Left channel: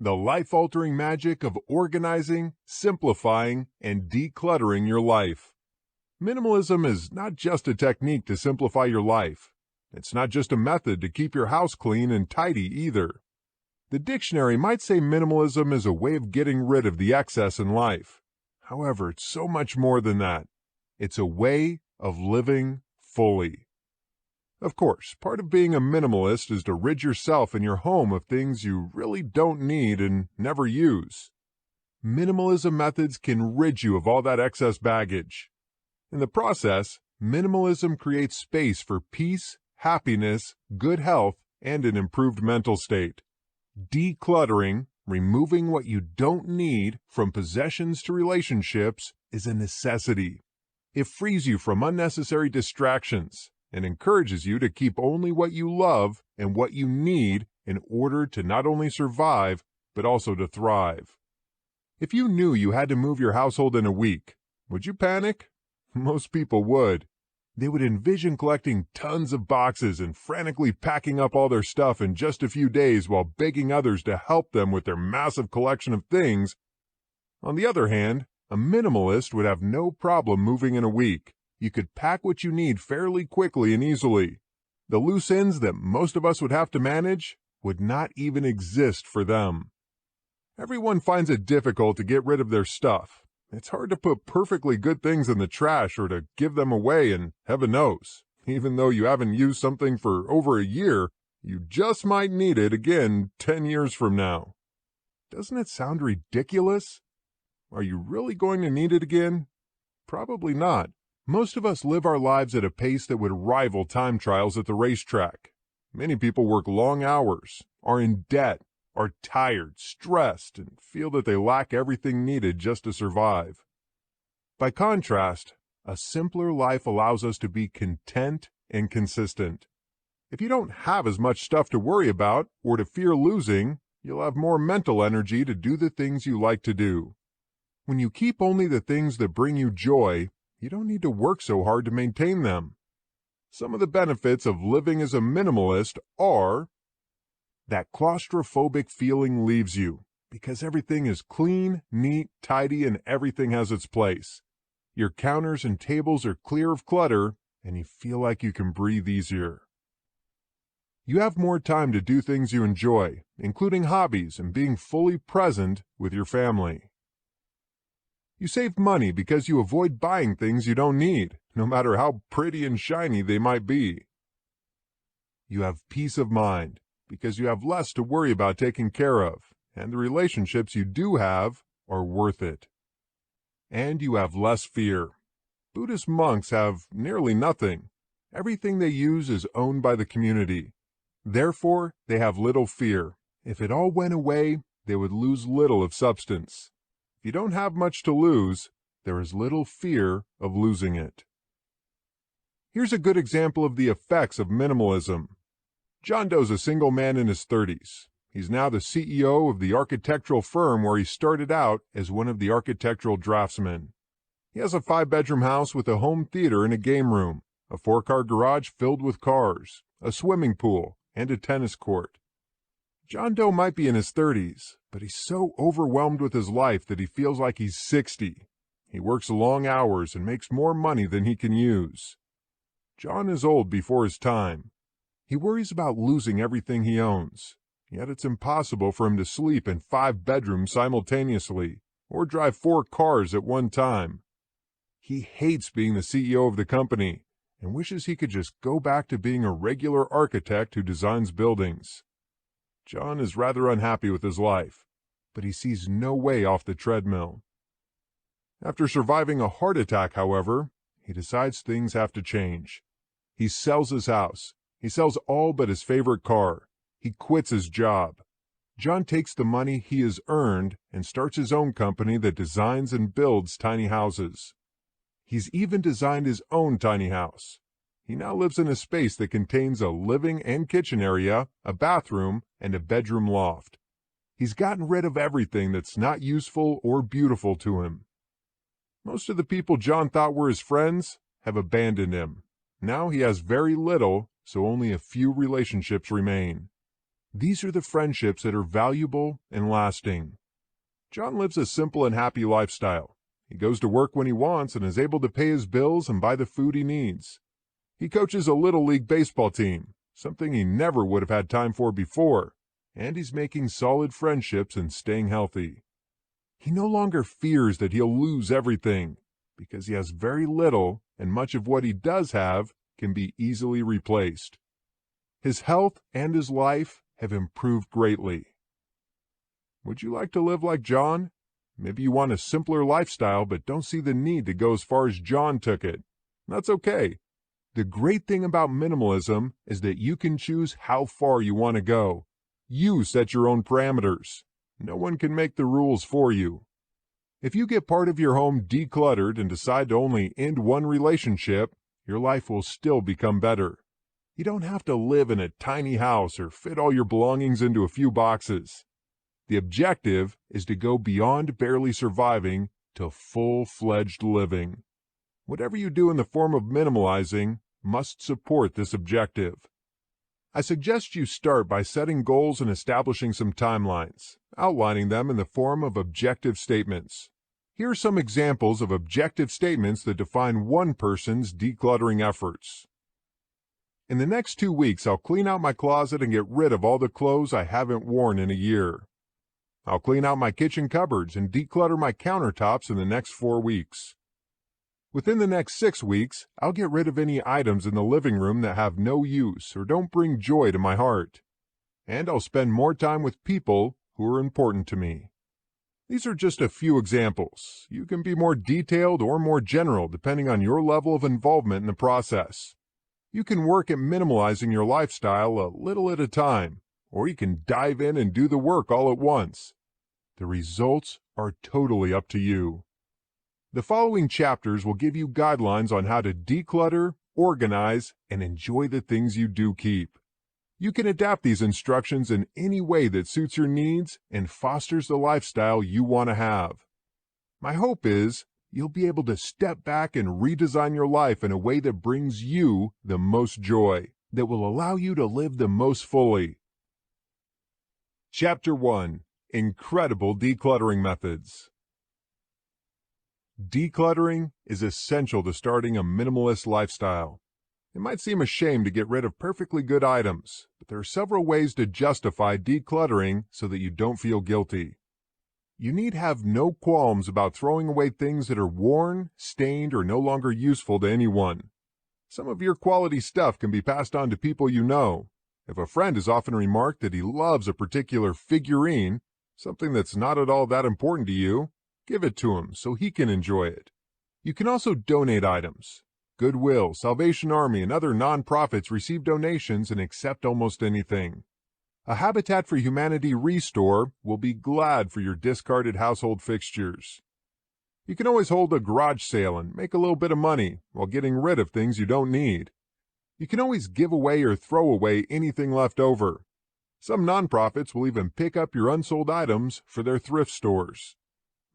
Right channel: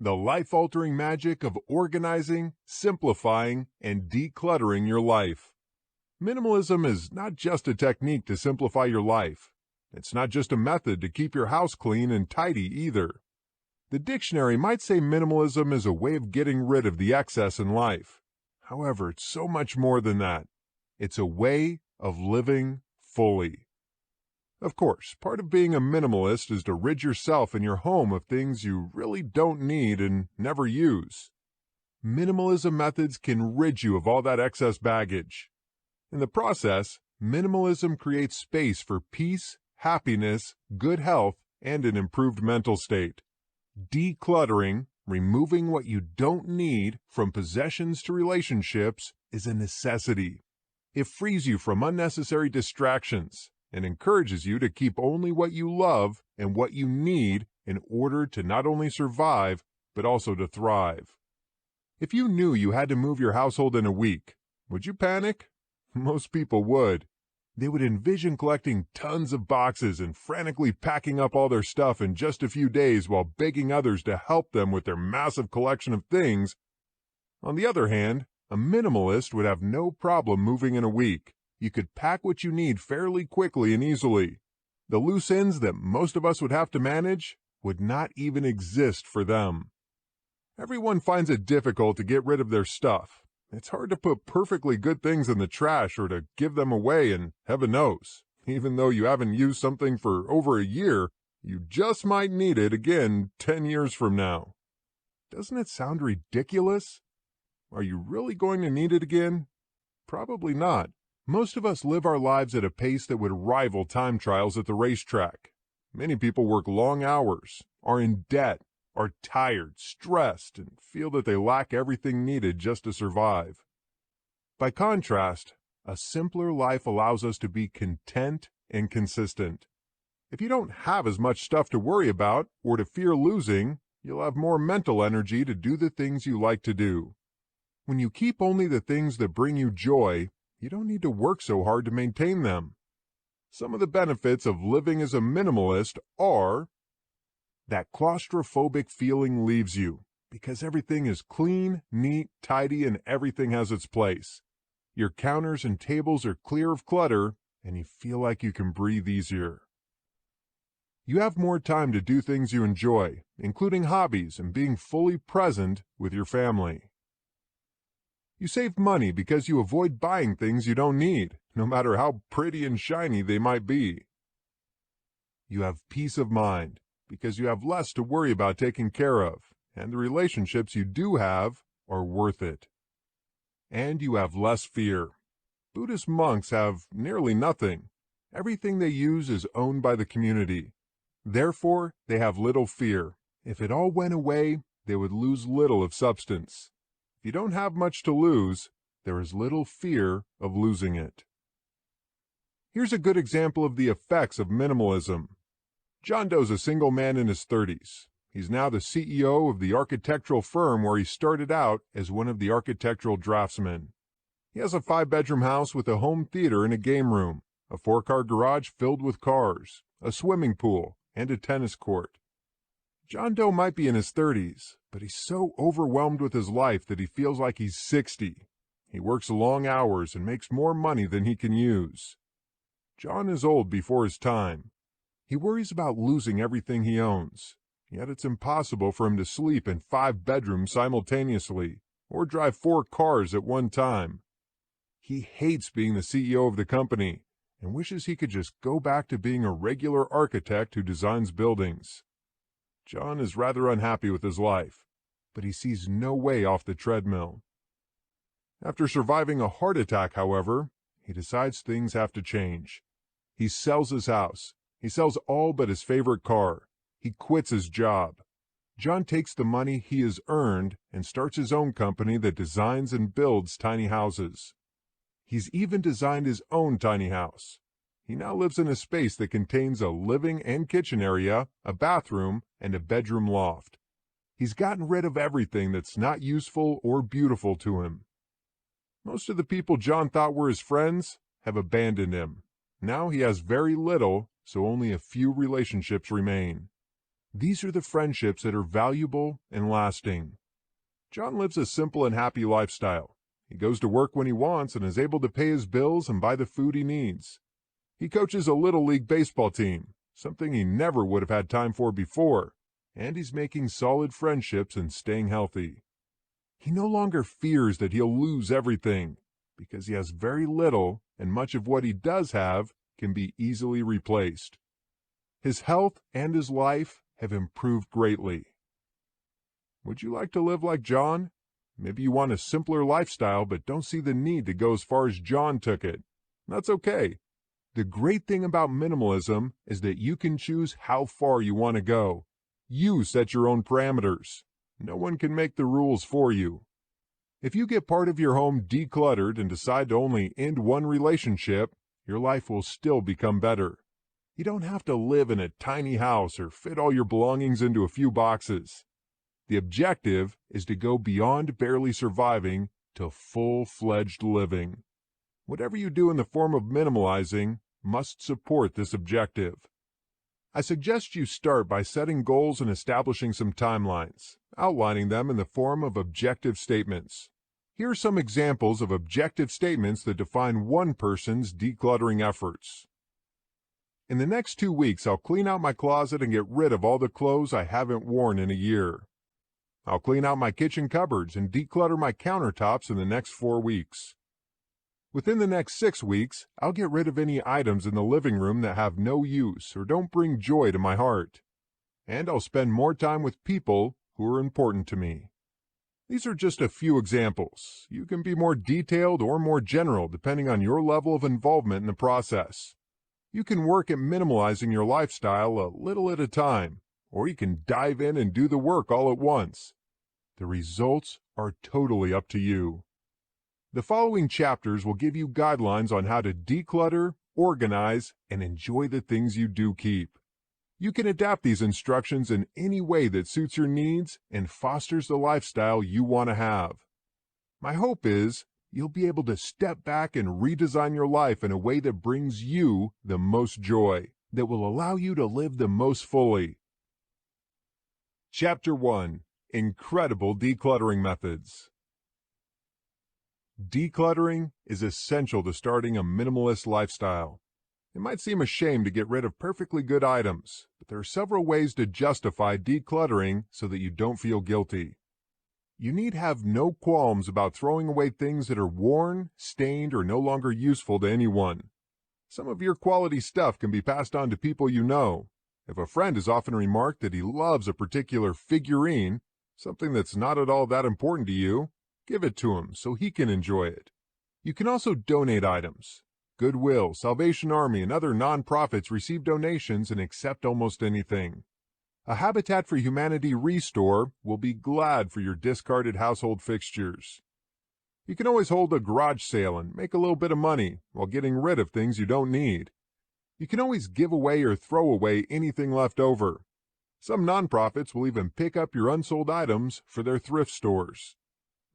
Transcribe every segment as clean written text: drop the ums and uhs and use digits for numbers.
the life-altering magic of organizing, simplifying, and decluttering your life. Minimalism is not just a technique to simplify your life. It's not just a method to keep your house clean and tidy either. The dictionary might say minimalism is a way of getting rid of the excess in life. However, it's so much more than that. It's a way of living fully. Of course, part of being a minimalist is to rid yourself and your home of things you really don't need and never use. Minimalism methods can rid you of all that excess baggage. In the process, minimalism creates space for peace, happiness, good health, and an improved mental state. Decluttering, removing what you don't need from possessions to relationships, is a necessity. It frees you from unnecessary distractions and encourages you to keep only what you love and what you need in order to not only survive, but also to thrive. If you knew you had to move your household in a week, would you panic? Most people would. They would envision collecting tons of boxes and frantically packing up all their stuff in just a few days while begging others to help them with their massive collection of things. On the other hand, a minimalist would have no problem moving in a week. You could pack what you need fairly quickly and easily. The loose ends that most of us would have to manage would not even exist for them. Everyone finds it difficult to get rid of their stuff. It's hard to put perfectly good things in the trash or to give them away, and heaven knows, even though you haven't used something for over a year, you just might need it again 10 years from now. Doesn't it sound ridiculous? Are you really going to need it again? Probably not. Most of us live our lives at a pace that would rival time trials at the racetrack. Many people work long hours, are in debt, are tired, stressed, and feel that they lack everything needed just to survive. By contrast, a simpler life allows us to be content and consistent. If you don't have as much stuff to worry about or to fear losing, you'll have more mental energy to do the things you like to do. When you keep only the things that bring you joy, you don't need to work so hard to maintain them. Some of the benefits of living as a minimalist are that claustrophobic feeling leaves you because everything is clean, neat, tidy, and everything has its place. Your counters and tables are clear of clutter, and you feel like you can breathe easier. You have more time to do things you enjoy, including hobbies and being fully present with your family. You save money because you avoid buying things you don't need, no matter how pretty and shiny they might be. You have peace of mind because you have less to worry about taking care of, and the relationships you do have are worth it. And you have less fear. Buddhist monks have nearly nothing. Everything they use is owned by the community. Therefore, they have little fear. If it all went away, they would lose little of substance. If you don't have much to lose, there is little fear of losing it. Here's a good example of the effects of minimalism. John Doe's a single man in his 30s. He's now the CEO of the architectural firm where he started out as one of the architectural draftsmen. He has a 5-bedroom house with a home theater and a game room, a 4-car garage filled with cars, a swimming pool, and a tennis court. John Doe might be in his 30s, but he's so overwhelmed with his life that he feels like he's 60. He works long hours and makes more money than he can use. John is old before his time. He worries about losing everything he owns, yet it's impossible for him to sleep in 5 bedrooms simultaneously or drive 4 cars at one time. He hates being the CEO of the company and wishes he could just go back to being a regular architect who designs buildings. John is rather unhappy with his life, but he sees no way off the treadmill. After surviving a heart attack, however, he decides things have to change. He sells his house. He sells all but his favorite car. He quits his job. John takes the money he has earned and starts his own company that designs and builds tiny houses. He's even designed his own tiny house. He now lives in a space that contains a living and kitchen area, a bathroom, and a bedroom loft. He's gotten rid of everything that's not useful or beautiful to him. Most of the people John thought were his friends have abandoned him. Now he has very little, so only a few relationships remain. These are the friendships that are valuable and lasting. John lives a simple and happy lifestyle. He goes to work when he wants and is able to pay his bills and buy the food he needs. He coaches a Little League baseball team, something he never would have had time for before, and he's making solid friendships and staying healthy. He no longer fears that he'll lose everything, because he has very little, and much of what he does have can be easily replaced. His health and his life have improved greatly. Would you like to live like John? Maybe you want a simpler lifestyle but don't see the need to go as far as John took it. That's okay. The great thing about minimalism is that you can choose how far you want to go. You set your own parameters. No one can make the rules for you. If you get part of your home decluttered and decide to only end one relationship, your life will still become better. You don't have to live in a tiny house or fit all your belongings into a few boxes. The objective is to go beyond barely surviving to full-fledged living. Whatever you do in the form of minimalizing must support this objective. I suggest you start by setting goals and establishing some timelines, outlining them in the form of objective statements. Here are some examples of objective statements that define one person's decluttering efforts. In the next 2 weeks, I'll clean out my closet and get rid of all the clothes I haven't worn in a year. I'll clean out my kitchen cupboards and declutter my countertops in the next 4 weeks. Within the next 6 weeks, I'll get rid of any items in the living room that have no use or don't bring joy to my heart. And I'll spend more time with people who are important to me. These are just a few examples. You can be more detailed or more general depending on your level of involvement in the process. You can work at minimalizing your lifestyle a little at a time, or you can dive in and do the work all at once. The results are totally up to you. The following chapters will give you guidelines on how to declutter, organize, and enjoy the things you do keep. You can adapt these instructions in any way that suits your needs and fosters the lifestyle you want to have. My hope is you'll be able to step back and redesign your life in a way that brings you the most joy, that will allow you to live the most fully. Chapter 1: Incredible Decluttering Methods. Decluttering is essential to starting a minimalist lifestyle. It might seem a shame to get rid of perfectly good items, but there are several ways to justify decluttering so that you don't feel guilty. You need have no qualms about throwing away things that are worn, stained, or no longer useful to anyone. Some of your quality stuff can be passed on to people you know. If a friend has often remarked that he loves a particular figurine, something that's not at all that important to you, give it to him so he can enjoy it. You can also donate items. Goodwill, Salvation Army, and other nonprofits receive donations and accept almost anything. A Habitat for Humanity restore will be glad for your discarded household fixtures. You can always hold a garage sale and make a little bit of money while getting rid of things you don't need. You can always give away or throw away anything left over. Some nonprofits will even pick up your unsold items for their thrift stores.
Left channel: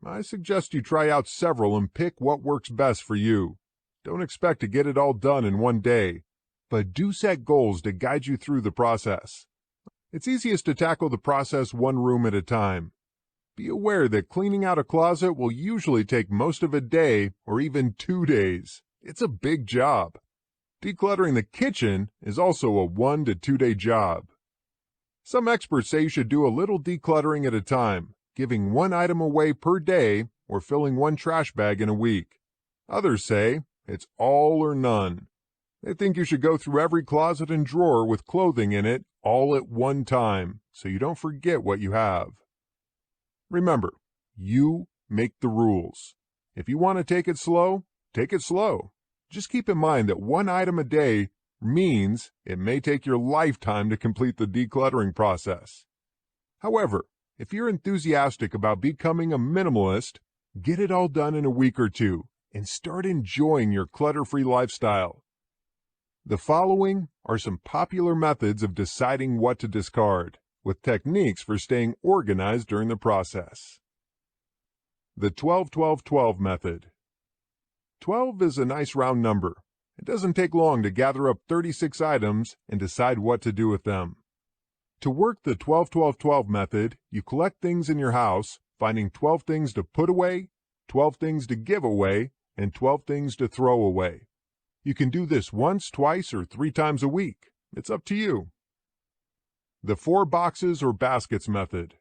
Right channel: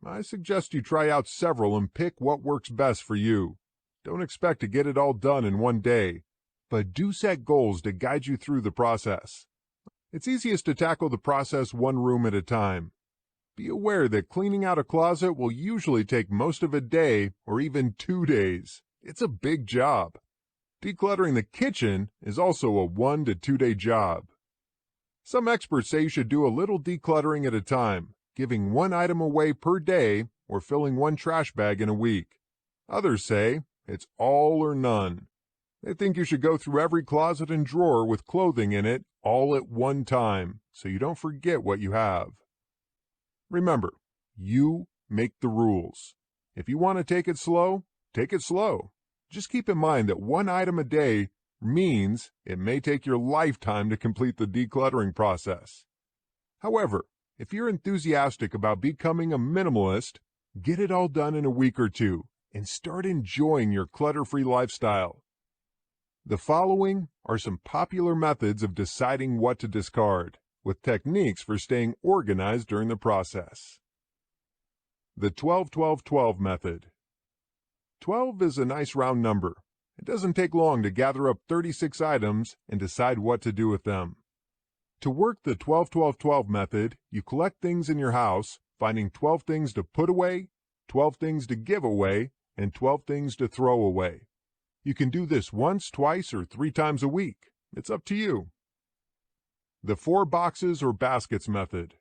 I suggest you try out several and pick what works best for you. Don't expect to get it all done in one day, but do set goals to guide you through the process. It's easiest to tackle the process one room at a time. Be aware that cleaning out a closet will usually take most of a day or even 2 days. It's a big job. Decluttering the kitchen is also a 1 to 2 day job. Some experts say you should do a little decluttering at a time, giving one item away per day or filling one trash bag in a week. Others say it's all or none. They think you should go through every closet and drawer with clothing in it all at one time, so you don't forget what you have. Remember, you make the rules. If you want to take it slow, take it slow. Just keep in mind that one item a day means it may take your lifetime to complete the decluttering process. However, if you're enthusiastic about becoming a minimalist, get it all done in a week or two and start enjoying your clutter-free lifestyle. The following are some popular methods of deciding what to discard, with techniques for staying organized during the process. The 12-12-12 method. 12 is a nice round number. It doesn't take long to gather up 36 items and decide what to do with them. To work the 12-12-12 method, you collect things in your house, finding 12 things to put away, 12 things to give away, and 12 things to throw away. You can do this once, twice, or 3 times a week. It's up to you. The 4 boxes or baskets method.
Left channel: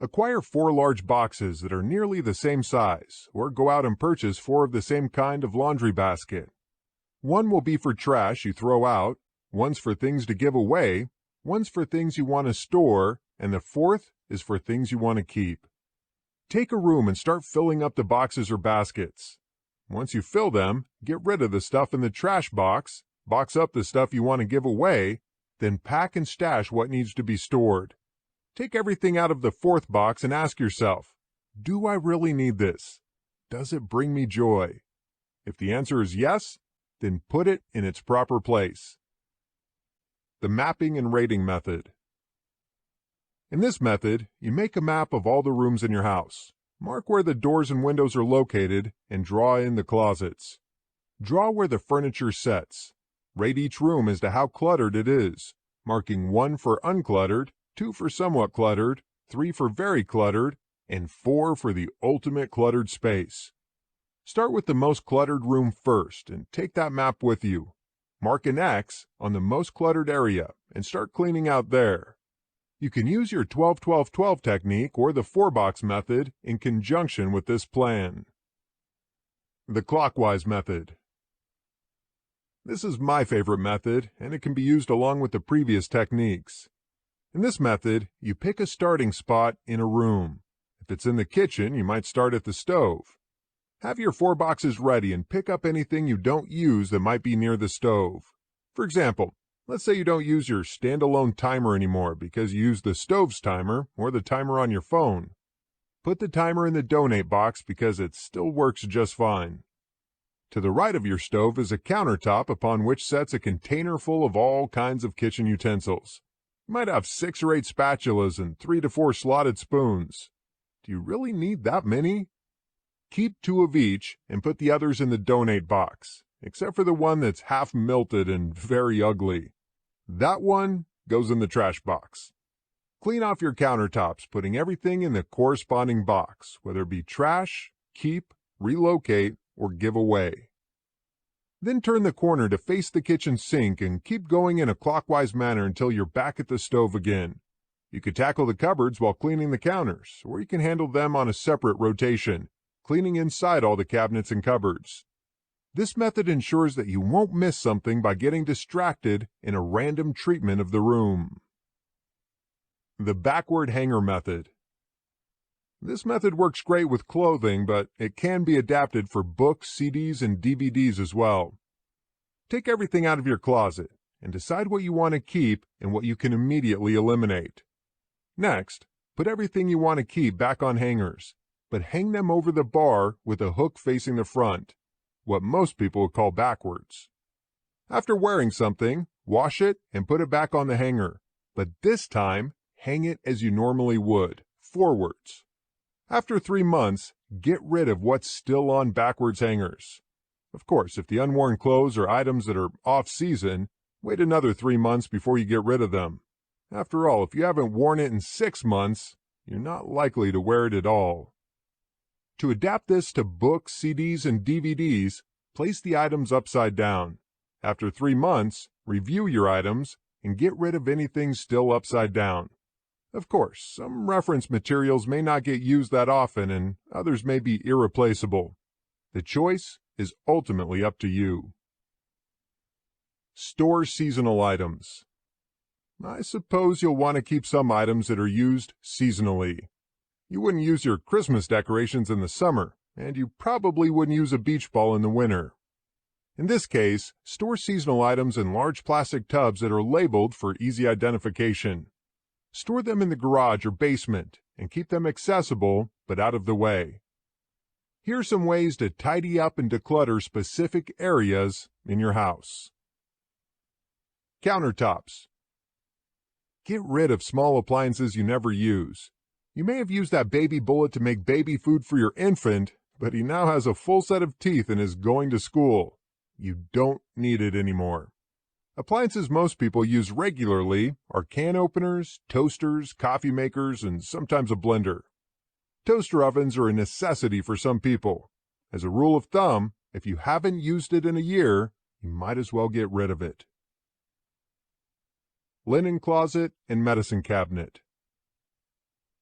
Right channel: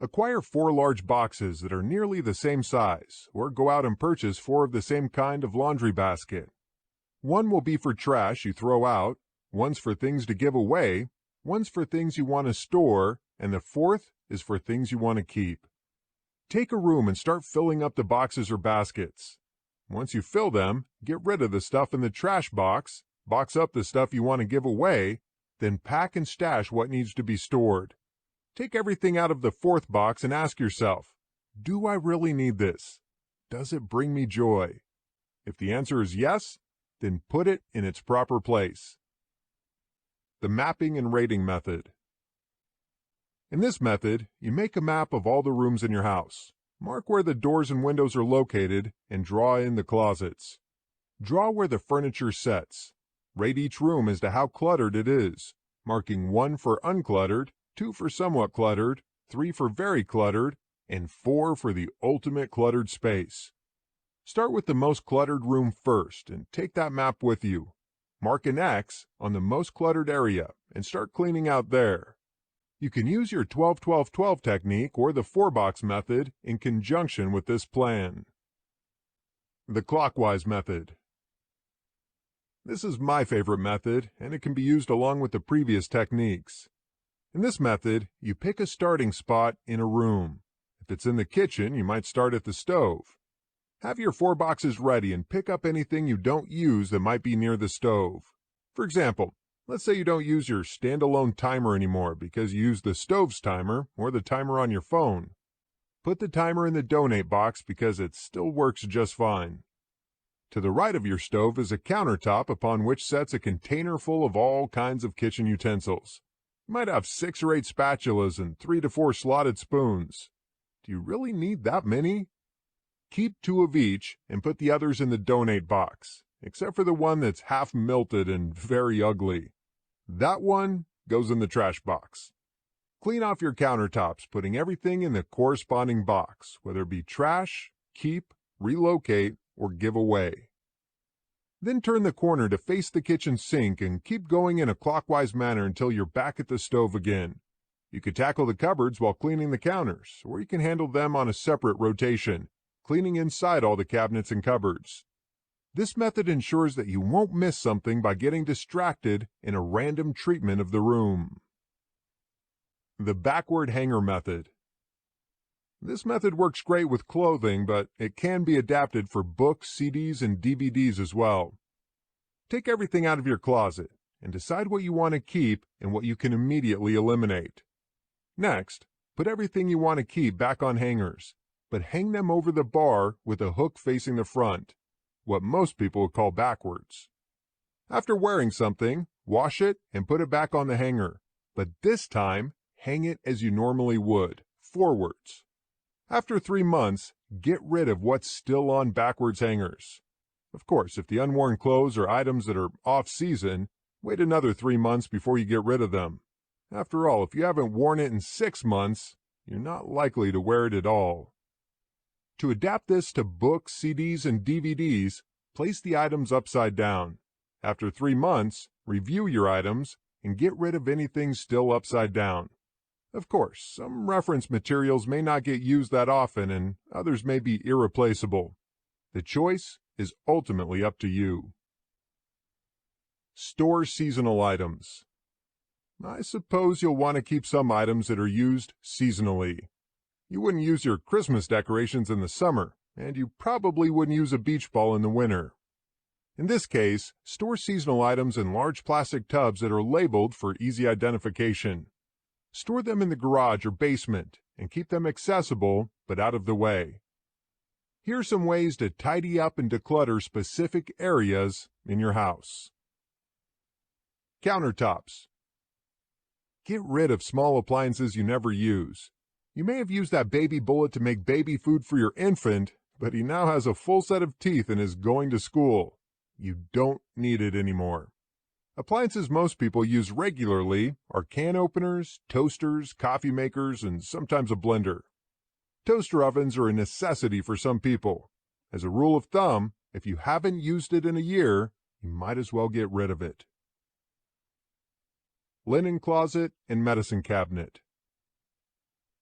Acquire 4 large boxes that are nearly the same size, or go out and purchase 4 of the same kind of laundry basket. One will be for trash you throw out, one's for things to give away, one's for things you want to store, and the 4th is for things you want to keep. Take a room and start filling up the boxes or baskets. Once you fill them, get rid of the stuff in the trash box, box up the stuff you want to give away, then pack and stash what needs to be stored. Take everything out of the 4th box and ask yourself, do I really need this? Does it bring me joy? If the answer is yes, then put it in its proper place. The mapping and rating method. In this method, you make a map of all the rooms in your house. Mark where the doors and windows are located and draw in the closets. Draw where the furniture sets. Rate each room as to how cluttered it is, marking 1 for uncluttered, 2 for somewhat cluttered, 3 for very cluttered, and 4 for the ultimate cluttered space. Start with the most cluttered room first and take that map with you. Mark an X on the most cluttered area and start cleaning out there. You can use your 12-12-12 technique or the 4-box method in conjunction with this plan. The clockwise method. This is my favorite method, and it can be used along with the previous techniques. In this method, you pick a starting spot in a room. If it's in the kitchen, you might start at the stove. Have your 4 boxes ready and pick up anything you don't use that might be near the stove. For example, let's say you don't use your standalone timer anymore because you use the stove's timer or the timer on your phone. Put the timer in the donate box because it still works just fine. To the right of your stove is a countertop upon which sets a container full of all kinds of kitchen utensils. You might have 6 or 8 spatulas and 3 to 4 slotted spoons. Do you really need that many? Keep 2 of each and put the others in the donate box, except for the one that's half melted and very ugly. That one goes in the trash box. Clean off your countertops, putting everything in the corresponding box, whether it be trash, keep, relocate, or give away. Then turn the corner to face the kitchen sink and keep going in a clockwise manner until you're back at the stove again. You could tackle the cupboards while cleaning the counters, or you can handle them on a separate rotation, cleaning inside all the cabinets and cupboards. This method ensures that you won't miss something by getting distracted in a random treatment of the room. The backward hanger method. This method works great with clothing, but it can be adapted for books, CDs, and DVDs as well. Take everything out of your closet and decide what you want to keep and what you can immediately eliminate. Next, put everything you want to keep back on hangers, but hang them over the bar with a hook facing the front, what most people would call backwards. After wearing something, wash it and put it back on the hanger, but this time, hang it as you normally would, forwards. After 3 months, get rid of what's still on backwards hangers. Of course, if the unworn clothes are items that are off-season, wait another 3 months before you get rid of them. After all, if you haven't worn it in 6 months, you're not likely to wear it at all. To adapt this to books, CDs, and DVDs, place the items upside down. After 3 months, review your items and get rid of anything still upside down. Of course, some reference materials may not get used that often and others may be irreplaceable. The choice is ultimately up to you. Store seasonal items. I suppose you'll want to keep some items that are used seasonally. You wouldn't use your Christmas decorations in the summer, and you probably wouldn't use a beach ball in the winter. In this case, store seasonal items in large plastic tubs that are labeled for easy identification. Store them in the garage or basement and keep them accessible but out of the way. Here are some ways to tidy up and declutter specific areas in your house. Countertops. Get rid of small appliances you never use. You may have used that baby bullet to make baby food for your infant, but he now has a full set of teeth and is going to school. You don't need it anymore. Appliances most people use regularly are can openers, toasters, coffee makers, and sometimes a blender. Toaster ovens are a necessity for some people. As a rule of thumb, if you haven't used it in a year, you might as well get rid of it. Linen closet and medicine cabinet.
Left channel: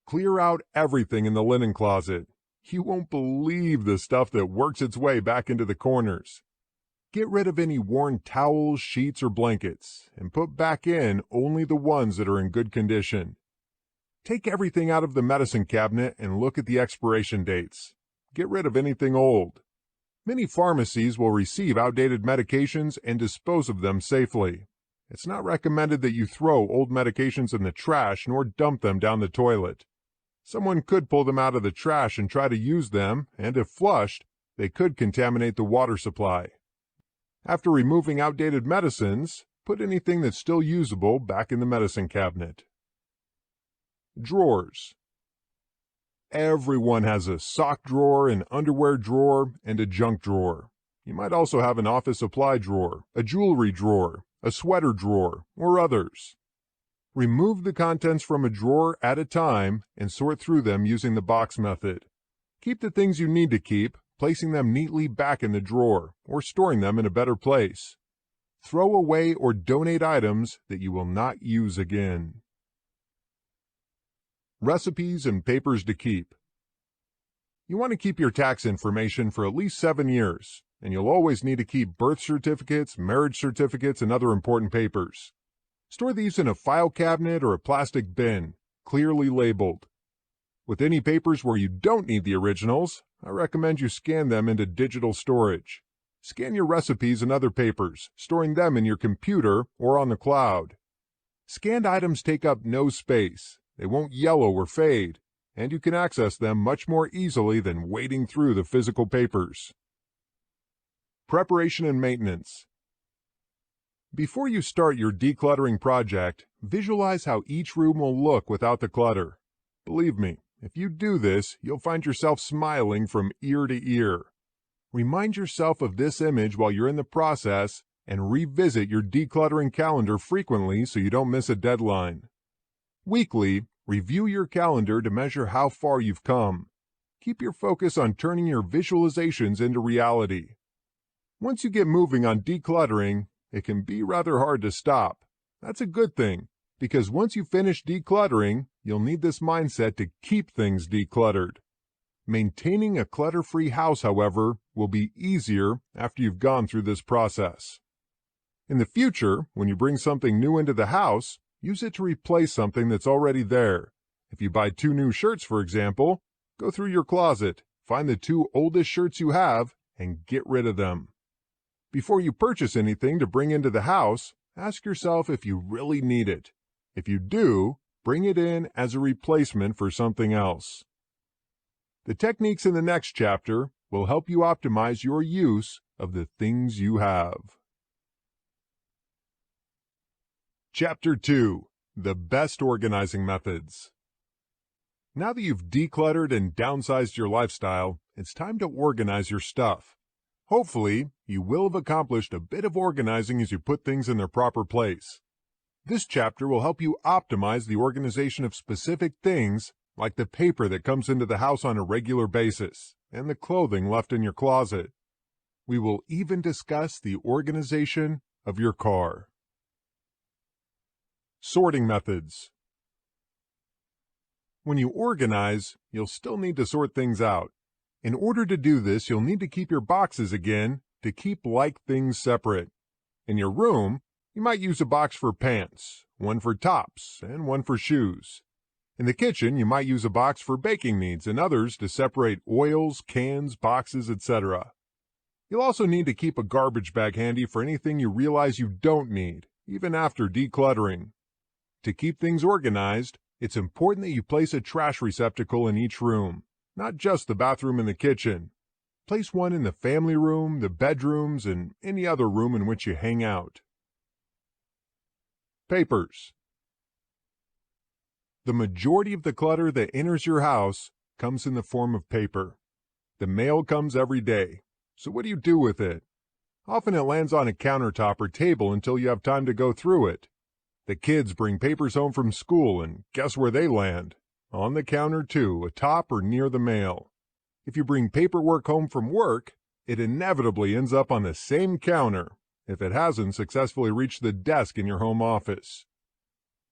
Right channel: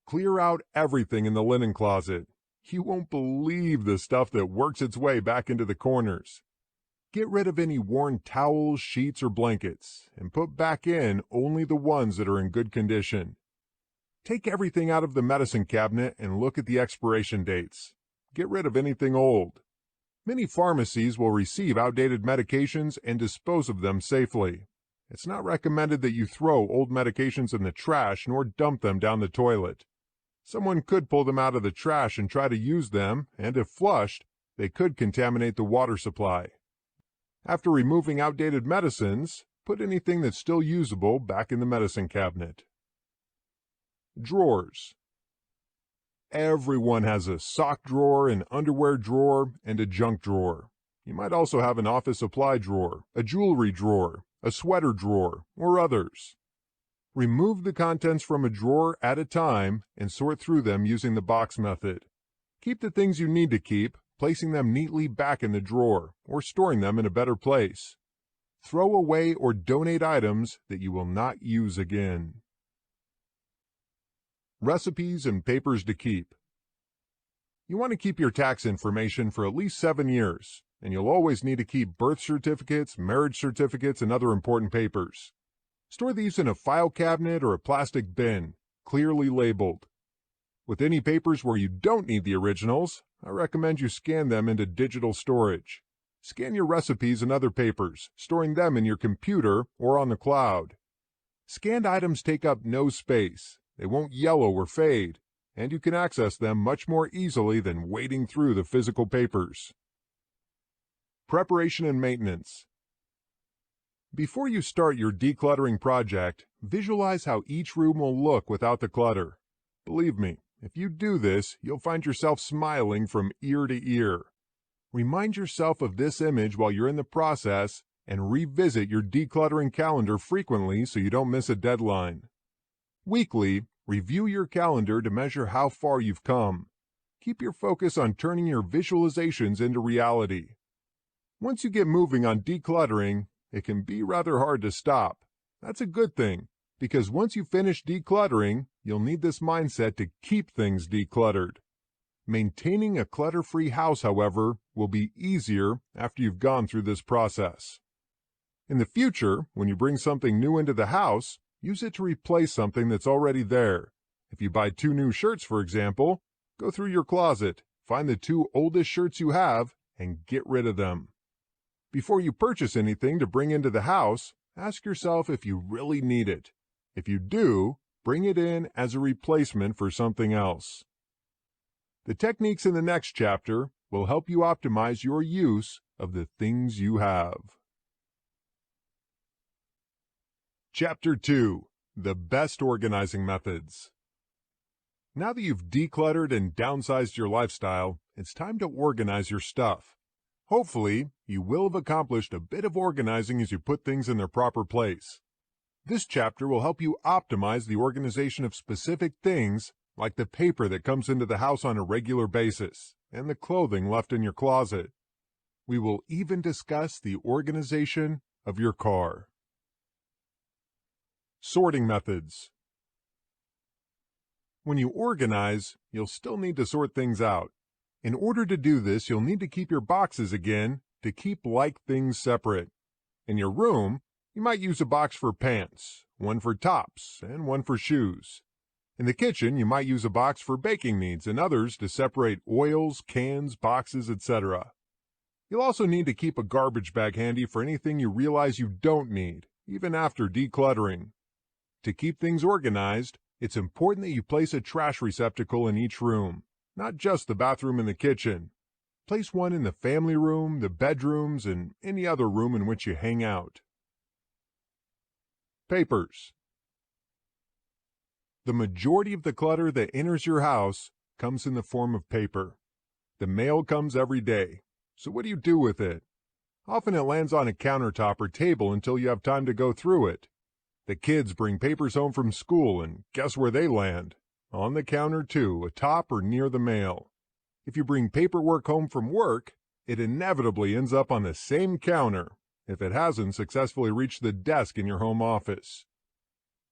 Clear out everything in the linen closet. You won't believe the stuff that works its way back into the corners. Get rid of any worn towels, sheets, or blankets, and put back in only the ones that are in good condition. Take everything out of the medicine cabinet and look at the expiration dates. Get rid of anything old. Many pharmacies will receive outdated medications and dispose of them safely. It's not recommended that you throw old medications in the trash nor dump them down the toilet. Someone could pull them out of the trash and try to use them, and if flushed, they could contaminate the water supply. After removing outdated medicines, put anything that's still usable back in the medicine cabinet. Drawers. Everyone has a sock drawer, an underwear drawer, and a junk drawer. You might also have an office supply drawer, a jewelry drawer, a sweater drawer, or others. Remove the contents from a drawer at a time and sort through them using the box method. Keep the things you need to keep, placing them neatly back in the drawer or storing them in a better place. Throw away or donate items that you will not use again. Recipes and papers to keep. You want to keep your tax information for at least 7 years, and you'll always need to keep birth certificates, marriage certificates, and other important papers. Store these in a file cabinet or a plastic bin, clearly labeled. With any papers where you don't need the originals, I recommend you scan them into digital storage. Scan your recipes and other papers, storing them in your computer or on the cloud. Scanned items take up no space, they won't yellow or fade, and you can access them much more easily than wading through the physical papers. Preparation and maintenance. Before you start your decluttering project, visualize how each room will look without the clutter. Believe me, if you do this, you'll find yourself smiling from ear to ear. Remind yourself of this image while you're in the process and revisit your decluttering calendar frequently so you don't miss a deadline. Weekly, review your calendar to measure how far you've come. Keep your focus on turning your visualizations into reality. Once you get moving on decluttering, it can be rather hard to stop. That's a good thing, because once you finish decluttering, you'll need this mindset to keep things decluttered. Maintaining a clutter-free house, however, will be easier after you've gone through this process. In the future, when you bring something new into the house, use it to replace something that's already there. If you buy 2 new shirts, for example, go through your closet, find the 2 oldest shirts you have, and get rid of them. Before you purchase anything to bring into the house, ask yourself if you really need it. If you do, bring it in as a replacement for something else. The techniques in the next chapter will help you optimize your use of the things you have. Chapter 2. The Best Organizing Methods. Now that you've decluttered and downsized your lifestyle, it's time to organize your stuff. Hopefully, you will have accomplished a bit of organizing as you put things in their proper place. This chapter will help you optimize the organization of specific things, like the paper that comes into the house on a regular basis, and the clothing left in your closet. We will even discuss the organization of your car. Sorting methods. When you organize, you'll still need to sort things out. In order to do this, you'll need to keep your boxes again to keep like things separate. In your room, you might use a box for pants, one for tops, and one for shoes. In the kitchen, you might use a box for baking needs and others to separate oils, cans, boxes, etc. You'll also need to keep a garbage bag handy for anything you realize you don't need, even after decluttering. To keep things organized, it's important that you place a trash receptacle in each room, not just the bathroom and the kitchen. Place one in the family room, the bedrooms, and any other room in which you hang out. Papers. The majority of the clutter that enters your house comes in the form of paper. The mail comes every day, so what do you do with it? Often it lands on a countertop or table until you have time to go through it. The kids bring papers home from school, and guess where they land? On the counter too, atop or near the mail. If you bring paperwork home from work, it inevitably ends up on the same counter, if it hasn't successfully reached the desk in your home office.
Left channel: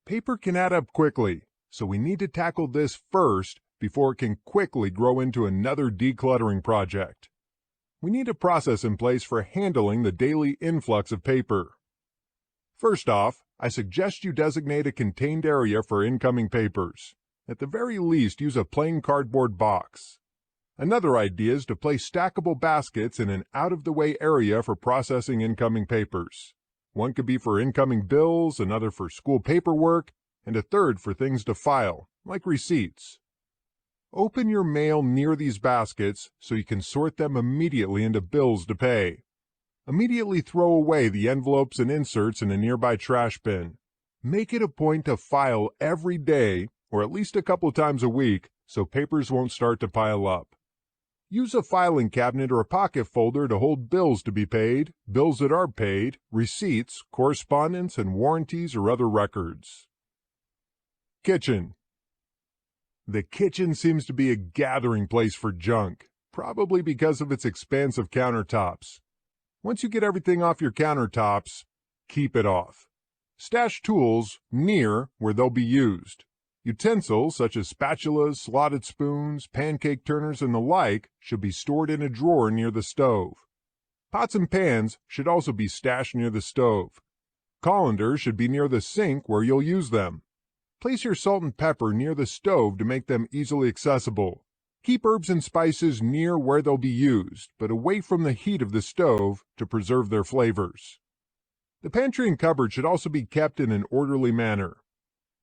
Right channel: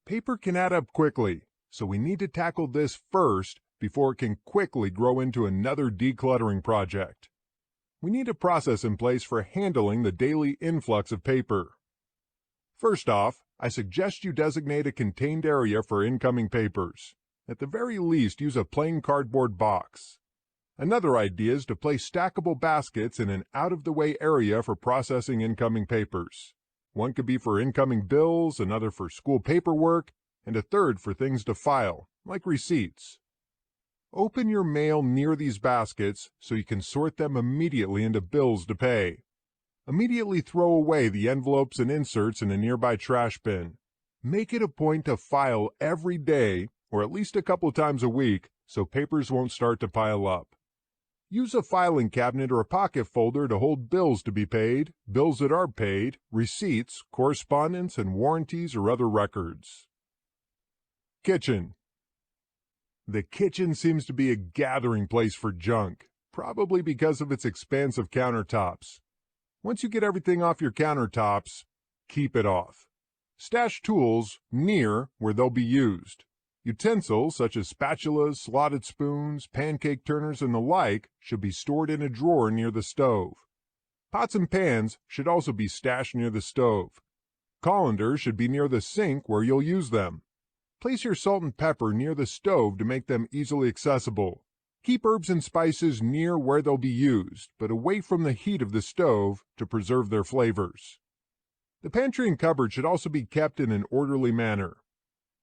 Paper can add up quickly, so we need to tackle this first before it can quickly grow into another decluttering project. We need a process in place for handling the daily influx of paper. First off, I suggest you designate a contained area for incoming papers. At the very least, use a plain cardboard box. Another idea is to place stackable baskets in an out-of-the-way area for processing incoming papers. One could be for incoming bills, another for school paperwork, and a third for things to file, like receipts. Open your mail near these baskets so you can sort them immediately into bills to pay. Immediately throw away the envelopes and inserts in a nearby trash bin. Make it a point to file every day, or at least a couple times a week, so papers won't start to pile up. Use a filing cabinet or a pocket folder to hold bills to be paid, bills that are paid, receipts, correspondence, and warranties or other records. Kitchen. The kitchen seems to be a gathering place for junk, probably because of its expansive countertops. Once you get everything off your countertops, keep it off. Stash tools near where they'll be used. Utensils such as spatulas, slotted spoons, pancake turners, and the like should be stored in a drawer near the stove. Pots and pans should also be stashed near the stove. Colanders should be near the sink where you'll use them. Place your salt and pepper near the stove to make them easily accessible. Keep herbs and spices near where they'll be used, but away from the heat of the stove to preserve their flavors. The pantry and cupboard should also be kept in an orderly manner.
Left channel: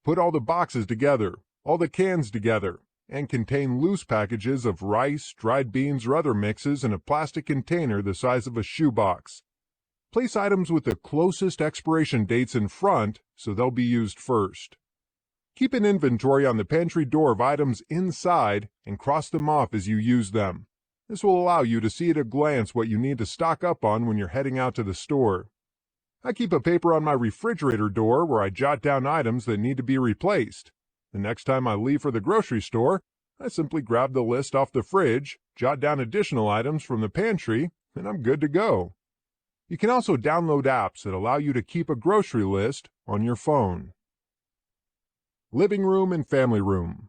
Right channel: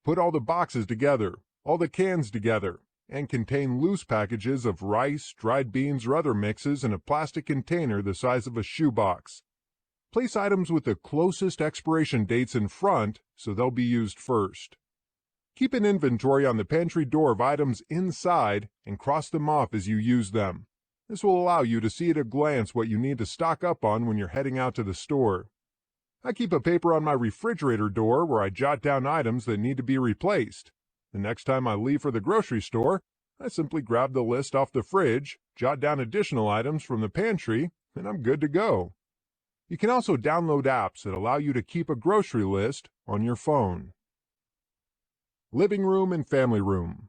Put all the boxes together, all the cans together, and contain loose packages of rice, dried beans, or other mixes in a plastic container the size of a shoebox. Place items with the closest expiration dates in front so they'll be used first. Keep an inventory on the pantry door of items inside and cross them off as you use them. This will allow you to see at a glance what you need to stock up on when you're heading out to the store. I keep a paper on my refrigerator door where I jot down items that need to be replaced. The next time I leave for the grocery store, I simply grab the list off the fridge, jot down additional items from the pantry, and I'm good to go. You can also download apps that allow you to keep a grocery list on your phone. Living room and family room.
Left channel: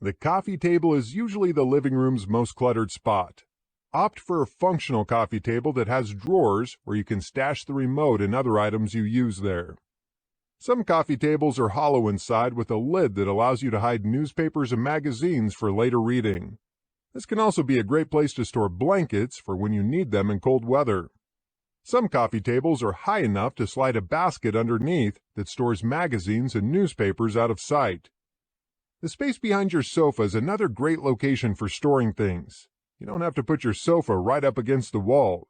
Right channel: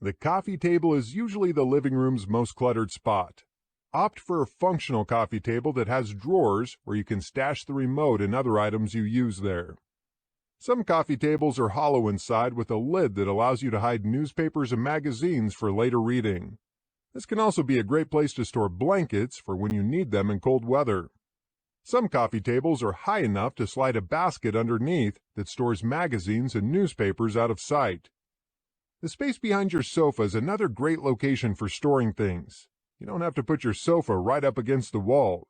The coffee table is usually the living room's most cluttered spot. Opt for a functional coffee table that has drawers where you can stash the remote and other items you use there. Some coffee tables are hollow inside with a lid that allows you to hide newspapers and magazines for later reading. This can also be a great place to store blankets for when you need them in cold weather. Some coffee tables are high enough to slide a basket underneath that stores magazines and newspapers out of sight. The space behind your sofa is another great location for storing things. You don't have to put your sofa right up against the wall.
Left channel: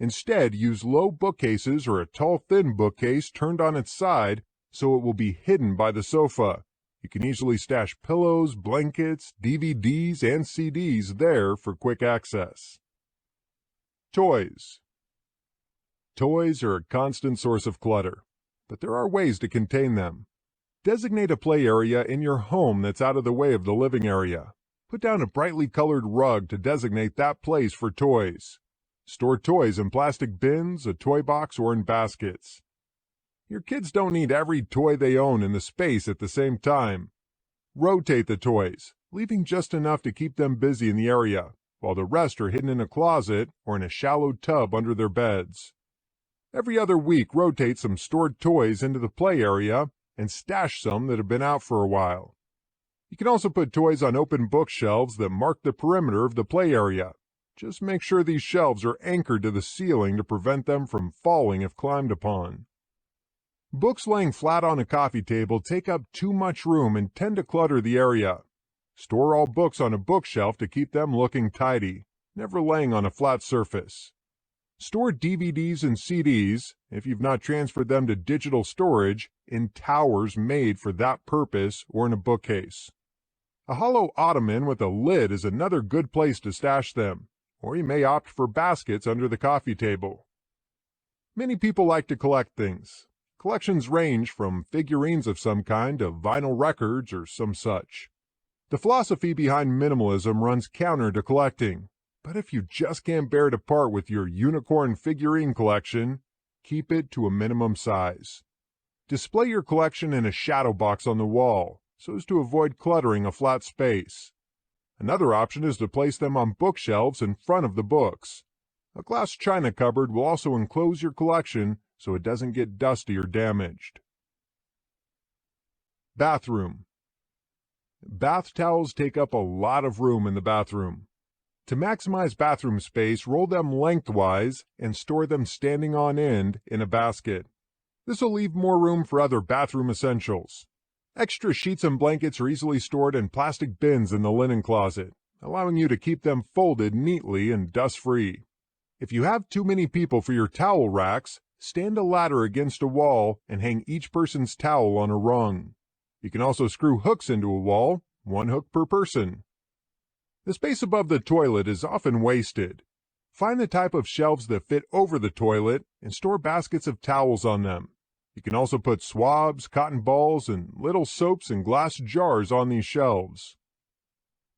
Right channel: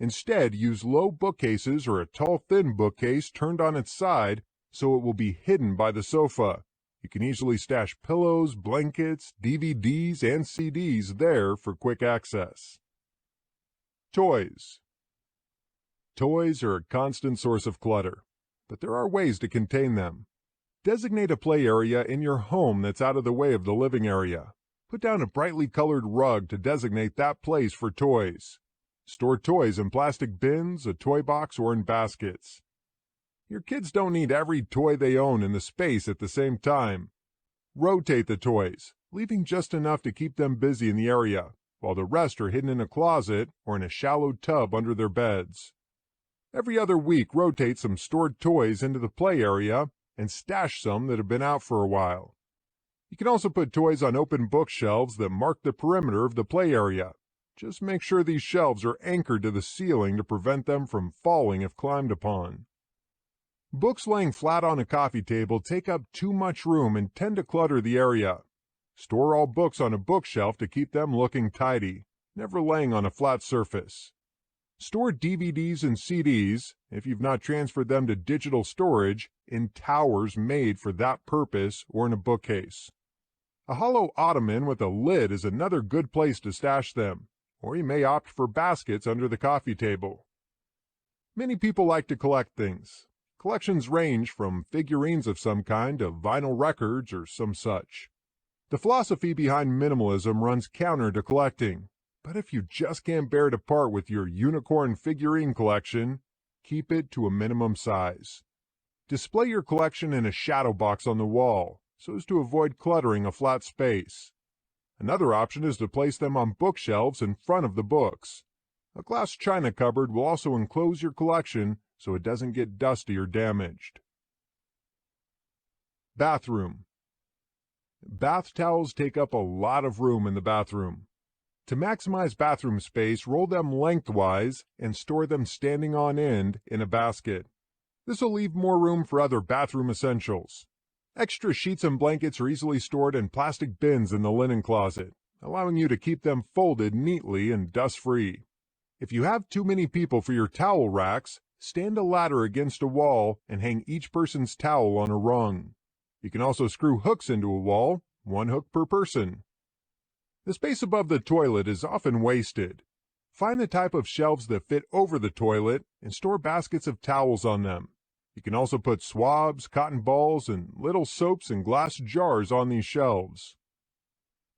Instead, use low bookcases or a tall, thin bookcase turned on its side so it will be hidden by the sofa. You can easily stash pillows, blankets, DVDs, and CDs there for quick access. Toys. Toys are a constant source of clutter, but there are ways to contain them. Designate a play area in your home that's out of the way of the living area. Put down a brightly colored rug to designate that place for toys. Store toys in plastic bins, a toy box, or in baskets. Your kids don't need every toy they own in the space at the same time. Rotate the toys, leaving just enough to keep them busy in the area, while the rest are hidden in a closet or in a shallow tub under their beds. Every other week, rotate some stored toys into the play area and stash some that have been out for a while. You can also put toys on open bookshelves that mark the perimeter of the play area. Just make sure these shelves are anchored to the ceiling to prevent them from falling if climbed upon. Books laying flat on a coffee table take up too much room and tend to clutter the area. Store all books on a bookshelf to keep them looking tidy, never laying on a flat surface. Store DVDs and CDs, if you've not transferred them to digital storage, in towers made for that purpose or in a bookcase. A hollow ottoman with a lid is another good place to stash them, or you may opt for baskets under the coffee table. Many people like to collect things. Collections range from figurines of some kind to vinyl records or some such. The philosophy behind minimalism runs counter to collecting, but if you just can't bear to part with your unicorn figurine collection, keep it to a minimum size. Display your collection in a shadow box on the wall, so as to avoid cluttering a flat space. Another option is to place them on bookshelves in front of the books. A glass china cupboard will also enclose your collection so it doesn't get dusty or damaged. Bathroom. Bath towels take up a lot of room in the bathroom. To maximize bathroom space, roll them lengthwise and store them standing on end in a basket. This will leave more room for other bathroom essentials. Extra sheets and blankets are easily stored in plastic bins in the linen closet, allowing you to keep them folded neatly and dust-free. If you have too many people for your towel racks, stand a ladder against a wall and hang each person's towel on a rung. You can also screw hooks into a wall, one hook per person. The space above the toilet is often wasted. Find the type of shelves that fit over the toilet and store baskets of towels on them. You can also put swabs, cotton balls, and little soaps in glass jars on these shelves.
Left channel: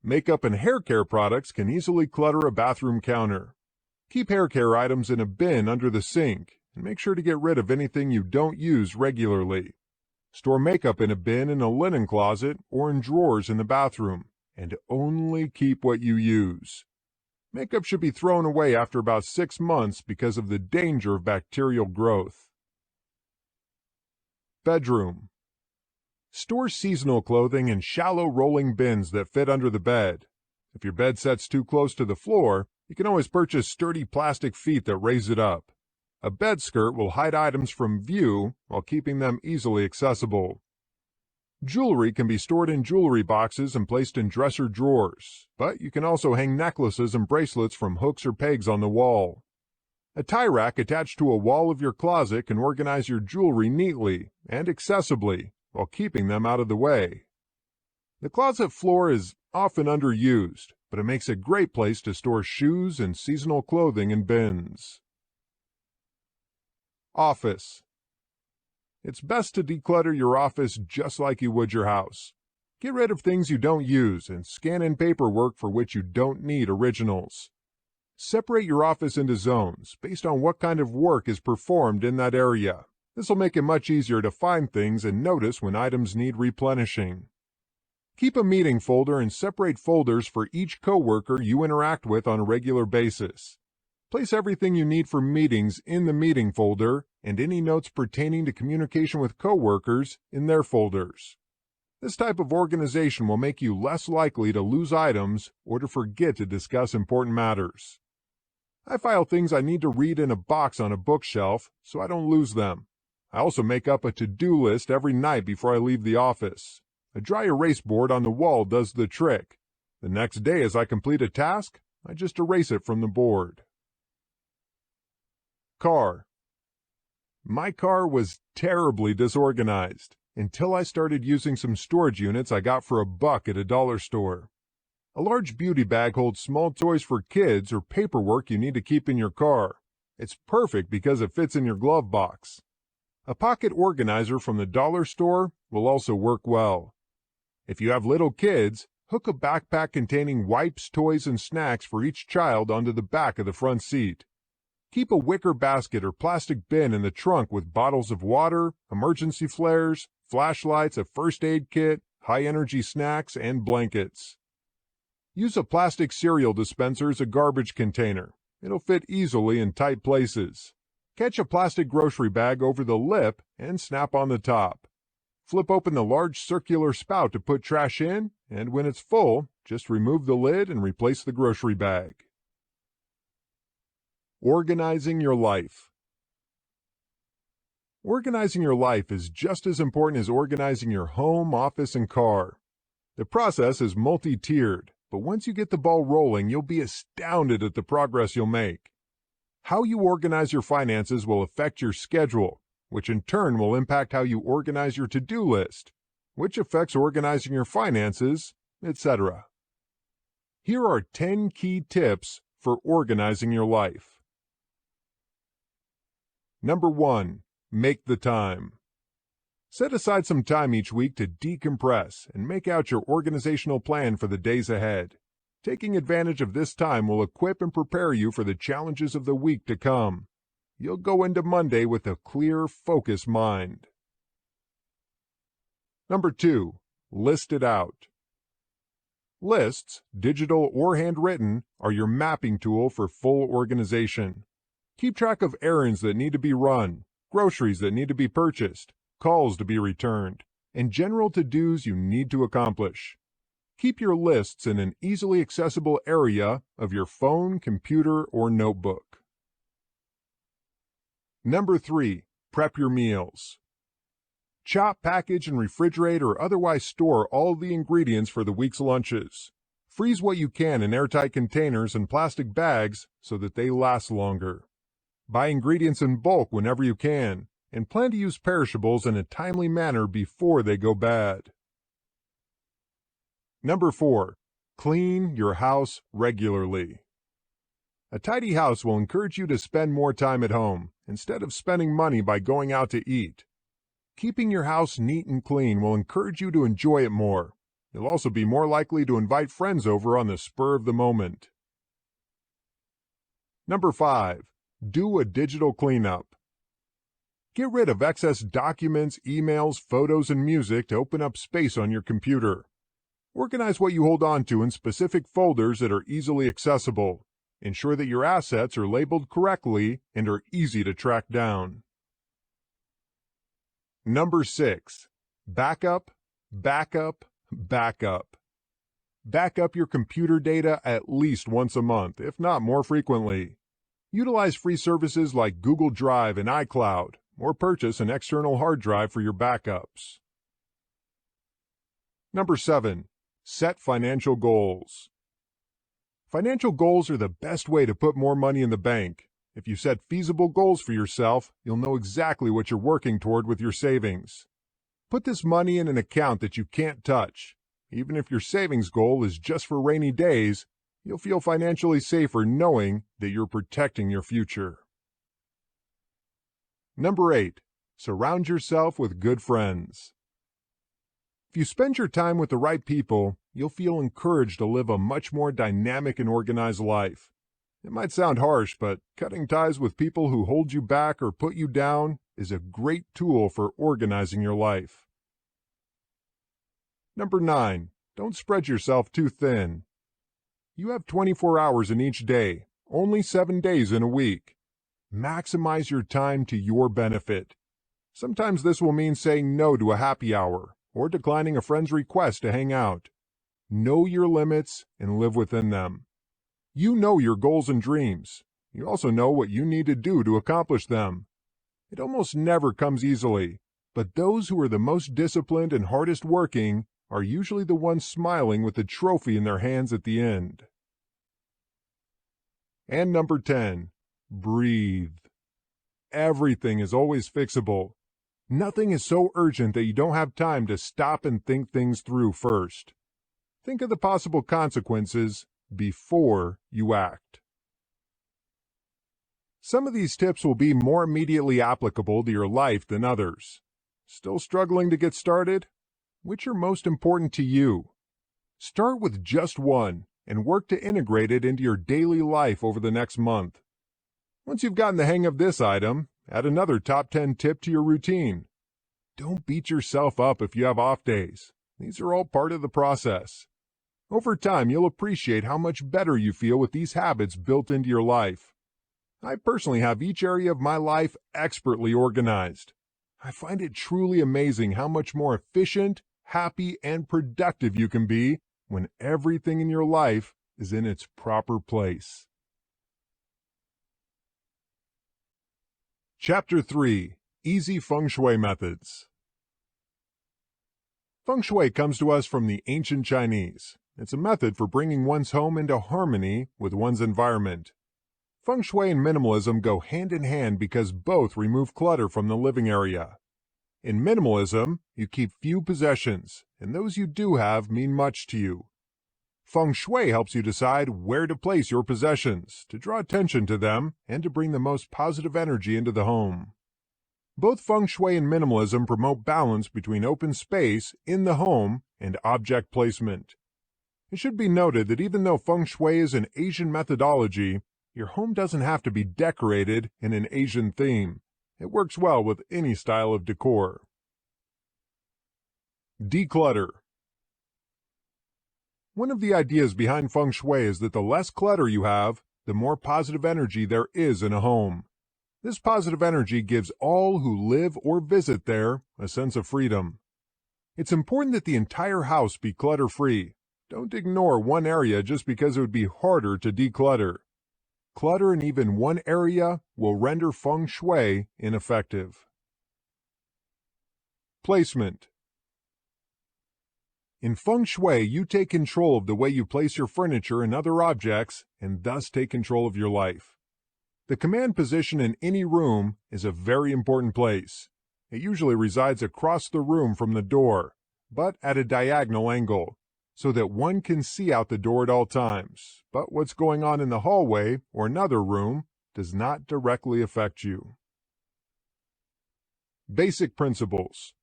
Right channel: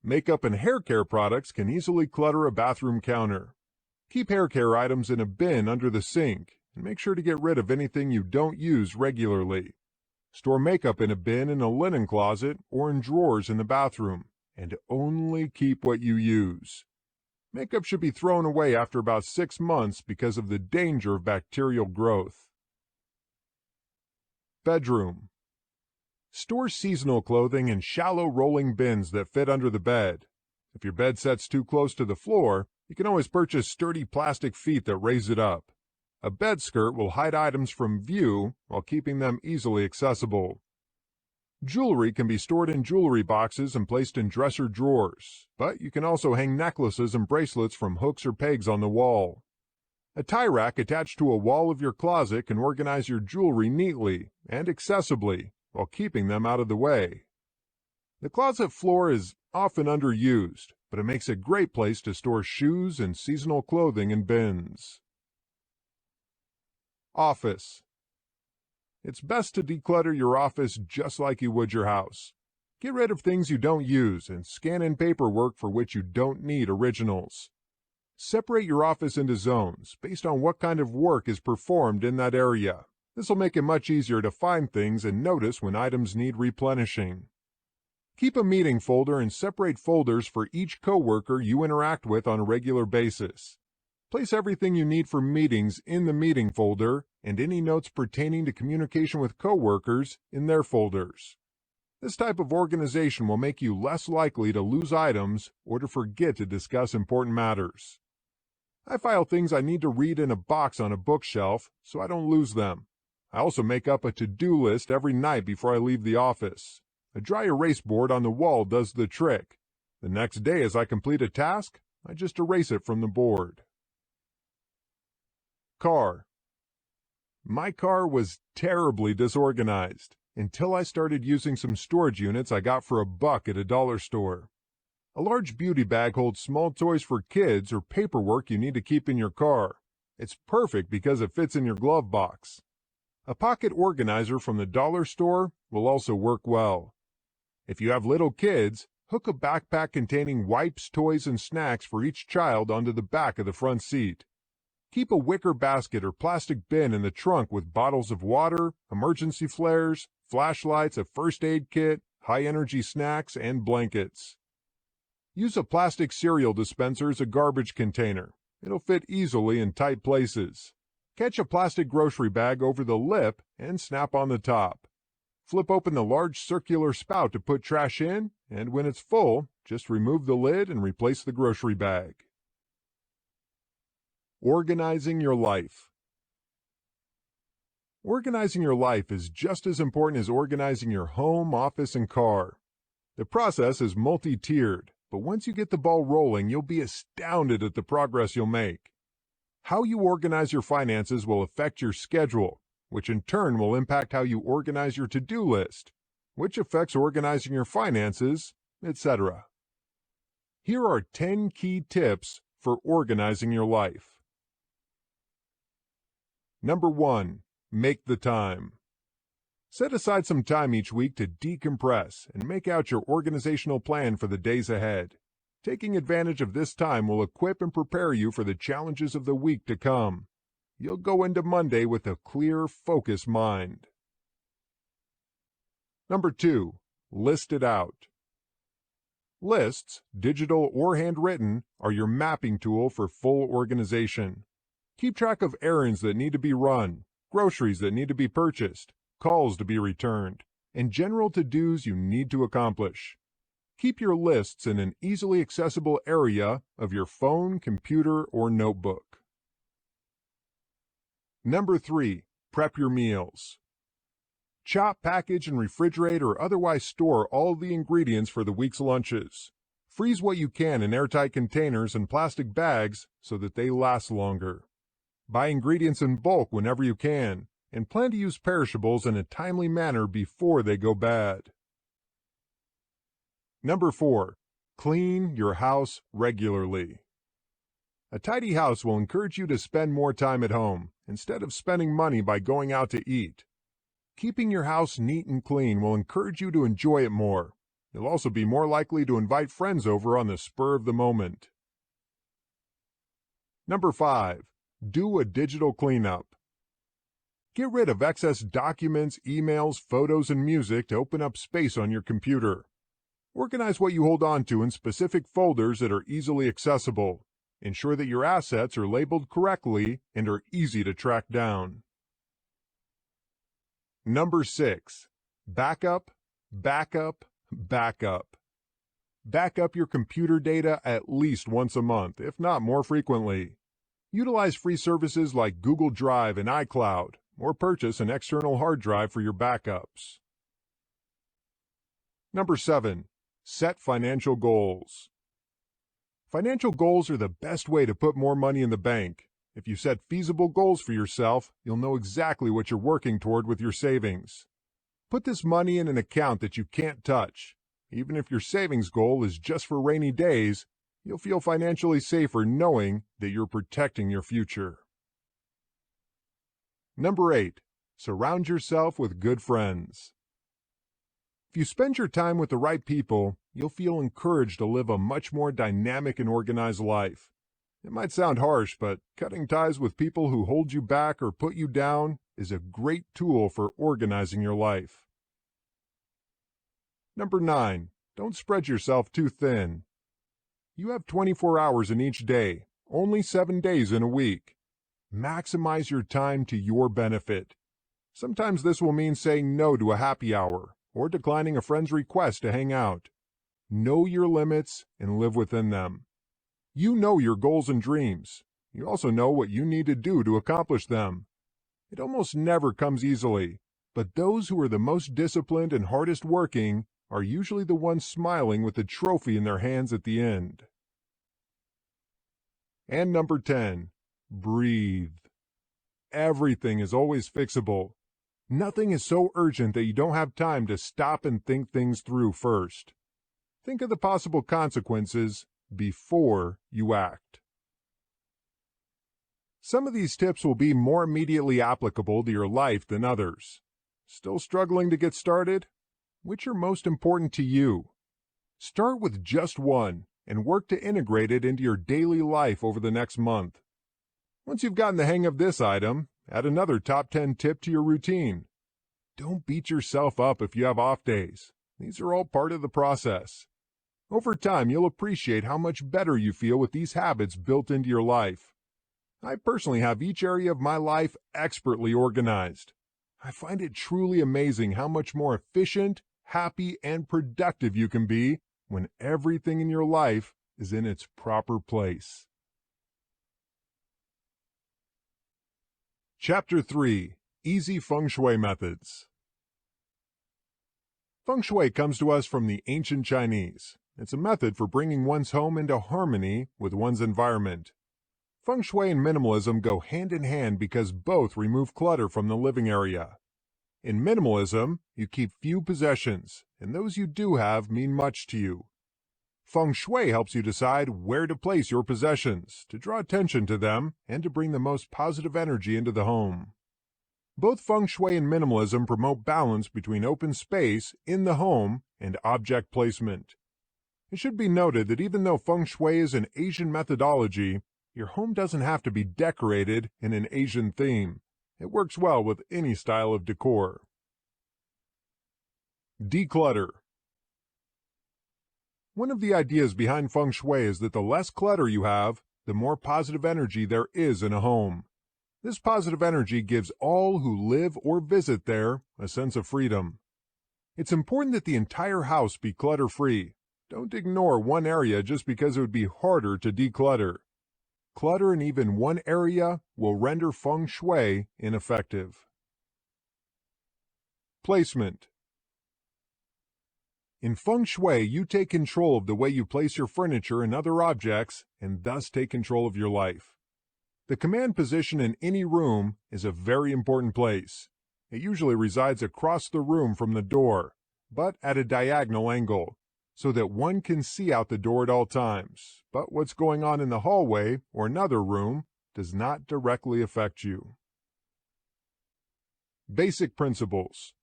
Makeup and hair care products can easily clutter a bathroom counter. Keep hair care items in a bin under the sink, and make sure to get rid of anything you don't use regularly. Store makeup in a bin in a linen closet or in drawers in the bathroom, and only keep what you use. Makeup should be thrown away after about 6 months because of the danger of bacterial growth. Bedroom. Store seasonal clothing in shallow rolling bins that fit under the bed. If your bed sets too close to the floor, you can always purchase sturdy plastic feet that raise it up. A bed skirt will hide items from view while keeping them easily accessible. Jewelry can be stored in jewelry boxes and placed in dresser drawers, but you can also hang necklaces and bracelets from hooks or pegs on the wall. A tie rack attached to a wall of your closet can organize your jewelry neatly and accessibly while keeping them out of the way. The closet floor is often underused, but it makes a great place to store shoes and seasonal clothing in bins. Office. It's best to declutter your office just like you would your house. Get rid of things you don't use and scan in paperwork for which you don't need originals. Separate your office into zones based on what kind of work is performed in that area. This will make it much easier to find things and notice when items need replenishing. Keep a meeting folder and separate folders for each coworker you interact with on a regular basis. Place everything you need for meetings in the meeting folder and any notes pertaining to communication with coworkers in their folders. This type of organization will make you less likely to lose items or to forget to discuss important matters. I file things I need to read in a box on a bookshelf so I don't lose them. I also make up a to-do list every night before I leave the office. A dry erase board on the wall does the trick. The next day as I complete a task, I just erase it from the board. Car. My car was terribly disorganized until I started using some storage units I got for $1 at a dollar store. A large beauty bag holds small toys for kids or paperwork you need to keep in your car. It's perfect because it fits in your glove box. A pocket organizer from the dollar store will also work well. If you have little kids, hook a backpack containing wipes, toys, and snacks for each child onto the back of the front seat. Keep a wicker basket or plastic bin in the trunk with bottles of water, emergency flares, flashlights, a first aid kit, high-energy snacks, and blankets. Use a plastic cereal dispenser as a garbage container. It'll fit easily in tight places. Catch a plastic grocery bag over the lip and snap on the top. Flip open the large circular spout to put trash in, and when it's full, just remove the lid and replace the grocery bag. Organizing your life. Organizing your life is just as important as organizing your home, office, and car. The process is multi-tiered, but once you get the ball rolling, you'll be astounded at the progress you'll make. How you organize your finances will affect your schedule, which in turn will impact how you organize your to-do list, which affects organizing your finances, etc. Here are 10 key tips for organizing your life. Number 1. Make the time. Set aside some time each week to decompress and make out your organizational plan for the days ahead. Taking advantage of this time will equip and prepare you for the challenges of the week to come. You'll go into Monday with a clear, focused mind. Number 2. List it out. Lists, digital or handwritten, are your mapping tool for full organization. Keep track of errands that need to be run, groceries that need to be purchased, calls to be returned, and general to-dos you need to accomplish. Keep your lists in an easily accessible area of your phone, computer, or notebook. Number 3. Prep your meals. Chop, package, and refrigerate or otherwise store all the ingredients for the week's lunches. Freeze what you can in airtight containers and plastic bags so that they last longer. Buy ingredients in bulk whenever you can, and plan to use perishables in a timely manner before they go bad. Number 4. Clean your house regularly. A tidy house will encourage you to spend more time at home, instead of spending money by going out to eat. Keeping your house neat and clean will encourage you to enjoy it more. You'll also be more likely to invite friends over on the spur of the moment. Number 5. Do a digital cleanup. Get rid of excess documents, emails, photos, and music to open up space on your computer. Organize what you hold on to in specific folders that are easily accessible. Ensure that your assets are labeled correctly and are easy to track down. Number 6. Backup, backup, backup. Back up your computer data at least once a month, if not more frequently. Utilize free services like Google Drive and iCloud, or purchase an external hard drive for your backups. Number 7. Set financial goals. Financial goals are the best way to put more money in the bank. If you set feasible goals for yourself, you'll know exactly what you're working toward with your savings. Put this money in an account that you can't touch. Even if your savings goal is just for rainy days, you'll feel financially safer knowing that you're protecting your future. Number 8. Surround yourself with good friends. If you spend your time with the right people, you'll feel encouraged to live a much more dynamic and organized life. It might sound harsh, but cutting ties with people who hold you back or put you down is a great tool for organizing your life. Number 9. Don't spread yourself too thin. You have 24 hours in each day, only 7 days in a week. Maximize your time to your benefit. Sometimes this will mean saying no to a happy hour or declining a friend's request to hang out. Know your limits and live within them. You know your goals and dreams. You also know what you need to do to accomplish them. It almost never comes easily, but those who are the most disciplined and hardest working are usually the ones smiling with the trophy in their hands at the end. And number 10, breathe. Everything is always fixable. Nothing is so urgent that you don't have time to stop and think things through first. Think of the possible consequences before you act. Some of these tips will be more immediately applicable to your life than others. Still struggling to get started? Which are most important to you? Start with just one and work to integrate it into your daily life over the next month. Once you've gotten the hang of this item, add another top 10 tip to your routine. Don't beat yourself up if you have off days. These are all part of the process. Over time, you'll appreciate how much better you feel with these habits built into your life. I personally have each area of my life expertly organized. I find it truly amazing how much more efficient, happy, and productive you can be when everything in your life is in its proper place. Chapter 3. Easy Feng Shui Methods. Feng Shui comes to us from the ancient Chinese. It's a method for bringing one's home into harmony with one's environment. Feng Shui and minimalism go hand in hand because both remove clutter from the living area. In minimalism, you keep few possessions, and those you do have mean much to you. Feng Shui helps you decide where to place your possessions, to draw attention to them, and to bring the most positive energy into the home. Both Feng Shui and minimalism promote balance between open space in the home and object placement. It should be noted that even though Feng Shui is an Asian methodology, your home doesn't have to be decorated in an Asian theme. It works well with any style of decor. Declutter. One of the ideas behind Feng Shui is that the less clutter you have, the more positive energy there is in a home. This positive energy gives all who live or visit there a sense of freedom. It's important that the entire house be clutter-free. Don't ignore one area just because it would be harder to declutter. Clutter in even one area will render Feng Shui ineffective. Placement. In Feng Shui, you take control of the way you place your furniture and other objects, and thus take control of your life. The command position in any room is a very important place. It usually resides across the room from the door, but at a diagonal angle, so that one can see out the door at all times, but what's going on in the hallway or another room does not directly affect you. Basic principles.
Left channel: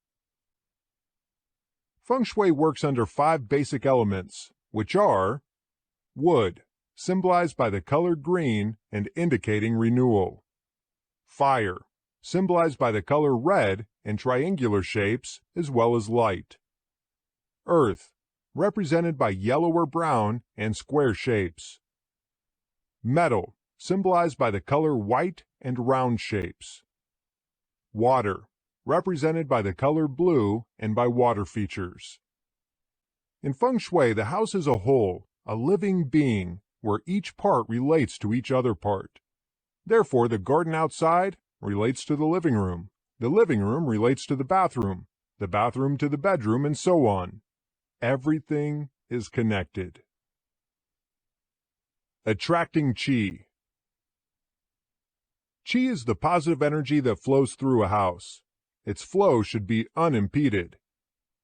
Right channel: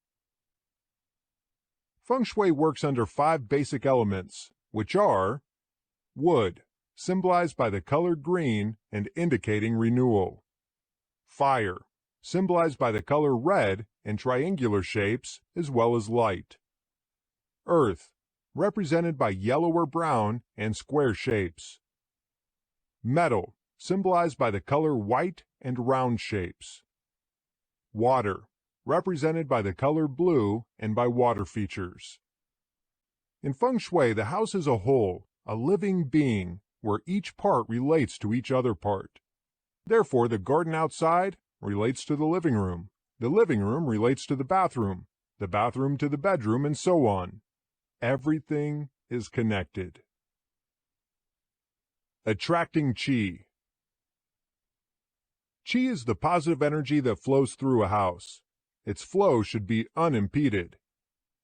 Feng Shui works under 5 basic elements, which are wood, symbolized by the color green and indicating renewal. Fire, symbolized by the color red and triangular shapes, as well as light. Earth, represented by yellow or brown and square shapes. Metal, symbolized by the color white and round shapes. Water, represented by the color blue and by water features. In Feng Shui, the house is a whole, a living being, where each part relates to each other part. Therefore, the garden outside relates to the living room relates to the bathroom to the bedroom, and so on. Everything is connected. Attracting Qi. Qi is the positive energy that flows through a house. Its flow should be unimpeded.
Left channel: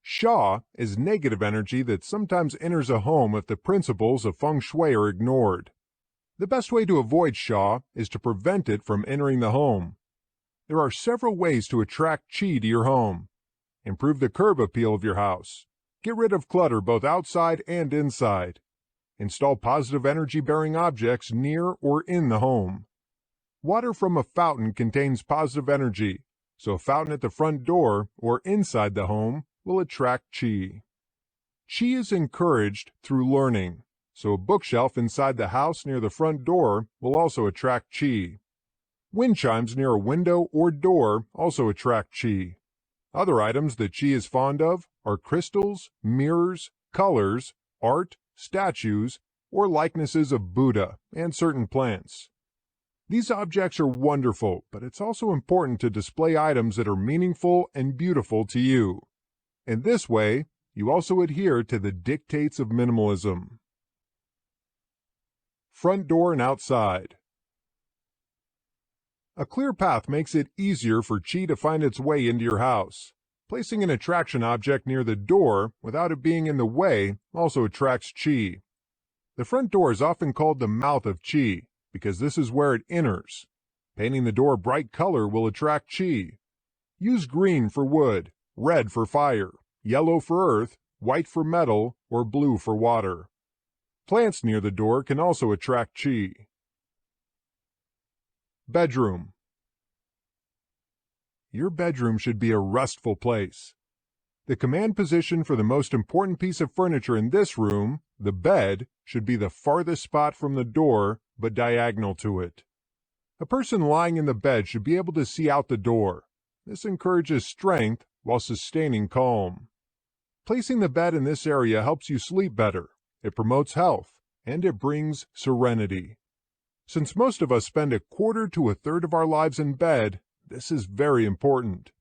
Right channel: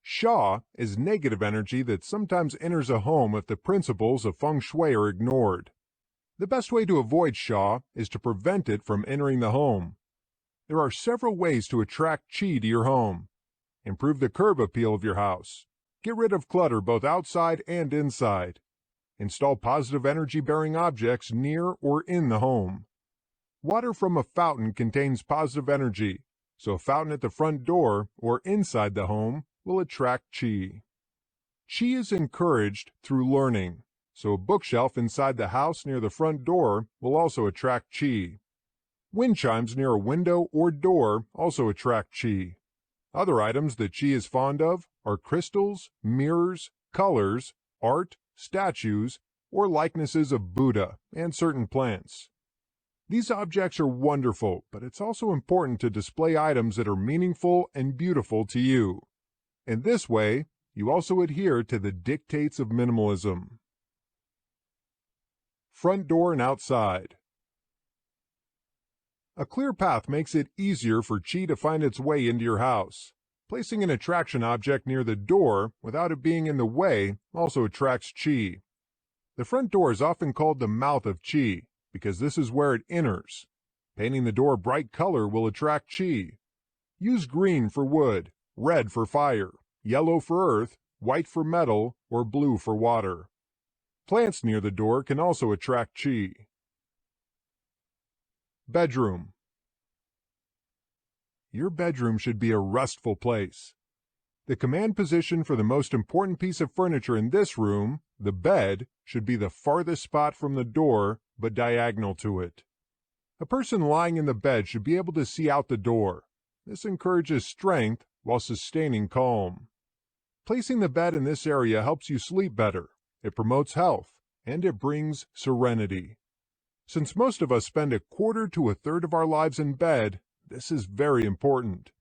Sha is negative energy that sometimes enters a home if the principles of Feng Shui are ignored. The best way to avoid Sha is to prevent it from entering the home. There are several ways to attract Qi to your home. Improve the curb appeal of your house. Get rid of clutter both outside and inside. Install positive energy-bearing objects near or in the home. Water from a fountain contains positive energy, so a fountain at the front door or inside the home will attract Qi. Qi is encouraged through learning, so a bookshelf inside the house near the front door will also attract Qi. Wind chimes near a window or door also attract Qi. Other items that Qi is fond of are crystals, mirrors, colors, art, statues, or likenesses of Buddha and certain plants. These objects are wonderful, but it's also important to display items that are meaningful and beautiful to you. In this way, you also adhere to the dictates of minimalism. Front door and outside. A clear path makes it easier for Qi to find its way into your house. Placing an attraction object near the door without it being in the way also attracts Qi. The front door is often called the mouth of Qi, because this is where it enters. Painting the door a bright color will attract Qi. Use green for wood, red for fire, yellow for earth, white for metal, or blue for water. Plants near the door can also attract Qi. Bedroom. Your bedroom should be a restful place. The command position for the most important piece of furniture in this room, the bed, should be the farthest spot from the door, but diagonal to it. A person lying in the bed should be able to see out the door. This encourages strength while sustaining calm. Placing the bed in this area helps you sleep better. It promotes health, and it brings serenity. Since most of us spend a quarter to a third of our lives in bed, this is very important.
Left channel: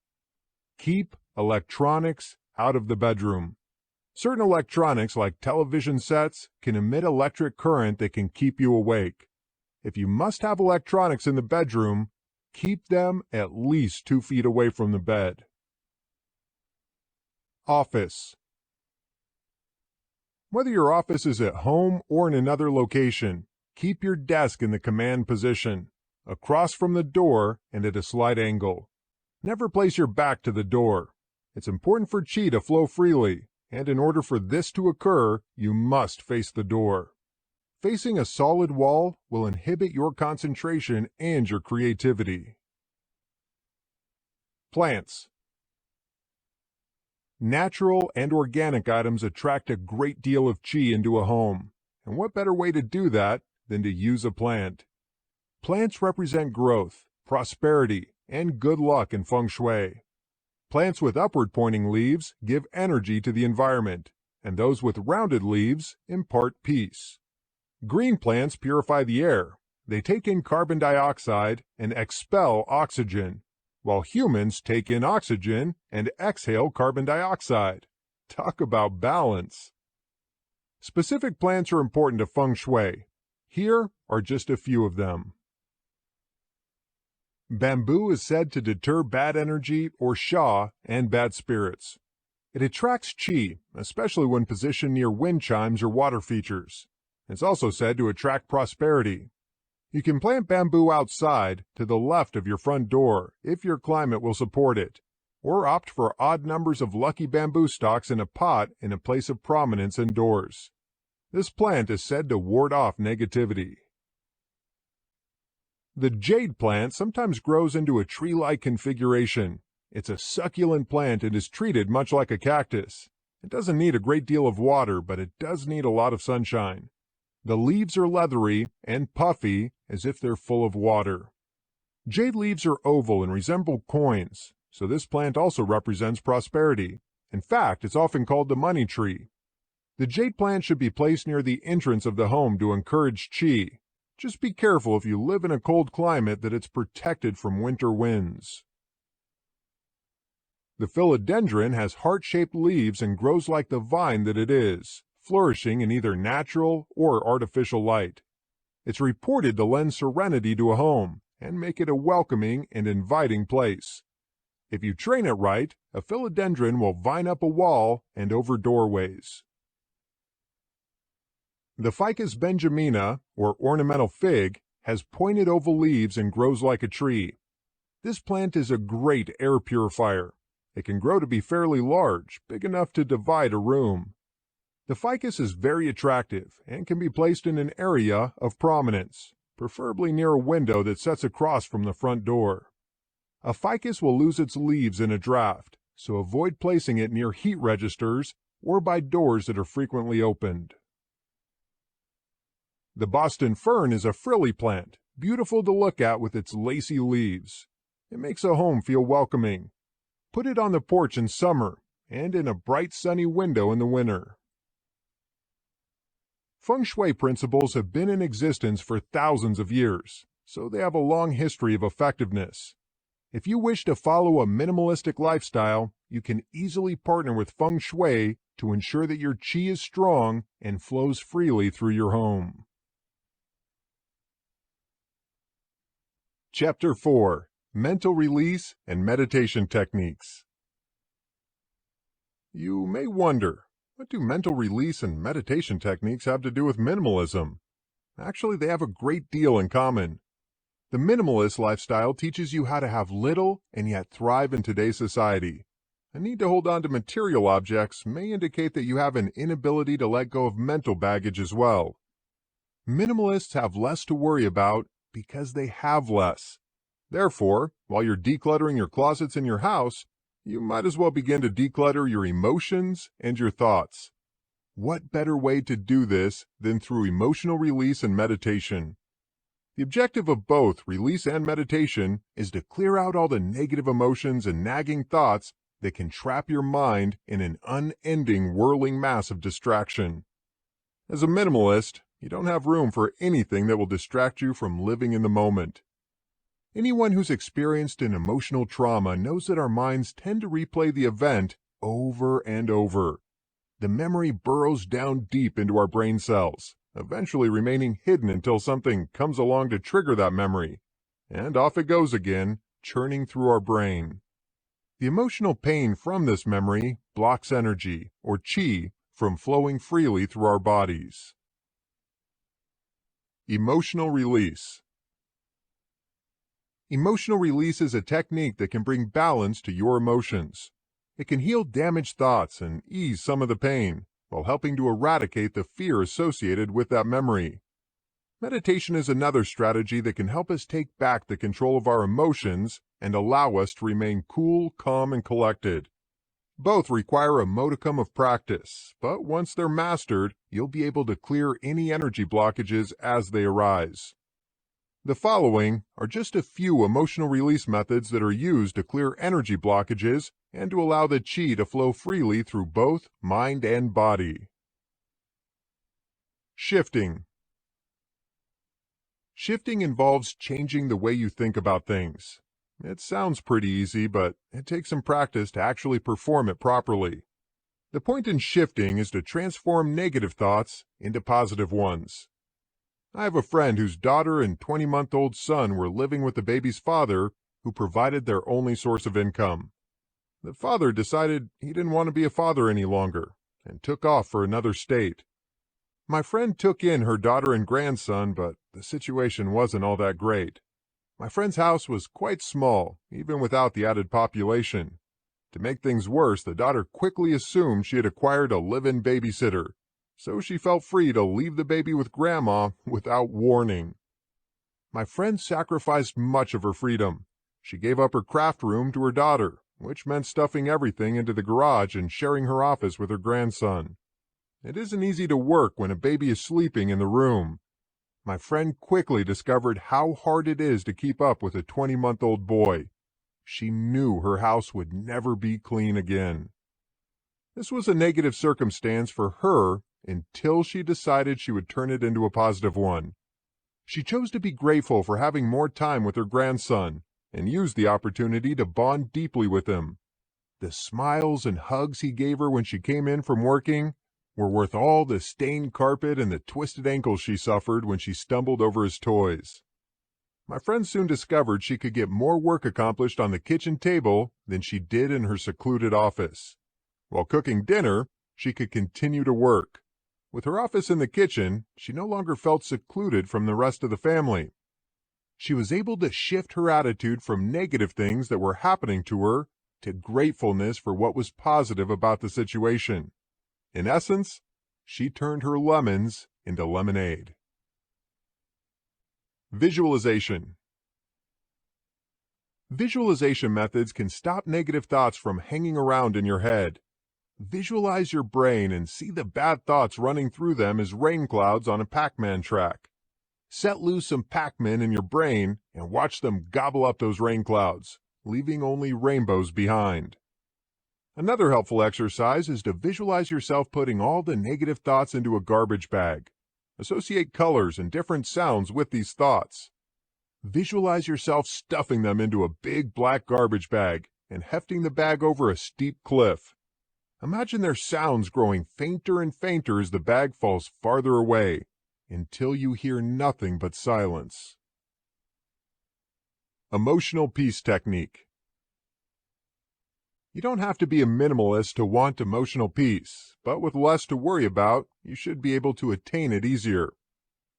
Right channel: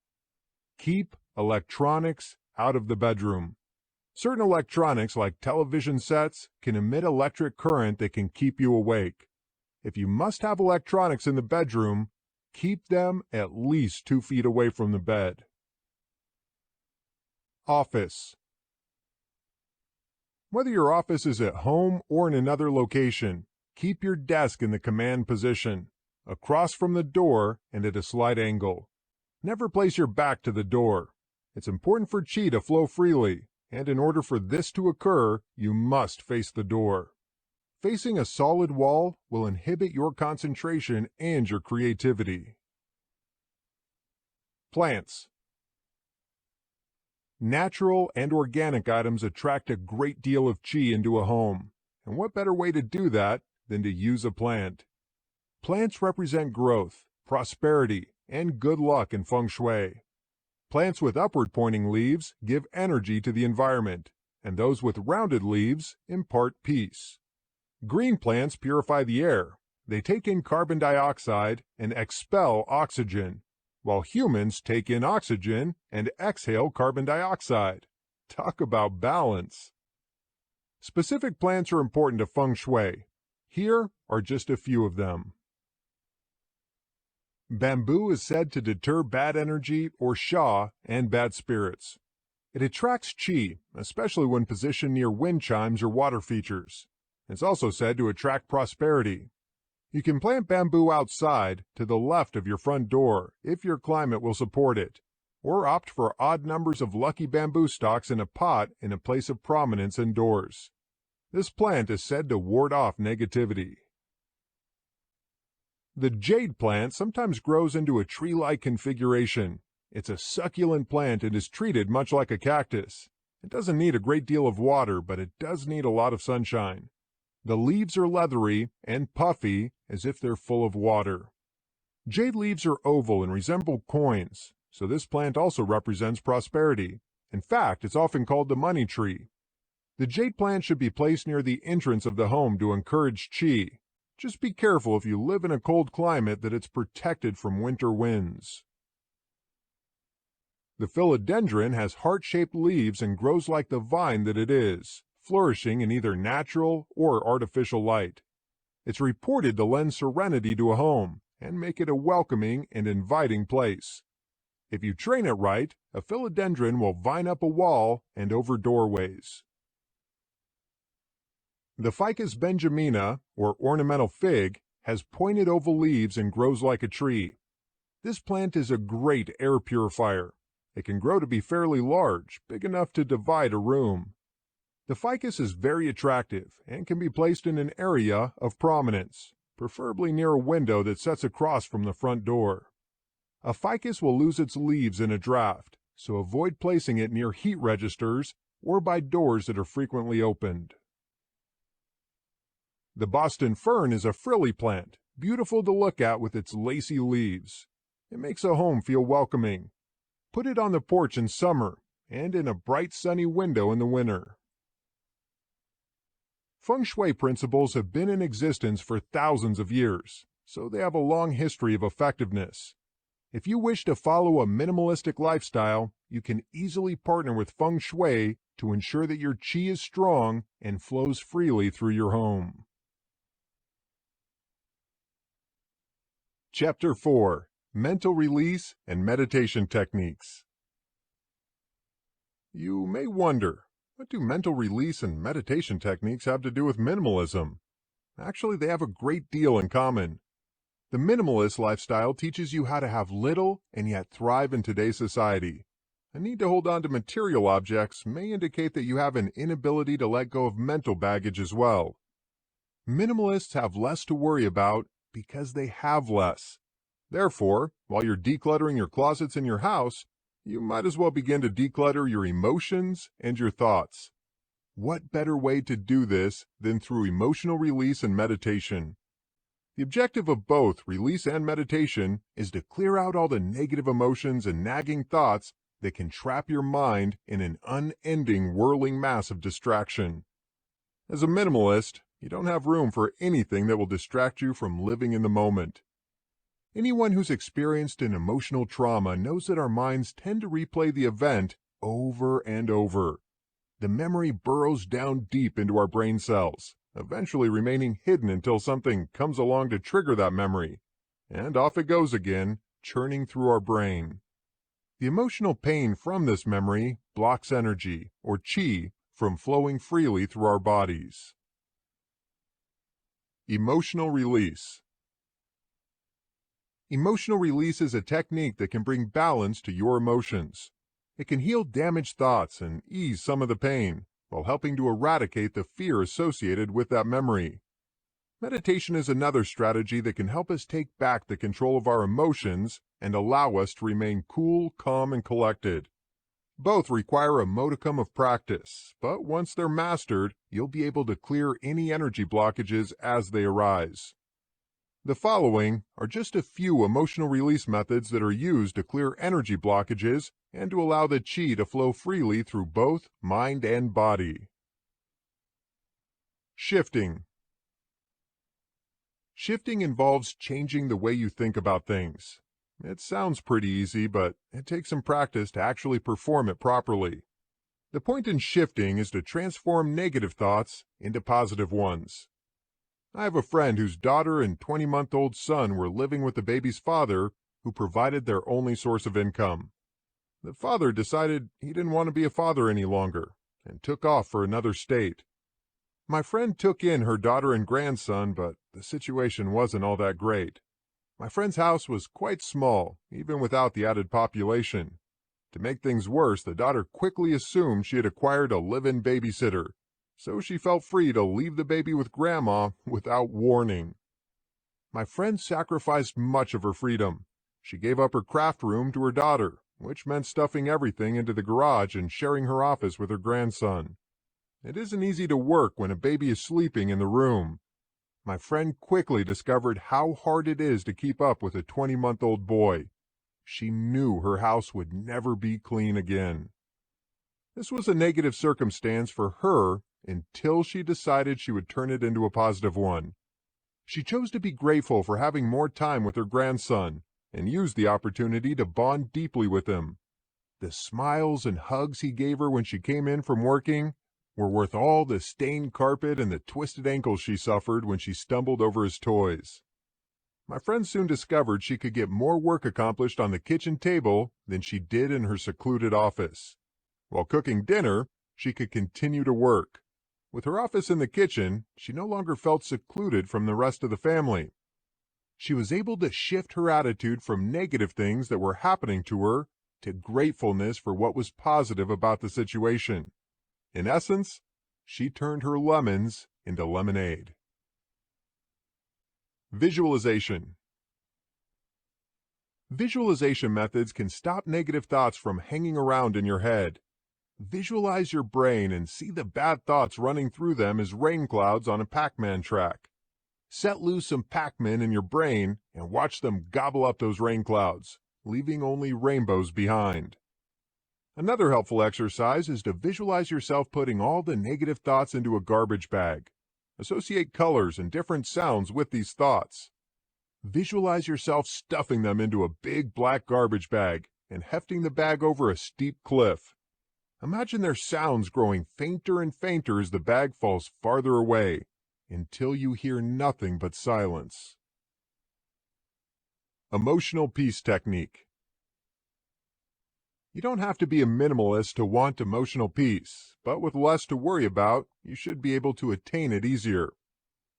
Keep electronics out of the bedroom. Certain electronics, like television sets, can emit electric current that can keep you awake. If you must have electronics in the bedroom, keep them at least 2 feet away from the bed. Office. Whether your office is at home or in another location, keep your desk in the command position, across from the door and at a slight angle. Never place your back to the door. It's important for qi to flow freely, and in order for this to occur, you must face the door. Facing a solid wall will inhibit your concentration and your creativity. Plants. Natural and organic items attract a great deal of qi into a home, and what better way to do that than to use a plant? Plants represent growth, prosperity, and good luck in feng shui. Plants with upward-pointing leaves give energy to the environment, and those with rounded leaves impart peace. Green plants purify the air. They take in carbon dioxide and expel oxygen, while humans take in oxygen and exhale carbon dioxide. Talk about balance. Specific plants are important to feng shui. Here are just a few of them. Bamboo is said to deter bad energy or sha and bad spirits. It attracts qi, especially when positioned near wind chimes or water features. It's also said to attract prosperity. You can plant bamboo outside to the left of your front door if your climate will support it, or opt for odd numbers of lucky bamboo stalks in a pot in a place of prominence indoors. This plant is said to ward off negativity. The jade plant sometimes grows into a tree-like configuration. It's a succulent plant and is treated much like a cactus. It doesn't need a great deal of water, but it does need a lot of sunshine. The leaves are leathery and puffy as if they're full of water. Jade leaves are oval and resemble coins, so this plant also represents prosperity. In fact, it's often called the money tree. The jade plant should be placed near the entrance of the home to encourage qi. Just be careful if you live in a cold climate that it's protected from winter winds. The philodendron has heart-shaped leaves and grows like the vine that it is, flourishing in either natural or artificial light. It's reported to lend serenity to a home and make it a welcoming and inviting place. If you train it right, a philodendron will vine up a wall and over doorways. The Ficus benjamina, or ornamental fig, has pointed oval leaves and grows like a tree. This plant is a great air purifier. It can grow to be fairly large, big enough to divide a room. The ficus is very attractive and can be placed in an area of prominence, preferably near a window that sets across from the front door. A ficus will lose its leaves in a draft, so avoid placing it near heat registers or by doors that are frequently opened. The Boston fern is a frilly plant, beautiful to look at with its lacy leaves. It makes a home feel welcoming. Put it on the porch in summer and in a bright sunny window in the winter. Feng Shui principles have been in existence for thousands of years, so they have a long history of effectiveness. If you wish to follow a minimalistic lifestyle, you can easily partner with Feng Shui to ensure that your qi is strong and flows freely through your home. Chapter 4: Mental Release and Meditation Techniques. You may wonder, what do mental release and meditation techniques have to do with minimalism? Actually, they have a great deal in common. The minimalist lifestyle teaches you how to have little and yet thrive in today's society. A need to hold on to material objects may indicate that you have an inability to let go of mental baggage as well. Minimalists have less to worry about because they have less. Therefore, while you're decluttering your closets in your house, you might as well begin to declutter your emotions and your thoughts. What better way to do this than through emotional release and meditation? The objective of both release and meditation is to clear out all the negative emotions and nagging thoughts that can trap your mind in an unending whirling mass of distraction. As a minimalist, you don't have room for anything that will distract you from living in the moment. Anyone who's experienced an emotional trauma knows that our minds tend to replay the event over and over. The memory burrows down deep into our brain cells, eventually remaining hidden until something comes along to trigger that memory, and off it goes again, churning through our brain. The emotional pain from this memory blocks energy, or qi, from flowing freely through our bodies. Emotional release. Emotional release is a technique that can bring balance to your emotions. It can heal damaged thoughts and ease some of the pain, while helping to eradicate the fear associated with that memory. Meditation is another strategy that can help us take back the control of our emotions and allow us to remain cool, calm, and collected. Both require a modicum of practice, but once they're mastered, you'll be able to clear any energy blockages as they arise. The following are just a few emotional release methods that are used to clear energy blockages and to allow the chi to flow freely through both mind and body. Shifting. Shifting involves changing the way you think about things. It sounds pretty easy, but it takes some practice to actually perform it properly. The point in shifting is to transform negative thoughts into positive ones. I have a friend whose daughter and 20-month-old son were living with the baby's father, who provided their only source of income. The father decided he didn't want to be a father any longer and took off for another state. My friend took in her daughter and grandson, but the situation wasn't all that great. My friend's house was quite small, even without the added population. To make things worse, the daughter quickly assumed she had acquired a live-in babysitter, so she felt free to leave the baby with Grandma without warning. My friend sacrificed much of her freedom. She gave up her craft room to her daughter, which meant stuffing everything into the garage and sharing her office with her grandson. It isn't easy to work when a baby is sleeping in the room. My friend quickly discovered how hard it is to keep up with a 20-month-old boy. She knew her house would never be clean again. This was a negative circumstance for her until she decided she would turn it into a positive one. She chose to be grateful for having more time with her grandson and used the opportunity to bond deeply with him. The smiles and hugs he gave her when she came in from working were worth all the stained carpet and the twisted ankles she suffered when she stumbled over his toys. My friend soon discovered she could get more work accomplished on the kitchen table than she did in her secluded office. While cooking dinner, she could continue to work. With her office in the kitchen, she no longer felt secluded from the rest of the family. She was able to shift her attitude from negative things that were happening to her to gratefulness for what was positive about the situation. In essence, she turned her lemons into lemonade. Visualization. Visualization methods can stop negative thoughts from hanging around in your head. Visualize your brain and see the bad thoughts running through them as rain clouds on a Pac-Man track. Set loose some Pac-Men in your brain and watch them gobble up those rain clouds, leaving only rainbows behind. Another helpful exercise is to visualize yourself putting all the negative thoughts into a garbage bag. Associate colors and different sounds with these thoughts. Visualize yourself stuffing them into a big black garbage bag and hefting the bag over a steep cliff. Imagine their sounds growing fainter and fainter as the bag falls farther away, until you hear nothing but silence. Emotional peace technique. You don't have to be a minimalist to want emotional peace, but with less to worry about, you should be able to attain it easier.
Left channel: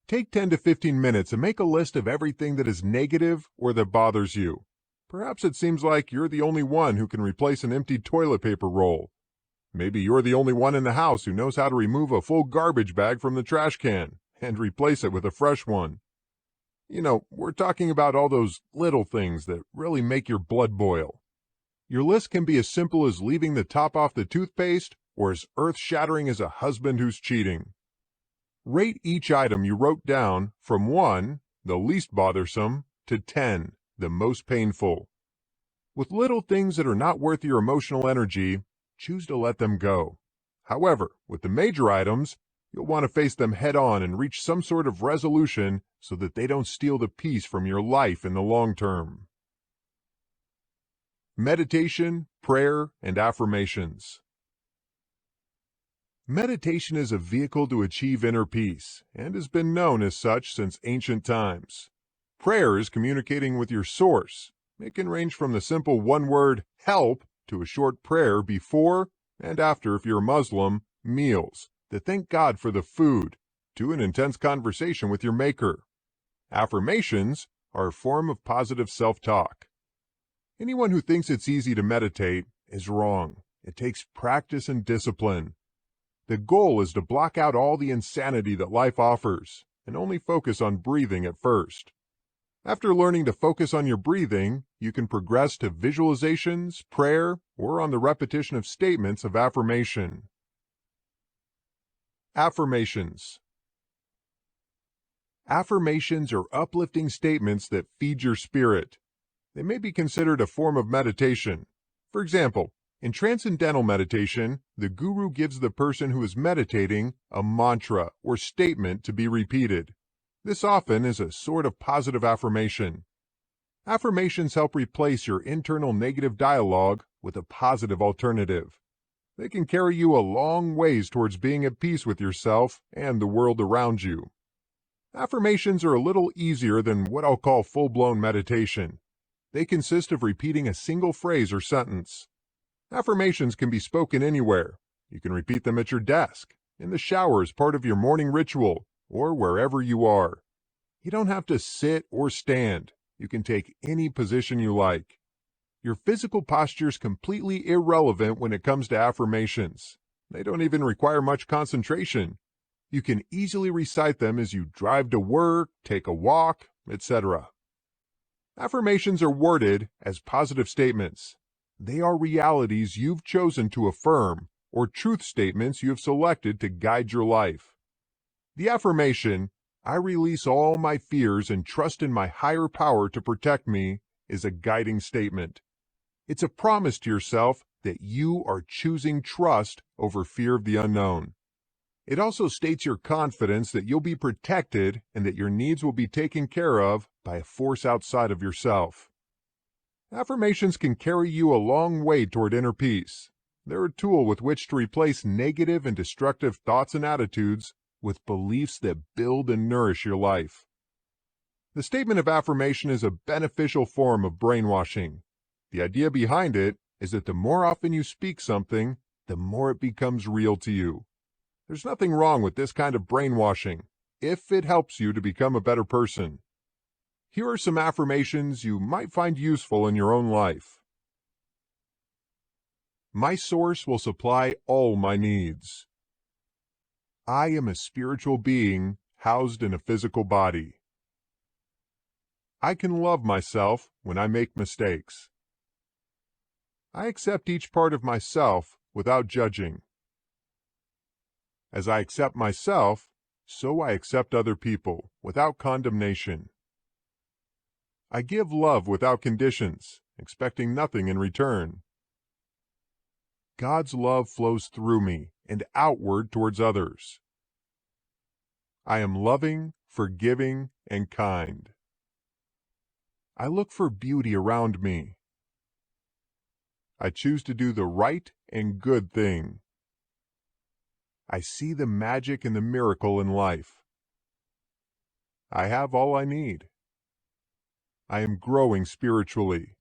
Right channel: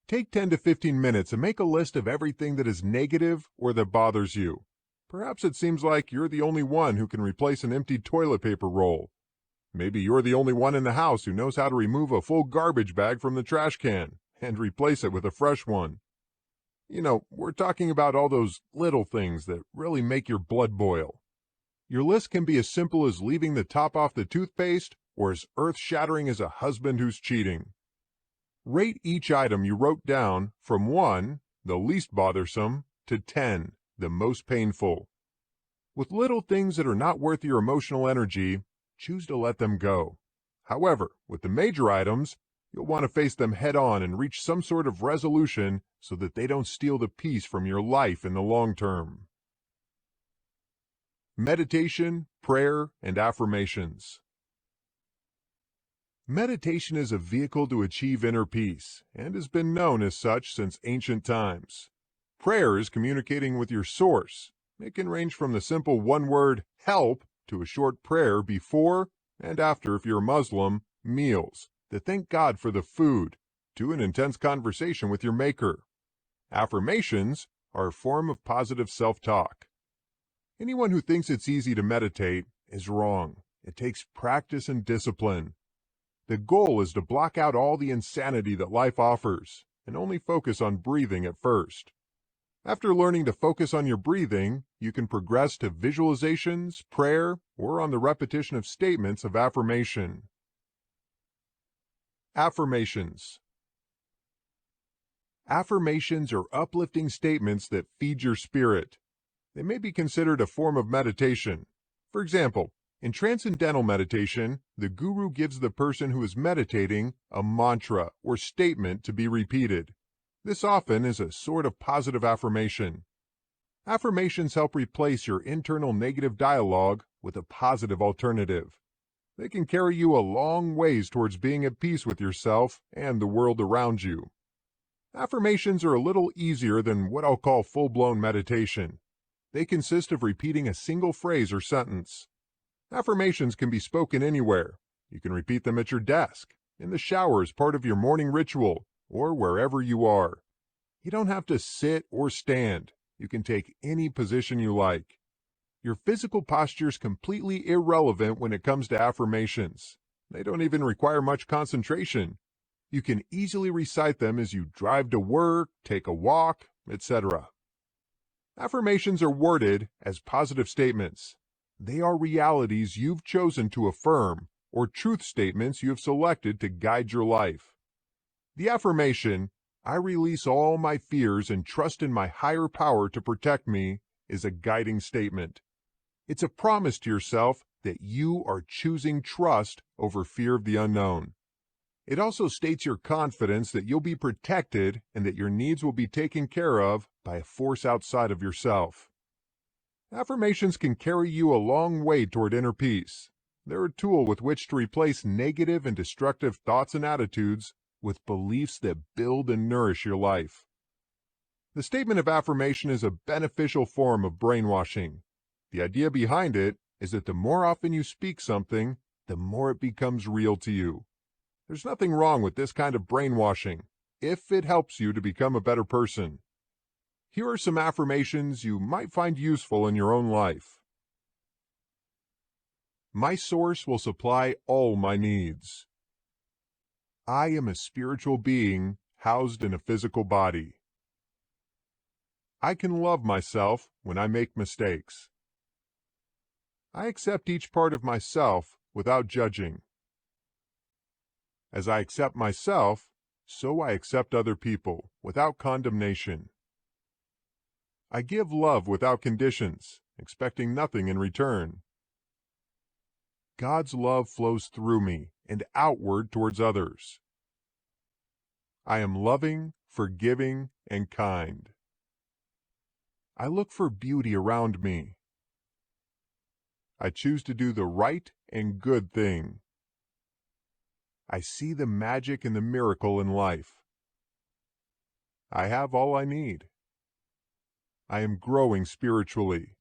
Take 10 to 15 minutes and make a list of everything that is negative or that bothers you. Perhaps it seems like you're the only one who can replace an empty toilet paper roll. Maybe you're the only one in the house who knows how to remove a full garbage bag from the trash can and replace it with a fresh one. We're talking about all those little things that really make your blood boil. Your list can be as simple as leaving the top off the toothpaste or as earth-shattering as a husband who's cheating. Rate each item you wrote down from 1, the least bothersome, to 10, the most painful. With little things that are not worth your emotional energy, choose to let them go. However, with the major items, you'll want to face them head on and reach some sort of resolution so that they don't steal the peace from your life in the long term. Meditation, prayer, and affirmations. Meditation is a vehicle to achieve inner peace and has been known as such since ancient times. Prayer is communicating with your source. It can range from the simple one-word help to a short prayer before and after, if you're a Muslim, meals, to thank God for the food, to an intense conversation with your maker. Affirmations are a form of positive self-talk. Anyone who thinks it's easy to meditate is wrong. It takes practice and discipline. The goal is to block out all the insanity that life offers and only focus on breathing at first. After learning to focus on your breathing, you can progress to visualizations, prayer, or on the repetition of statements of affirmation. Affirmations. Affirmations are uplifting statements that feed your spirit. They may be considered a form of meditation. For example, in transcendental meditation, the guru gives the person who is meditating a mantra or statement to be repeated. This often is a sort of positive affirmation. Affirmations help replace your internal negative dialogue with a positive alternative. They can carry you a long ways towards being at peace with yourself and the world around you. Affirmations are a little easier than what I'll call full-blown meditation. They consist of repeating a single phrase or sentence. Affirmations can be spoken anywhere. You can repeat them at your desk, in the shower as part of your morning ritual, or wherever you are. You don't have to sit or stand. You can take any position you like. Your physical posture is completely irrelevant when it comes to affirmations. They don't even require much concentration. You can easily recite them as you drive to work, take a walk, etc. Affirmations are worded as positive statements. They are realities you've chosen to affirm or truth statements you have selected to guide your life. The affirmation, "I release all my fears and trust in my higher power to protect me," is a guiding statement. It's a promise to yourself that you are choosing trust over fear of the unknown. It also states your confidence that you'll be protected and that your needs will be taken care of by a force outside of yourself. Affirmations can carry you a long way toward inner peace. They're a tool with which to replace negative and destructive thoughts and attitudes with beliefs that build and nourish your life. The statement of affirmation is a beneficial form of brainwashing. The idea behind it is that the more often you speak something, the more it becomes real to you. There's nothing wrong with this kind of brainwashing, if it helps you to become a better person. Here are some affirmations you might find useful in your own life. My source will supply all my needs. I am a spiritual being housed in a physical body. I can love myself when I make mistakes. I accept each part of myself without judging. As I accept myself, so I accept other people without condemnation. I give love without conditions, expecting nothing in return. God's love flows through me and outward towards others. I am loving, forgiving, and kind. I look for beauty around me. I choose to do the right and good thing. I see the magic and the miracle in life. I have all I need. I am growing spiritually.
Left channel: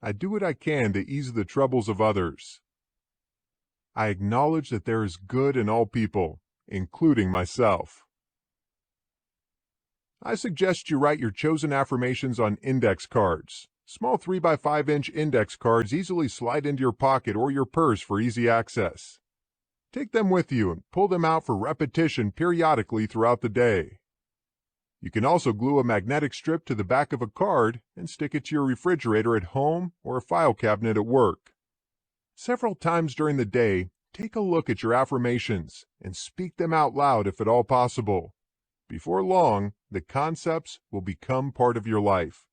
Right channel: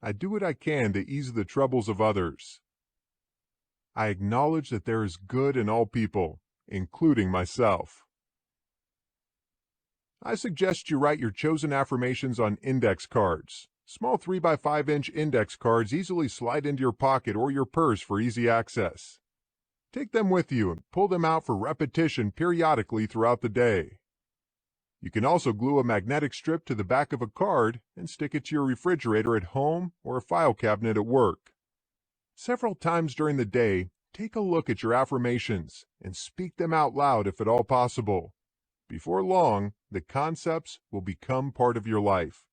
I do what I can to ease the troubles of others. I acknowledge that there is good in all people, including myself. I suggest you write your chosen affirmations on index cards. Small 3x5-inch index cards easily slide into your pocket or your purse for easy access. Take them with you and pull them out for repetition periodically throughout the day. You can also glue a magnetic strip to the back of a card and stick it to your refrigerator at home or a file cabinet at work. Several times during the day, take a look at your affirmations and speak them out loud if at all possible. Before long, the concepts will become part of your life.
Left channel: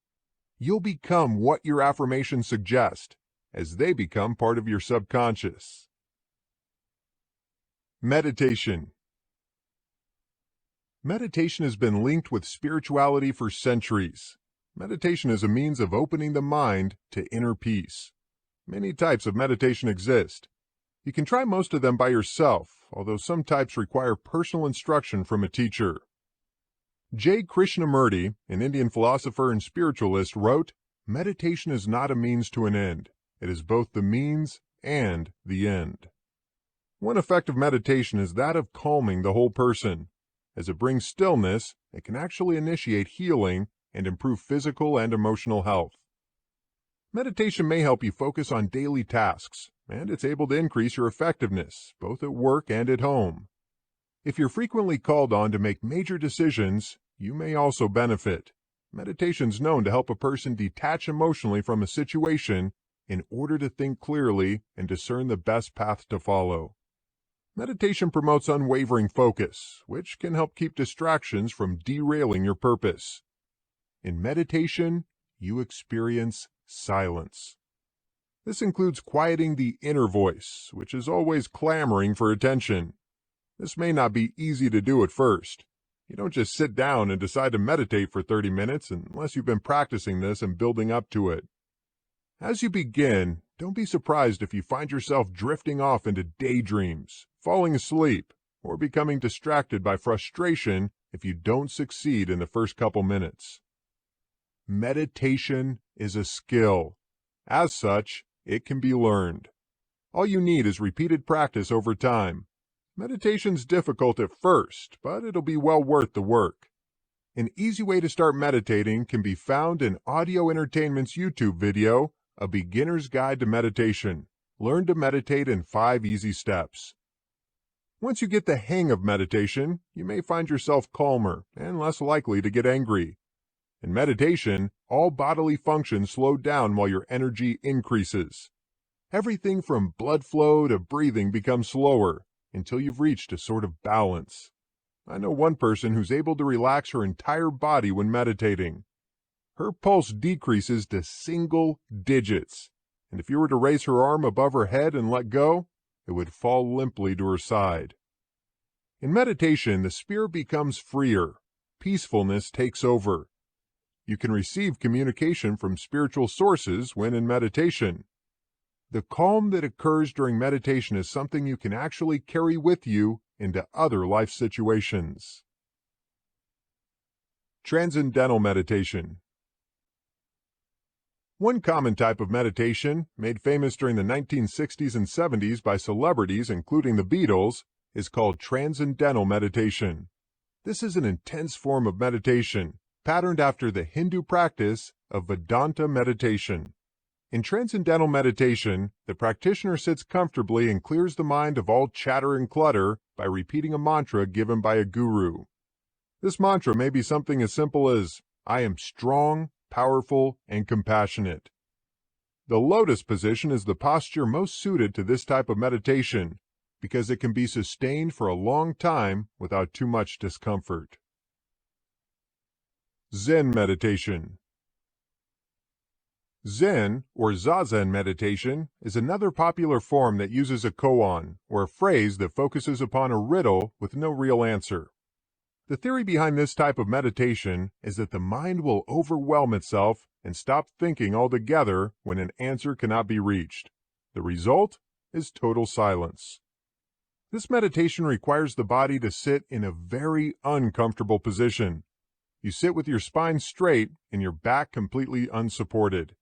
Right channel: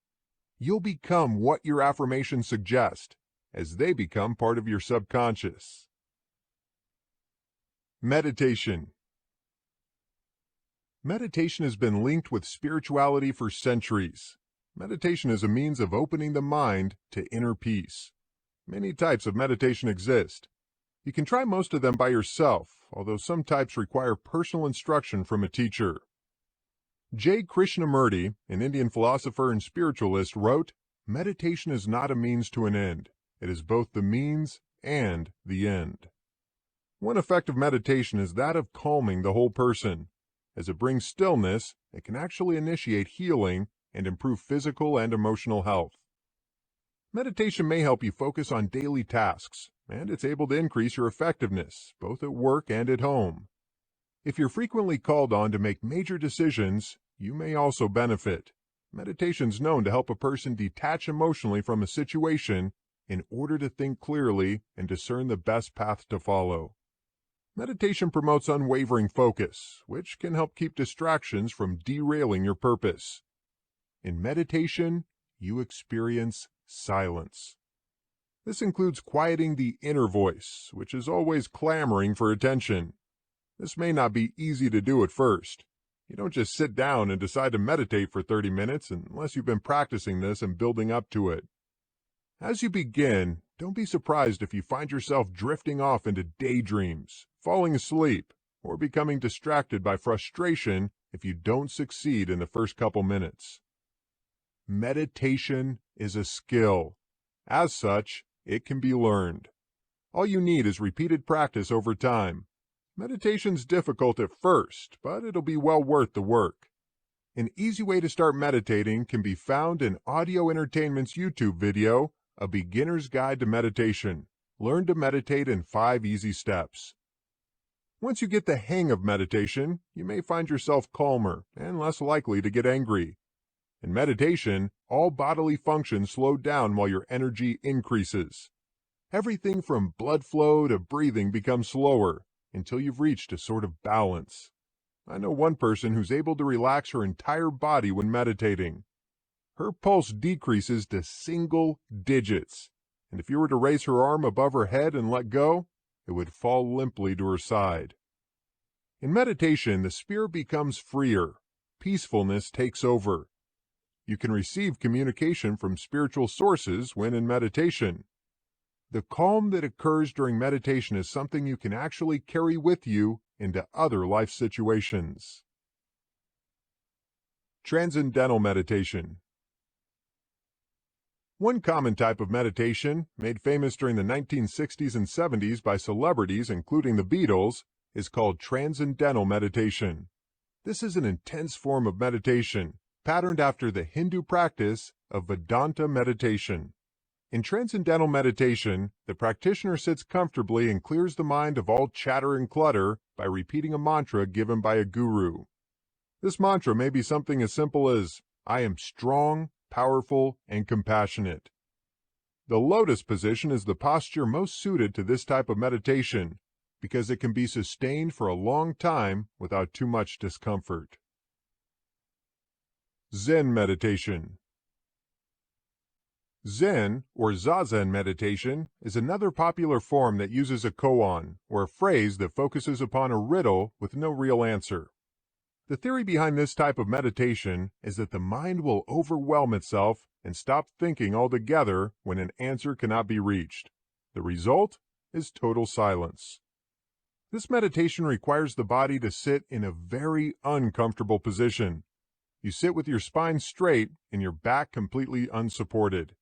You'll become what your affirmations suggest, as they become part of your subconscious. Meditation. Meditation has been linked with spirituality for centuries. Meditation is a means of opening the mind to inner peace. Many types of meditation exist. You can try most of them by yourself, although some types require personal instruction from a teacher. J. Krishnamurti, an Indian philosopher and spiritualist, wrote, "Meditation is not a means to an end. It is both the means and the end." One effect of meditation is that of calming the whole person. As it brings stillness, it can actually initiate healing and improve physical and emotional health. Meditation may help you focus on daily tasks, and it's able to increase your effectiveness, both at work and at home. If you're frequently called on to make major decisions, you may also benefit. Meditation's known to help a person detach emotionally from a situation in order to think clearly and discern the best path to follow. Meditation promotes unwavering focus, which can help keep distractions from derailing your purpose. In meditation, you experience silence. This includes quieting the inner voice, which is always clamoring for attention. This may not be easy to do at first. You don't just sit down and decide to meditate for 30 minutes unless you've been practicing this and building up to it. As you begin, don't be surprised if you find yourself drifting off into daydreams, falling asleep, or becoming distracted by frustration if you don't succeed in the first couple minutes. Meditation is a skill. As such, it can be learned. All you need is repeated practice over time. Meditation's difficult at first, but it'll be well worth the work. An easy way to start meditating can be found in Audio Entertainment's YouTube video, A Beginner's Guide to Meditation. Learn to meditate in 5 easy steps. Once you get the hang of meditation, you may find yourself calmer and less likely to get angry. In meditation, all bodily functions slow down while your energy increases. Everything from blood flow to breathing becomes slower until you've reached a sort of balance. I know one person who's able to relax her entire body when meditating. Her pulse decreases to single digits, and if you were to raise her arm above her head and let go, it would fall limply to her side. In meditation, the spirit becomes freer. Peacefulness takes over. You can receive communication from spiritual sources when in meditation. The calm that occurs during meditation is something you can actually carry with you into other life situations. Transcendental meditation. One common type of meditation, made famous during the 1960s and 70s by celebrities including the Beatles, is called transcendental meditation. This is an intense form of meditation, patterned after the Hindu practice of Vedanta meditation. In transcendental meditation, the practitioner sits comfortably and clears the mind of all chatter and clutter by repeating a mantra given by a guru. This mantra may be something as simple as, "I am strong, powerful, and compassionate." The lotus position is the posture most suited to this type of meditation because it can be sustained for a long time without too much discomfort. Zen meditation. Zen, or Zazen meditation, is another popular form that uses a koan, or a phrase that focuses upon a riddle with no real answer. The theory behind this type of meditation is that the mind will overwhelm itself and stop thinking altogether when an answer cannot be reached. The result is total silence. This meditation requires the body to sit in a very uncomfortable position. You sit with your spine straight and your back completely unsupported.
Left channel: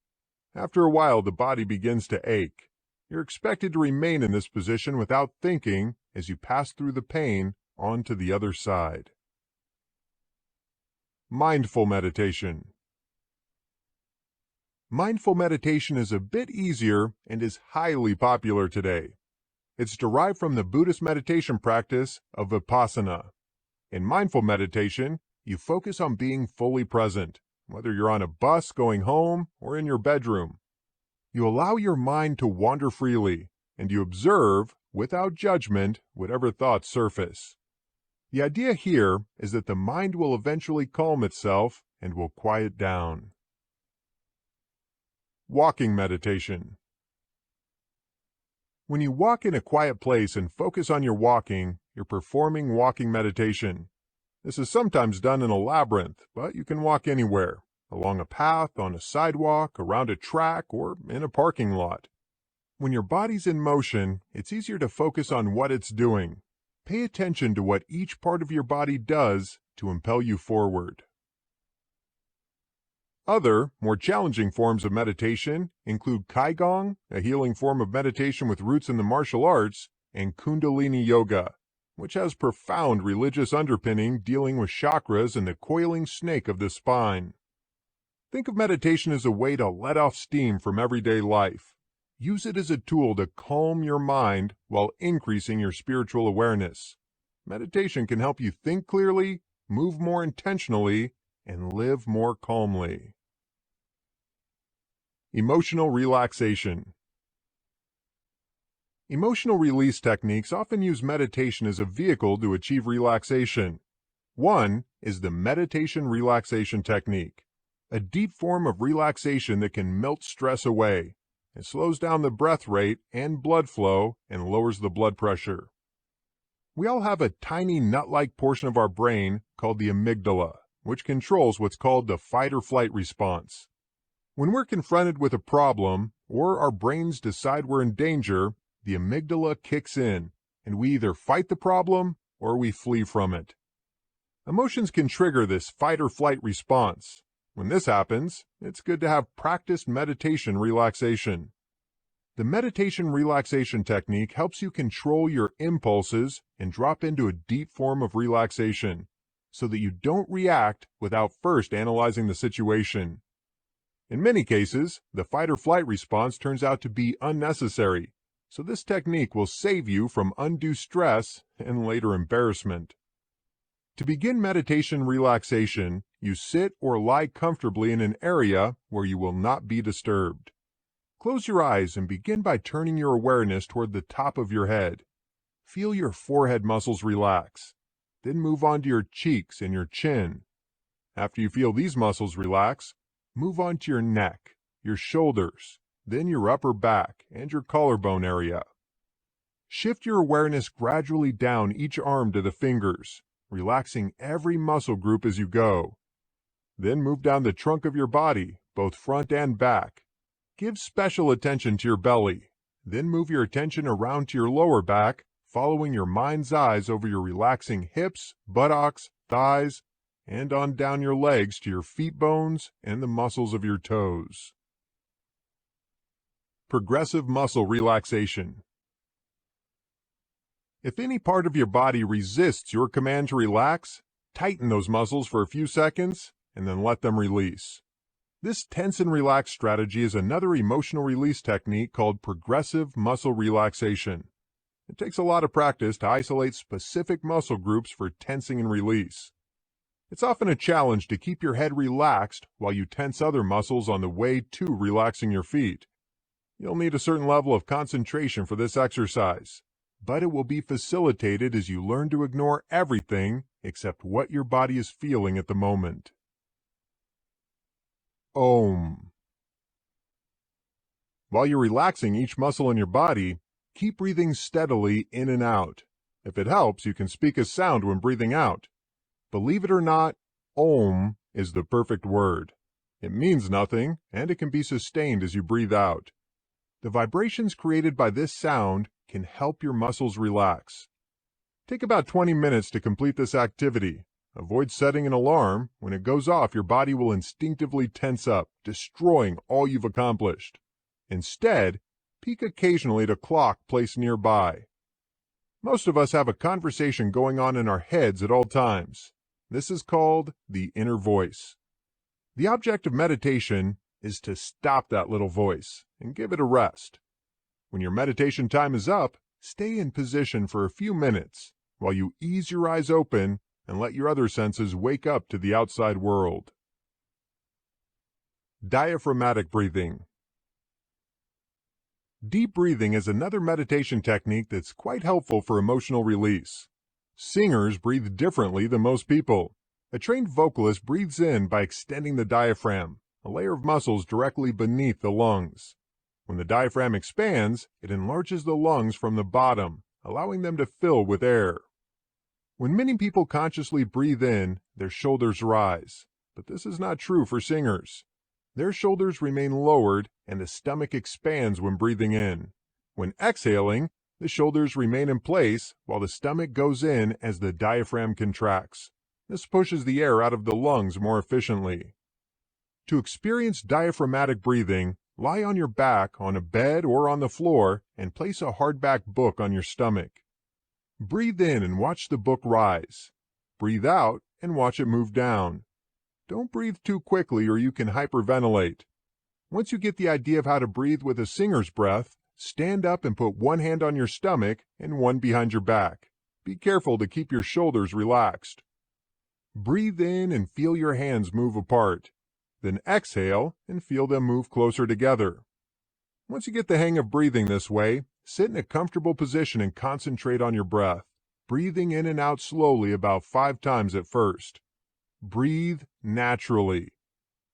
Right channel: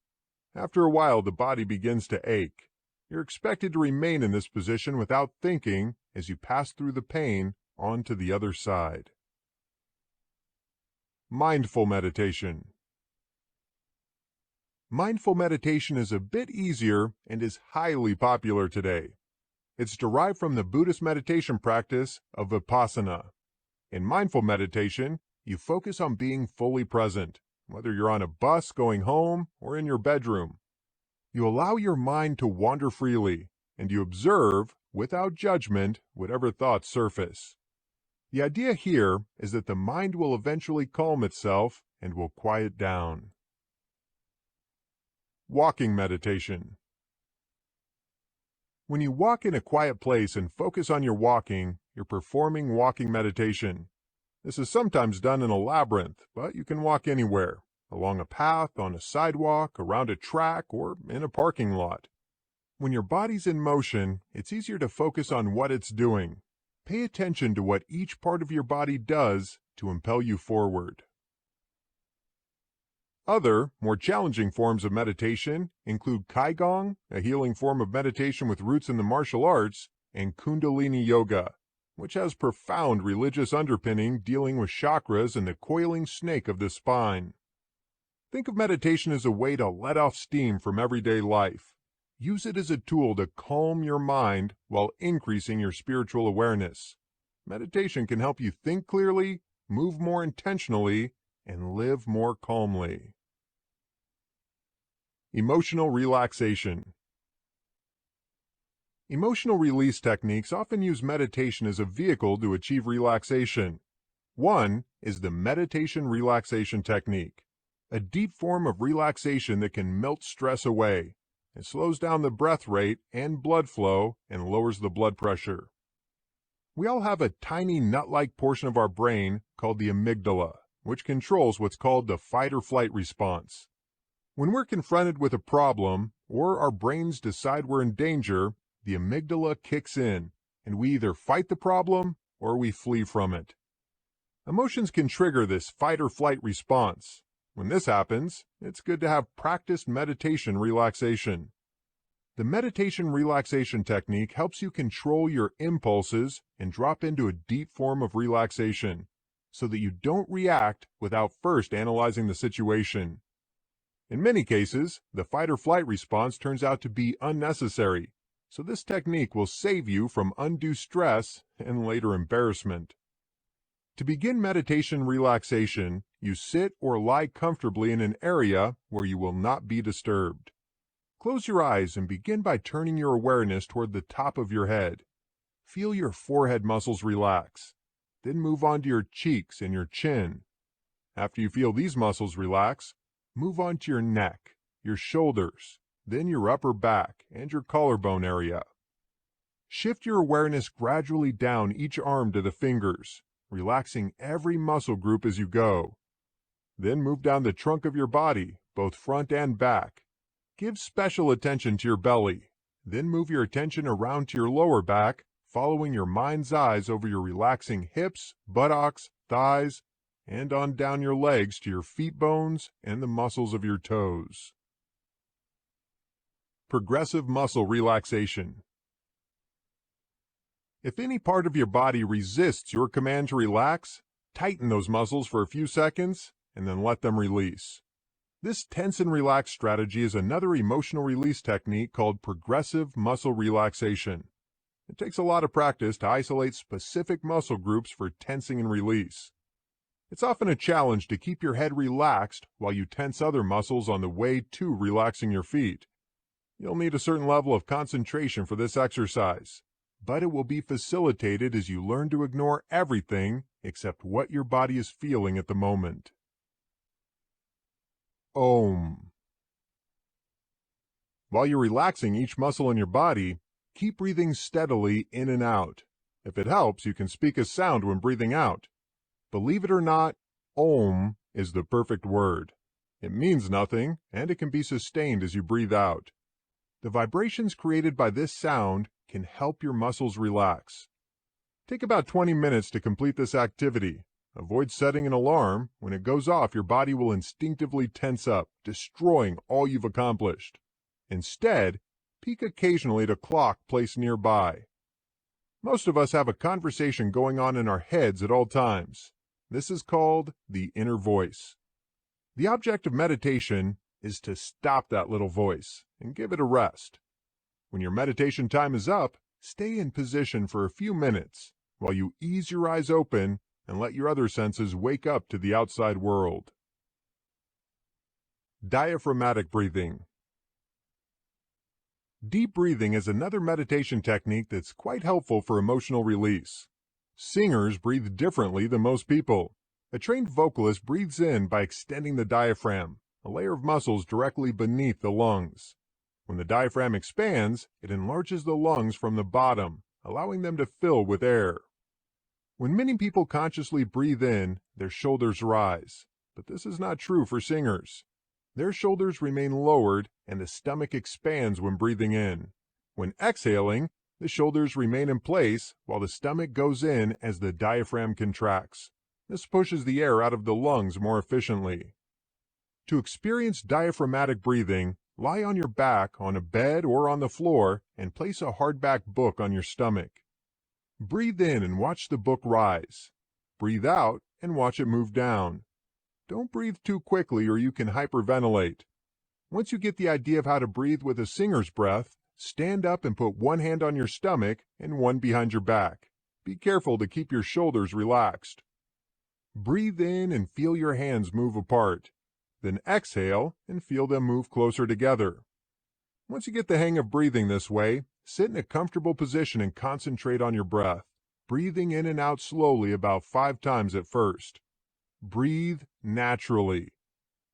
After a while, the body begins to ache. You're expected to remain in this position without thinking as you pass through the pain on to the other side. Mindful meditation. Mindful meditation is a bit easier and is highly popular today. It's derived from the Buddhist meditation practice of Vipassana. In mindful meditation, you focus on being fully present, whether you're on a bus going home or in your bedroom. You allow your mind to wander freely, and you observe, without judgment, whatever thoughts surface. The idea here is that the mind will eventually calm itself and will quiet down. Walking meditation. When you walk in a quiet place and focus on your walking, you're performing walking meditation. This is sometimes done in a labyrinth, but you can walk anywhere, along a path, on a sidewalk, around a track, or in a parking lot. When your body's in motion, it's easier to focus on what it's doing. Pay attention to what each part of your body does to impel you forward. Other, more challenging forms of meditation include Qigong, a healing form of meditation with roots in the martial arts, and Kundalini Yoga, which has profound religious underpinning dealing with chakras and the coiling snake of the spine. Think of meditation as a way to let off steam from everyday life. Use it as a tool to calm your mind while increasing your spiritual awareness. Meditation can help you think clearly, move more intentionally, and live more calmly. Emotional relaxation. Emotional release techniques often use meditation as a vehicle to achieve relaxation. One is the meditation relaxation technique, a deep form of relaxation that can melt stress away. It slows down the breath rate and blood flow and lowers the blood pressure. We all have a tiny nut-like portion of our brain called the amygdala, which controls what's called the fight or flight response. When we're confronted with a problem or our brains decide we're in danger, the amygdala kicks in and we either fight the problem or we flee from it. Emotions can trigger this fight or flight response. When this happens, it's good to have practiced meditation relaxation. The meditation relaxation technique helps you control your impulses and drop into a deep form of relaxation so that you don't react without first analyzing the situation. In many cases, the fight or flight response turns out to be unnecessary, so this technique will save you from undue stress and later embarrassment. To begin meditation relaxation, you sit or lie comfortably in an area where you will not be disturbed. Close your eyes and begin by turning your awareness toward the top of your head. Feel your forehead muscles relax. Then move on to your cheeks and your chin. After you feel these muscles relax, move on to your neck, your shoulders, then your upper back and your collarbone area. Shift your awareness gradually down each arm to the fingers, relaxing every muscle group as you go. Then move down the trunk of your body, both front and back. Give special attention to your belly. Then move your attention around to your lower back, following your mind's eyes over your relaxing hips, buttocks, thighs, and on down your legs to your feet bones and the muscles of your toes. Progressive muscle relaxation. If any part of your body resists your command to relax, tighten those muscles for a few seconds and then let them release. This tense and relax strategy is another emotional release technique called progressive muscle relaxation. It takes a lot of practice to isolate specific muscle groups for tensing and release. It's often a challenge to keep your head relaxed while you tense other muscles on the way to relaxing your feet. You'll need a certain level of concentration for this exercise, but it will be facilitated as you learn to ignore everything except what your body is feeling at the moment. Om. While you're relaxing each muscle in your body, keep breathing steadily in and out. If it helps, you can speak a sound when breathing out. Believe it or not, Om is the perfect word. It means nothing, and it can be sustained as you breathe out. The vibrations created by this sound can help your muscles relax. Take about 20 minutes to complete this activity. Avoid setting an alarm. When it goes off, your body will instinctively tense up, destroying all you've accomplished. Instead, peek occasionally at a clock placed nearby. Most of us have a conversation going on in our heads at all times. This is called the inner voice. The object of meditation is to stop that little voice and give it a rest. When your meditation time is up, stay in position for a few minutes while you ease your eyes open and let your other senses wake up to the outside world. Diaphragmatic breathing. Deep breathing is another meditation technique that's quite helpful for emotional release. Singers breathe differently than most people. A trained vocalist breathes in by extending the diaphragm, a layer of muscles directly beneath the lungs. When the diaphragm expands, it enlarges the lungs from the bottom, allowing them to fill with air. When many people consciously breathe in, their shoulders rise, but this is not true for singers. Their shoulders remain lowered and the stomach expands when breathing in. When exhaling, the shoulders remain in place while the stomach goes in as the diaphragm contracts. This pushes the air out of the lungs more efficiently. To experience diaphragmatic breathing, Lie on your back on a bed or on the floor and place a hardback book on your stomach. Breathe in and watch the book rise. Breathe out and watch it move down. Don't breathe too quickly or you can hyperventilate. Once you get the idea of how to breathe with a singer's breath, stand up and put one hand on your stomach and one behind your back. Be careful to keep your shoulders relaxed. Breathe in and feel your hands move apart. Then exhale and feel them move closer together. Once you get the hang of breathing this way, sit in a comfortable position and concentrate on your breath, breathing in and out slowly about 5 times at first. Breathe naturally.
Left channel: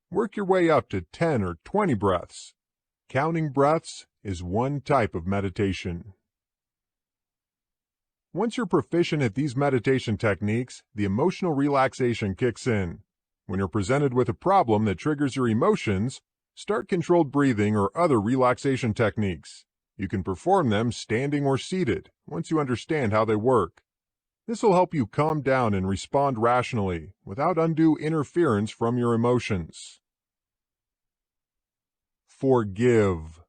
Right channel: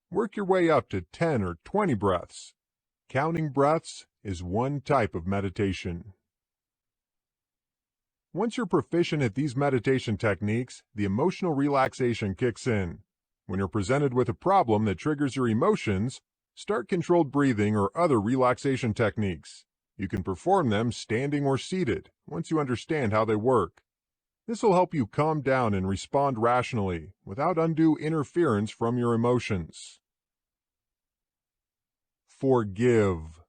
Work your way up to 10 or 20 breaths. Counting breaths is one type of meditation. Once you're proficient at these meditation techniques, the emotional relaxation kicks in. When you're presented with a problem that triggers your emotions, start controlled breathing or other relaxation techniques. You can perform them standing or seated once you understand how they work. This will help you calm down and respond rationally without undue interference from your emotions. Forgive.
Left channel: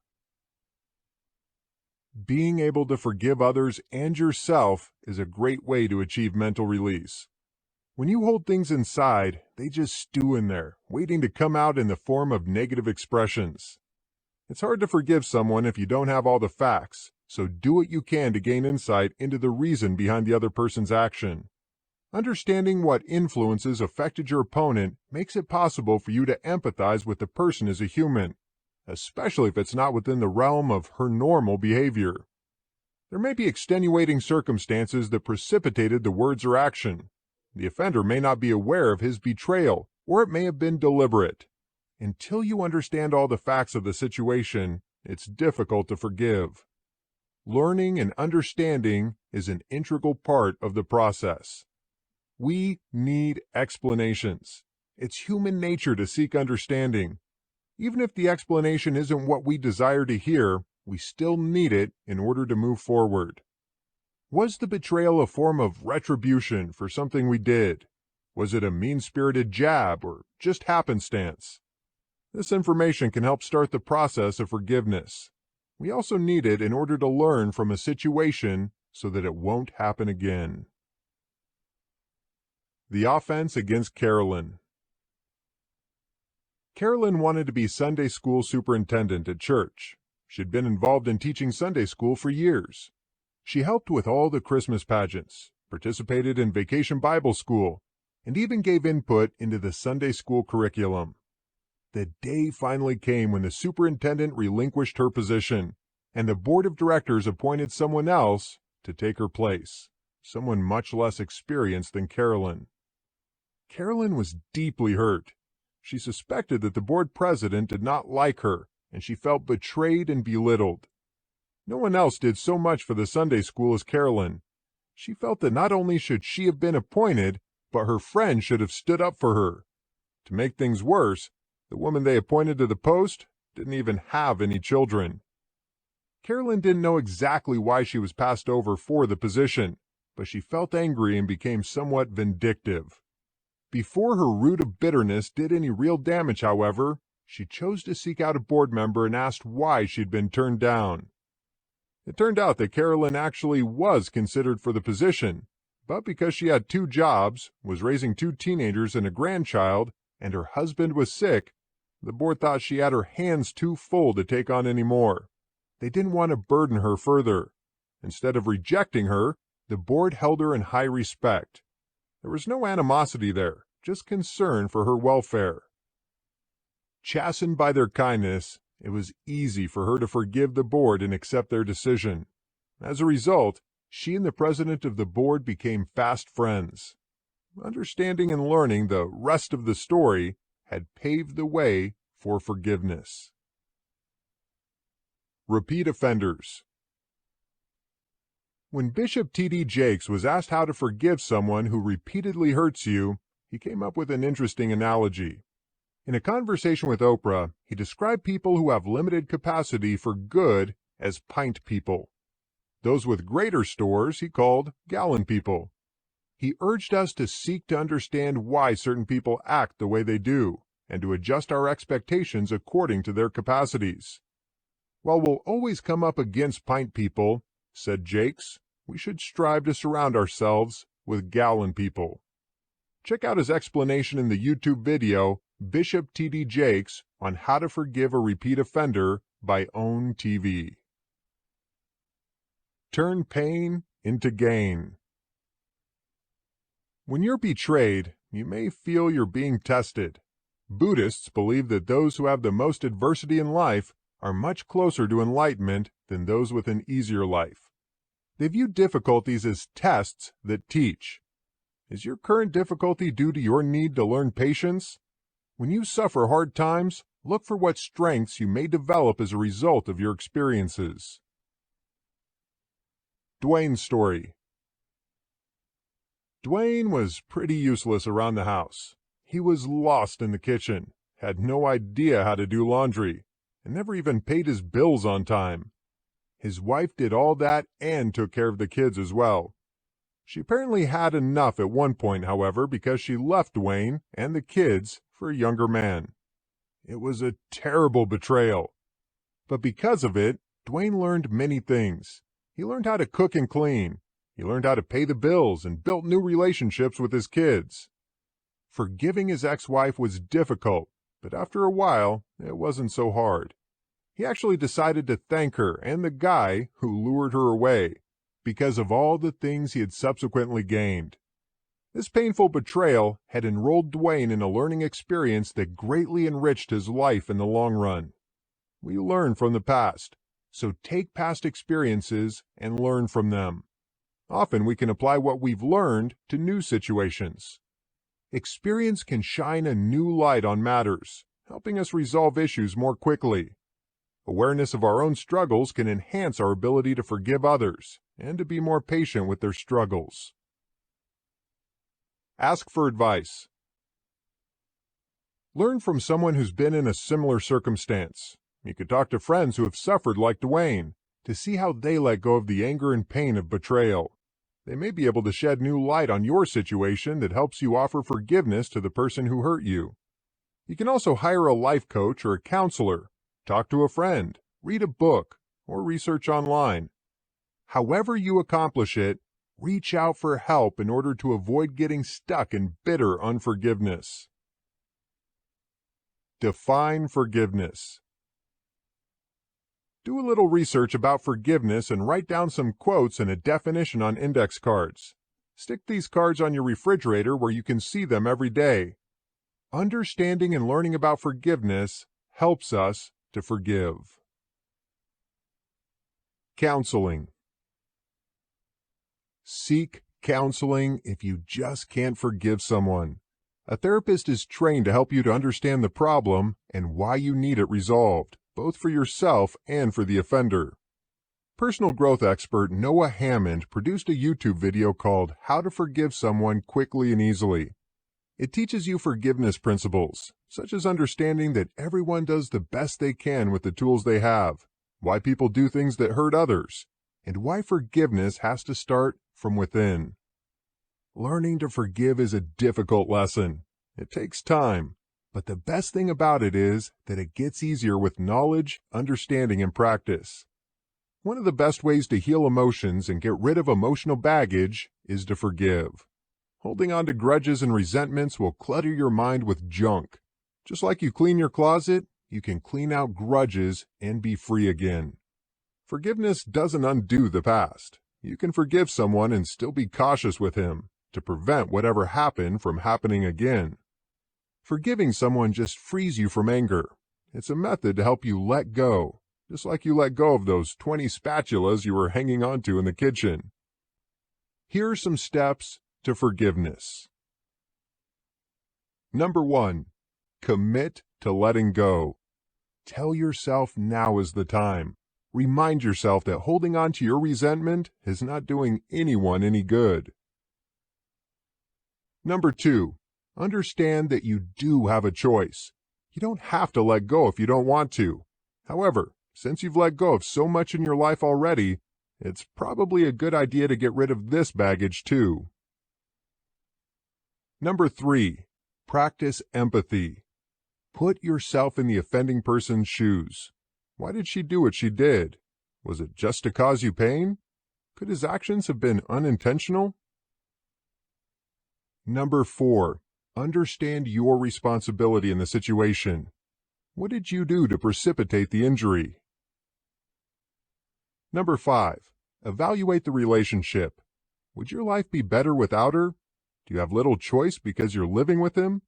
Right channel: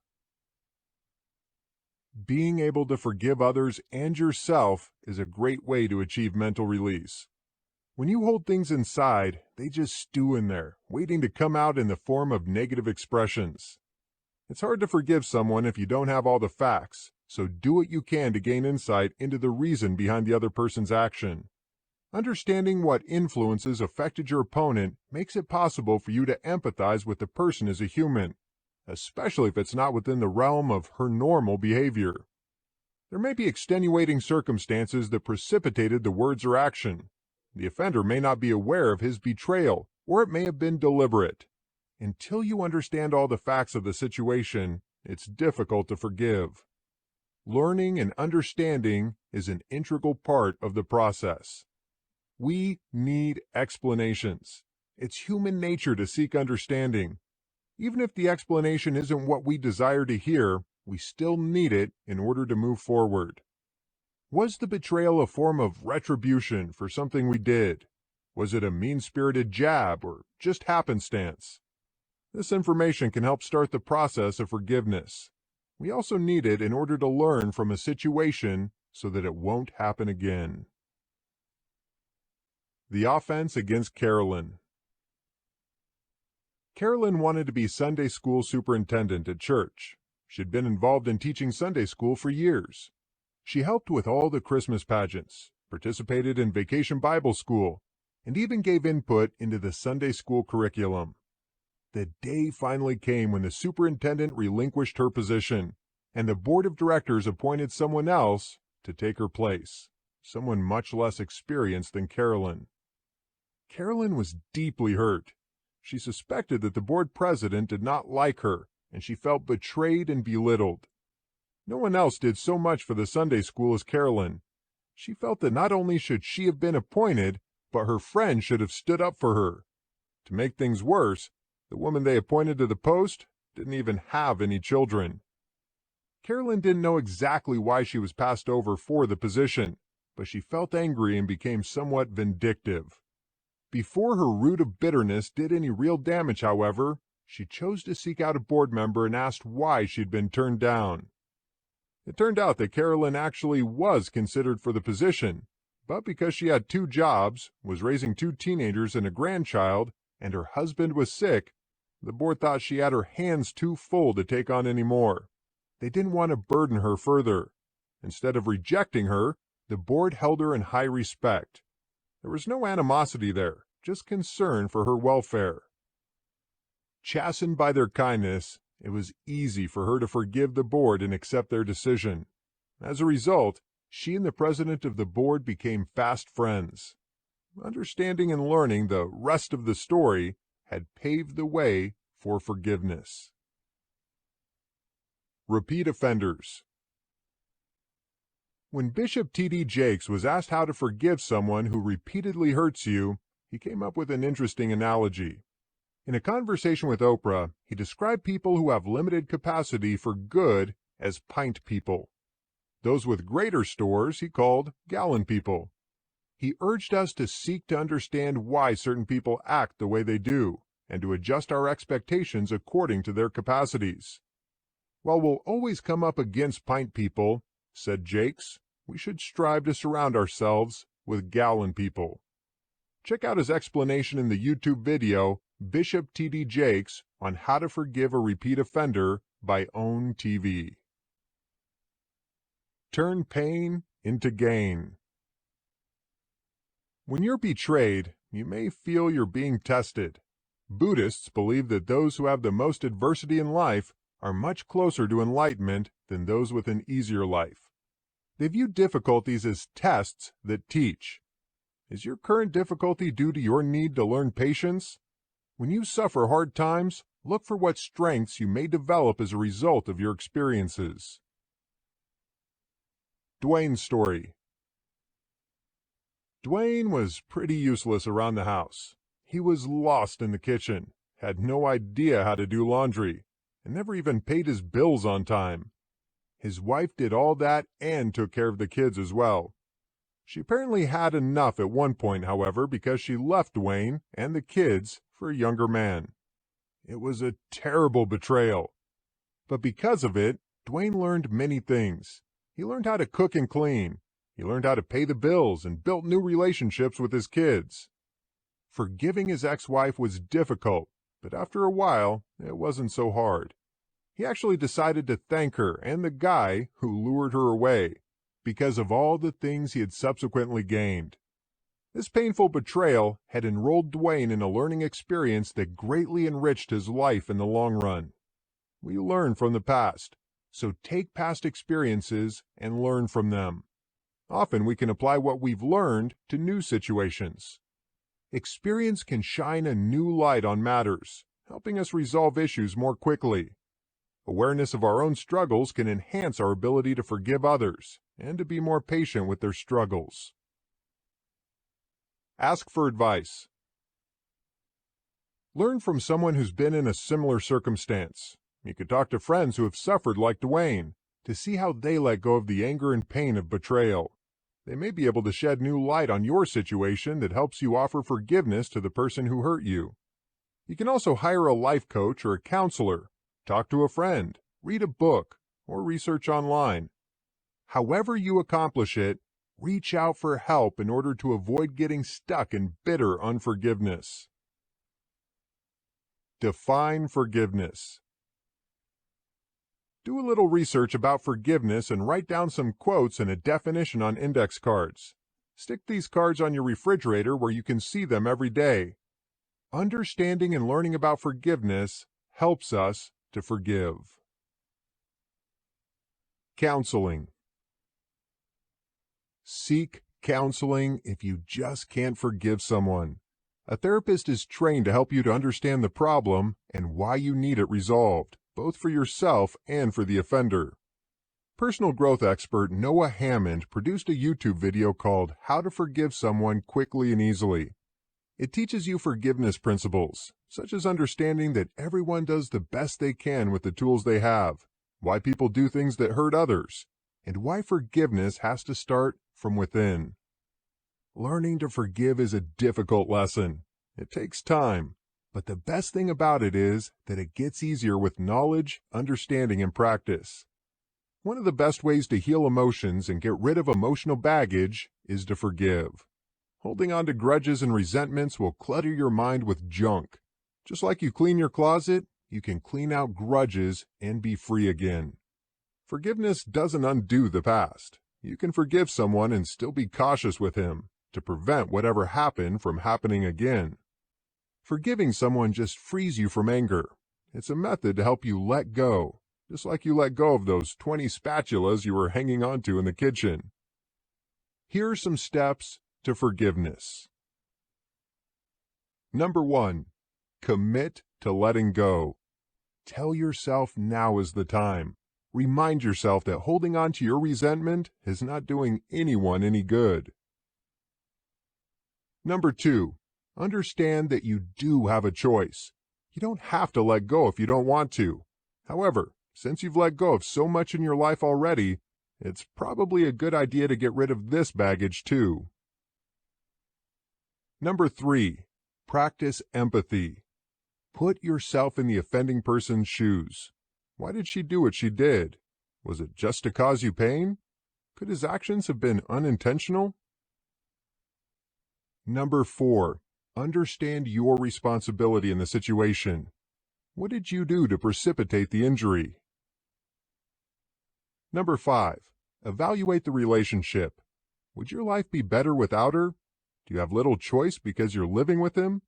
Being able to forgive others and yourself is a great way to achieve mental release. When you hold things inside, they just stew in there, waiting to come out in the form of negative expressions. It's hard to forgive someone if you don't have all the facts, so do what you can to gain insight into the reason behind the other person's action. Understanding what influences affected your opponent makes it possible for you to empathize with the person as a human, especially if it's not within the realm of her normal behavior. There may be extenuating circumstances that precipitated the words or action. The offender may not be aware of his betrayal, or it may have been deliberate. Until you understand all the facts of the situation, it's difficult to forgive. Learning and understanding is an integral part of the process. We need explanations. It's human nature to seek understanding. Even if the explanation isn't what we desire to hear, we still need it in order to move forward. Was the betrayal a form of retribution for something we did? Was it a mean-spirited jab or just happenstance? This information can help start the process of forgiveness. We also need it in order to learn from a situation so that it won't happen again. The offense against Carolyn. Carolyn wanted to be Sunday school superintendent at church. She'd been involved in teaching Sunday school for years. She helped with all the Christmas pageants, participated in Vacation Bible School, and even gave input into the Sunday school curriculum. The day finally came when the superintendent relinquished her position, and the board of directors appointed someone else to take her place, someone much less experienced than Carolyn. Carolyn was deeply hurt. She suspected that the board president did not like her, and she felt betrayed and belittled. No one else did so much for the Sunday school as Carolyn. She felt that not only should she have been appointed, but her friends should have stood up for her. To make things worse, the woman they appointed to the post didn't even have any children. Carolyn didn't know exactly why she was passed over for the position, but she felt angry and became somewhat vindictive. Before her root of bitterness did any real damage, however, she chose to seek out a board member and asked why she'd been turned down. It turned out that Carolyn actually was considered for the position, but because she had 2 jobs, was raising 2 teenagers and a grandchild, and her husband was sick, the board thought she had her hands too full to take on any more. They didn't want to burden her further. Instead of rejecting her, the board held her in high respect. There was no animosity there, just concern for her welfare. Chastened by their kindness, it was easy for her to forgive the board and accept their decision. As a result, she and the president of the board became fast friends. Understanding and learning the rest of the story had paved the way for forgiveness. Repeat offenders. When Bishop T.D. Jakes was asked how to forgive someone who repeatedly hurts you, he came up with an interesting analogy. In a conversation with Oprah, he described people who have limited capacity for good as pint people. Those with greater stores he called gallon people. He urged us to seek to understand why certain people act the way they do, and to adjust our expectations according to their capacities. "While we'll always come up against pint people," said Jakes, "we should strive to surround ourselves with gallon people." Check out his explanation in the YouTube video, Bishop T.D. Jakes, on how to forgive a repeat offender by OWN TV. Turn pain into gain. When you're betrayed, you may feel you're being tested. Buddhists believe that those who have the most adversity in life are much closer to enlightenment than those with an easier life. They view difficulties as tests that teach. Is your current difficulty due to your need to learn patience? When you suffer hard times, look for what strengths you may develop as a result of your experiences. Dwayne's story. Dwayne was pretty useless around the house. He was lost in the kitchen, had no idea how to do laundry, and never even paid his bills on time. His wife did all that and took care of the kids as well. She apparently had enough at one point, however, because she left Dwayne and the kids for a younger man. It was a terrible betrayal. But because of it, Dwayne learned many things. He learned how to cook and clean. He learned how to pay the bills and built new relationships with his kids. Forgiving his ex-wife was difficult, but after a while, it wasn't so hard. He actually decided to thank her and the guy who lured her away, because of all the things he had subsequently gained. This painful betrayal had enrolled Dwayne in a learning experience that greatly enriched his life in the long run. We learn from the past, so take past experiences and learn from them. Often we can apply what we've learned to new situations. Experience can shine a new light on matters, helping us resolve issues more quickly. Awareness of our own struggles can enhance our ability to forgive others and to be more patient with their struggles. Ask for advice. Learn from someone who's been in a similar circumstance. You could talk to friends who have suffered like Dwayne to see how they let go of the anger and pain of betrayal. They may be able to shed new light on your situation that helps you offer forgiveness to the person who hurt you. You can also hire a life coach or a counselor, talk to a friend, read a book, or research online. However you accomplish it, reach out for help in order to avoid getting stuck in bitter unforgiveness. Define forgiveness. Do a little research about forgiveness and write down some quotes and a definition on index cards. Stick these cards on your refrigerator where you can see them every day. Understanding and learning about forgiveness helps us to forgive. Counseling. Seek counseling if you just can't forgive someone. A therapist is trained to help you to understand the problem and why you need it resolved, both for yourself and for the offender. Personal growth expert Noah Hammond produced a YouTube video called How to Forgive Someone Quickly and Easily. It teaches you forgiveness principles, such as understanding that everyone does the best they can with the tools they have, why people do things that hurt others, and why forgiveness has to start from within. Learning to forgive is a difficult lesson. It takes time. But the best thing about it is that it gets easier with knowledge, understanding, and practice. One of the best ways to heal emotions and get rid of emotional baggage is to forgive. Holding on to grudges and resentments will clutter your mind with junk. Just like you clean your closet, you can clean out grudges and be free again. Forgiveness doesn't undo the past. You can forgive someone and still be cautious with him to prevent whatever happened from happening again. Forgiving someone just frees you from anger. It's a method to help you let go, just like you let go of those 20 spatulas you were hanging onto in the kitchen. Here are some steps to forgiveness. Number 1, commit to letting go. Tell yourself now is the time. Remind yourself that holding on to your resentment is not doing anyone any good. Number 2, understand that you do have a choice. You don't have to let go if you don't want to. However, since you've let go of so much in your life already, it's probably a good idea to get rid of this baggage too. Number 3, practice empathy. Put yourself in the offending person's shoes. Why did she do what she did? Was it just to cause you pain? Could his actions have been unintentional? Number 4. Understand your responsibility in the situation. What did you do to precipitate the injury? Number 5. Evaluate the relationship. Would your life be better without her? Do you have little choice because you're living with him?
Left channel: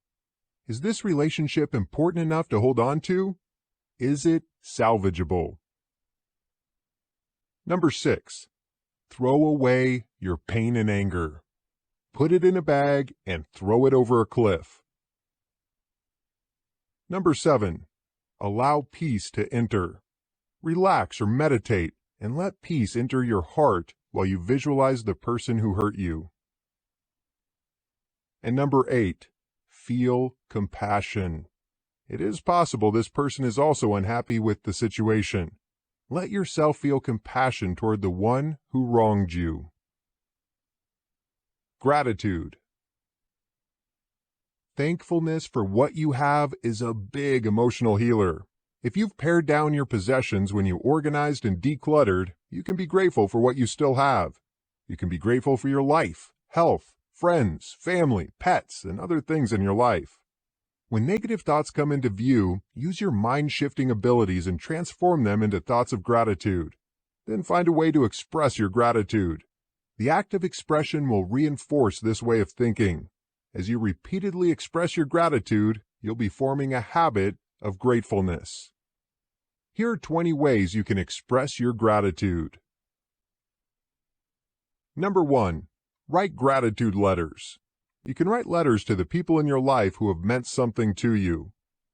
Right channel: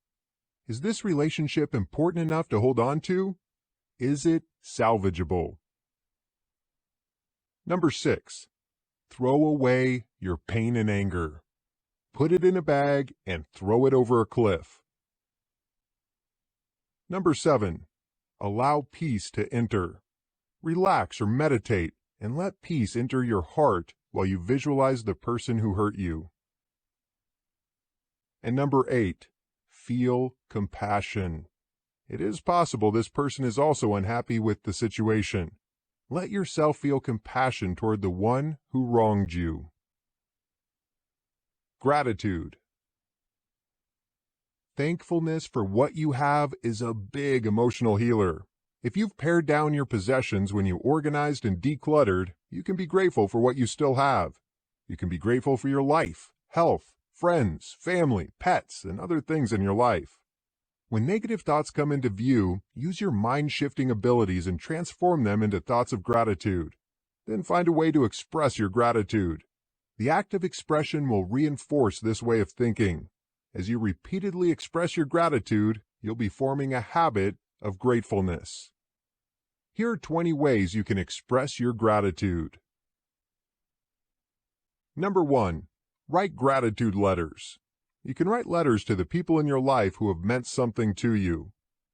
Is this relationship important enough to hold on to? Is it salvageable? Number 6. Throw away your pain and anger. Put it in a bag and throw it over a cliff. Number 7. Allow peace to enter. Relax or meditate and let peace enter your heart while you visualize the person who hurt you. And number 8. Feel compassion. It is possible this person is also unhappy with the situation. Let yourself feel compassion toward the one who wronged you. Gratitude. Thankfulness for what you have is a big emotional healer. If you've pared down your possessions when you organized and decluttered, you can be grateful for what you still have. You can be grateful for your life, health, friends, family, pets, and other things in your life. When negative thoughts come into view, use your mind-shifting abilities and transform them into thoughts of gratitude. Then find a way to express your gratitude. The act of expression will reinforce this way of thinking. As you repeatedly express your gratitude, you'll be forming a habit of gratefulness. Here are 20 ways you can express your gratitude. Number 1. Write gratitude letters. You can write letters to the people in your life who have meant something to you.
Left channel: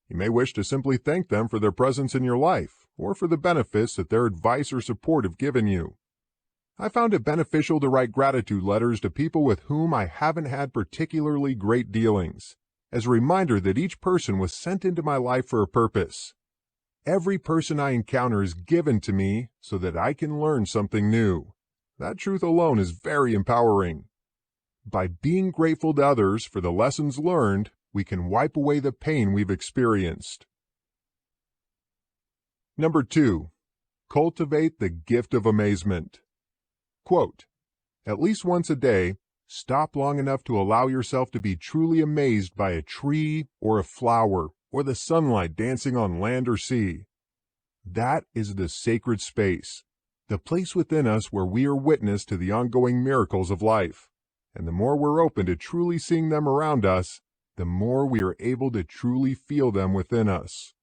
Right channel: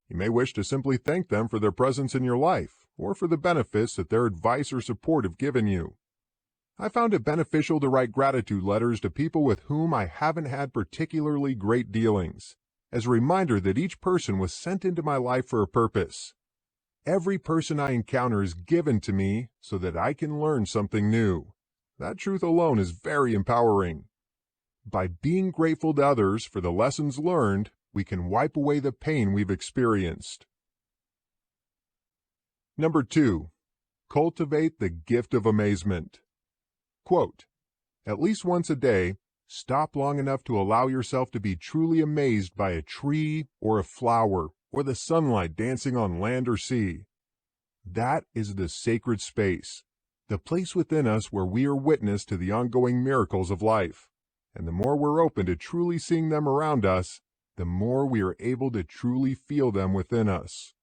You may wish to simply thank them for their presence in your life, or for the benefits that their advice or support have given you. I found it beneficial to write gratitude letters to people with whom I haven't had particularly great dealings, as a reminder that each person was sent into my life for a purpose. Every person I encounter is given to me so that I can learn something new. That truth alone is very empowering. By being grateful to others for the lessons learned, we can wipe away the pain we've experienced. Number 2. Cultivate the gift of amazement. Quote, at least once a day, stop long enough to allow yourself to be truly amazed by a tree or a flower or the sunlight dancing on land or sea. That is the sacred space, the place within us where we are witness to the ongoing miracles of life. And the more we're open to truly seeing them around us, the more we are able to truly feel them within us.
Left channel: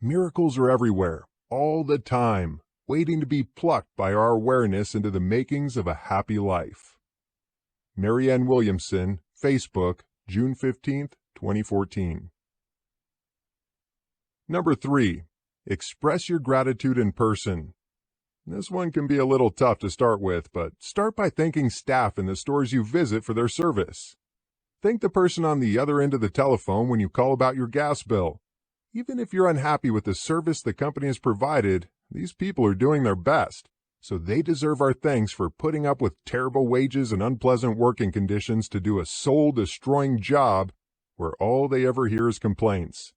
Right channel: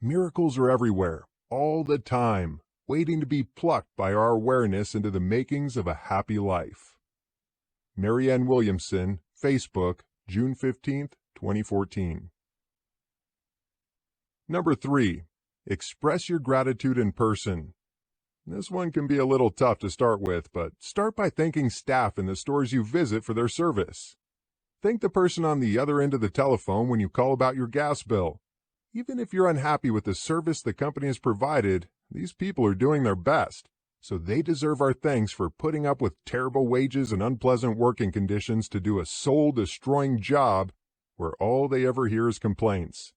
Miracles are everywhere, all the time, waiting to be plucked by our awareness into the makings of a happy life. Marianne Williamson, Facebook, June 15, 2014. Number 3. Express your gratitude in person. This one can be a little tough to start with, but start by thanking staff in the stores you visit for their service. Thank the person on the other end of the telephone when you call about your gas bill. Even if you're unhappy with the service the company has provided, these people are doing their best, so they deserve our thanks for putting up with terrible wages and unpleasant working conditions to do a soul-destroying job where all they ever hear is complaints.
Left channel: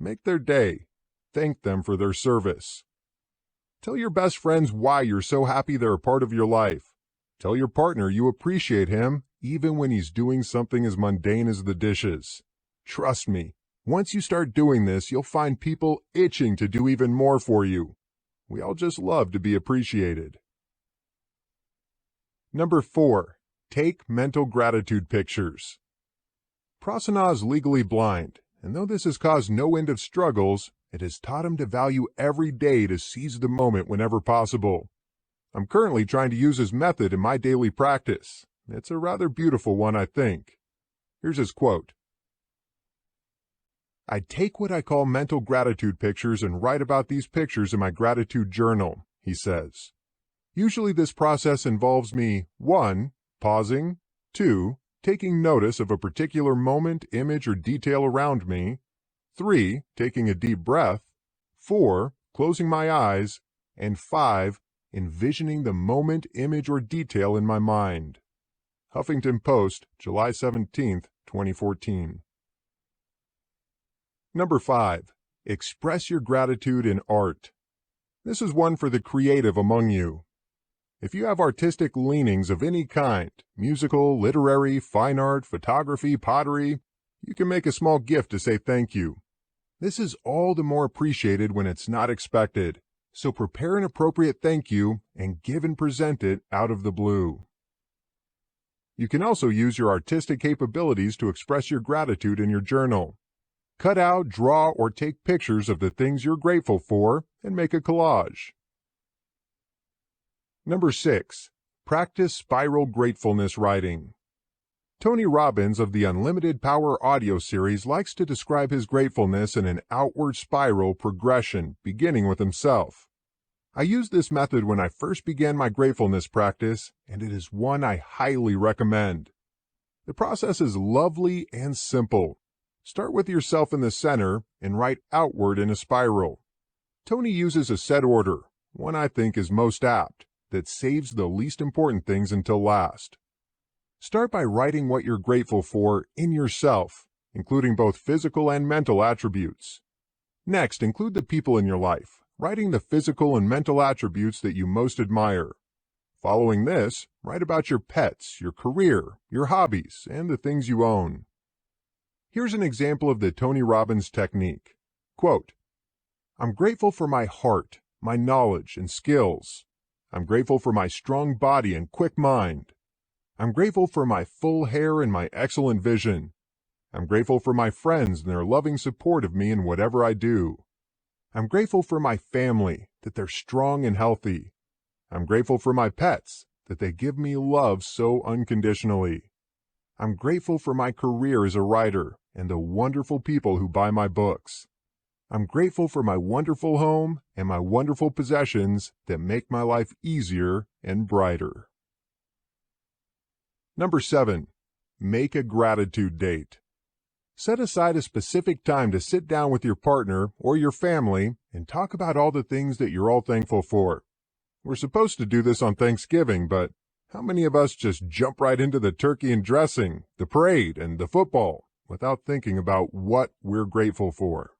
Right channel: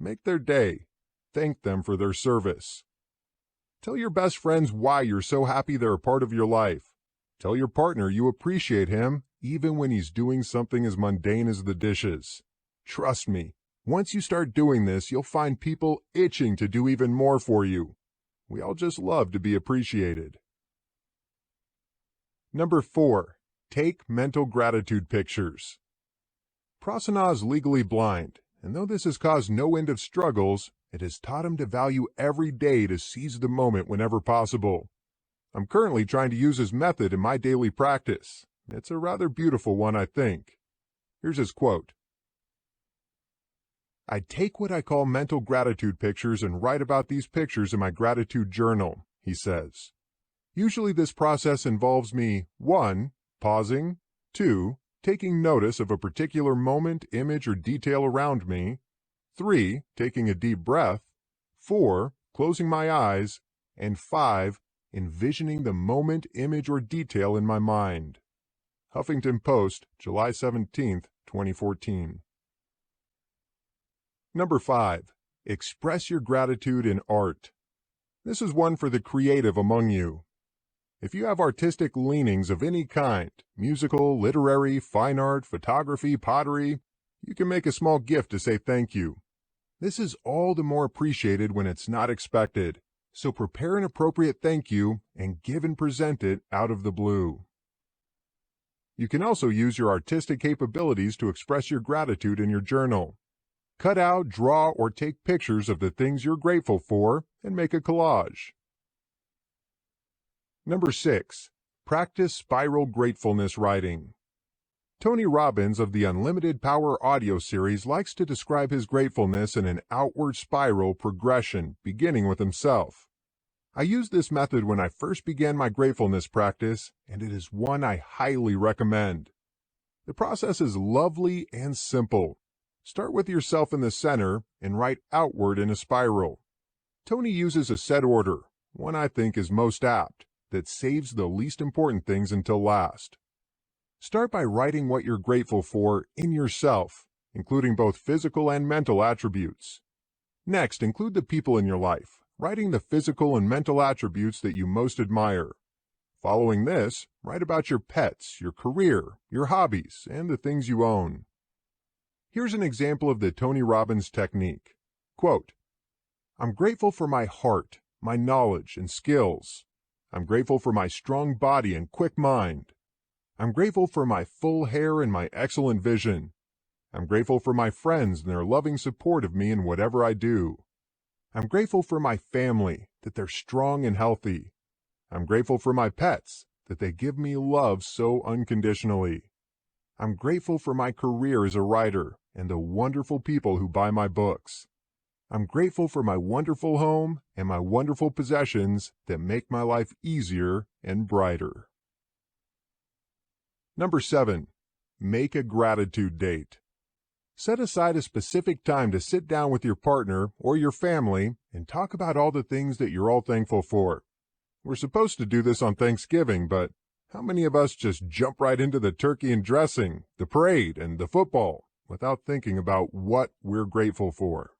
Make their day. Thank them for their service. Tell your best friends why you're so happy they're a part of your life. Tell your partner you appreciate him even when he's doing something as mundane as the dishes. Trust me, once you start doing this, you'll find people itching to do even more for you. We all just love to be appreciated. Number 4. Take mental gratitude pictures. Prasanna is legally blind, and though this has caused no end of struggles, it has taught him to value every day to seize the moment whenever possible. I'm currently trying to use his method in my daily practice. It's a rather beautiful one, I think. Here's his quote. I take what I call mental gratitude pictures and write about these pictures in my gratitude journal, he says. Usually this process involves me 1. Pausing, 2. Taking notice of a particular moment, image, or detail around me, 3. Taking a deep breath, 4. Closing my eyes, and 5. Envisioning the moment, image, or detail in my mind. Huffington Post, July 17, 2014. Number 5. Express your gratitude in art. This is one for the creative among you. If you have artistic leanings of any kind, musical, literary, fine art, photography, pottery, you can make a small gift to say thank you. This is all the more appreciated when it's not expected, so prepare an appropriate thank you and give and present it out of the blue. You can also use your artistic capabilities to express your gratitude in your journal. Cut out, draw, or take pictures of the things you're grateful for and make a collage. Number 6. Practice spiral gratefulness writing. Tony Robbins of the Unlimited Power audio series likes to describe his gratefulness in an outward spiral progression, beginning with himself. I used this method when I first began my gratefulness practice, and it is one I highly recommend. The process is lovely and simple. Start with yourself in the center and write outward in a spiral. Tony uses a set order, one I think is most apt, that saves the least important things until last. Start by writing what you're grateful for in yourself, including both physical and mental attributes. Next, include the people in your life, writing the physical and mental attributes that you most admire. Following this, write about your pets, your career, your hobbies, and the things you own. Here's an example of the Tony Robbins technique. Quote, "I'm grateful for my heart, my knowledge, and skills. I'm grateful for my strong body and quick mind. I'm grateful for my full hair and my excellent vision. I'm grateful for my friends and their loving support of me in whatever I do. I'm grateful for my family, that they're strong and healthy. I'm grateful for my pets, that they give me love so unconditionally. I'm grateful for my career as a writer and the wonderful people who buy my books. I'm grateful for my wonderful home and my wonderful possessions that make my life easier and brighter." Number 7. Make a gratitude date. Set aside a specific time to sit down with your partner or your family and talk about all the things that you're all thankful for. We're supposed to do this on Thanksgiving, but how many of us just jump right into the turkey and dressing, the parade, and the football without thinking about what we're grateful for?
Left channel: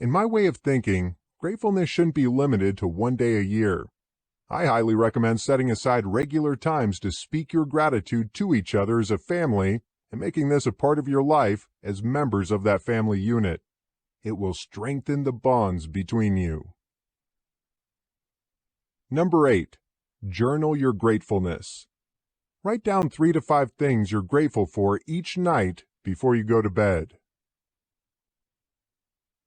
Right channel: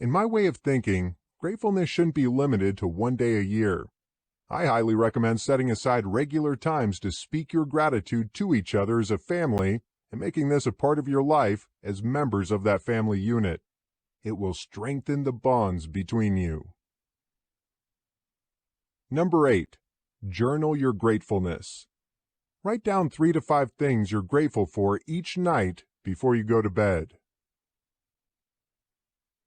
In my way of thinking, gratefulness shouldn't be limited to one day a year. I highly recommend setting aside regular times to speak your gratitude to each other as a family and making this a part of your life as members of that family unit. It will strengthen the bonds between you. Number 8. Journal your gratefulness. Write down 3 to 5 things you're grateful for each night before you go to bed.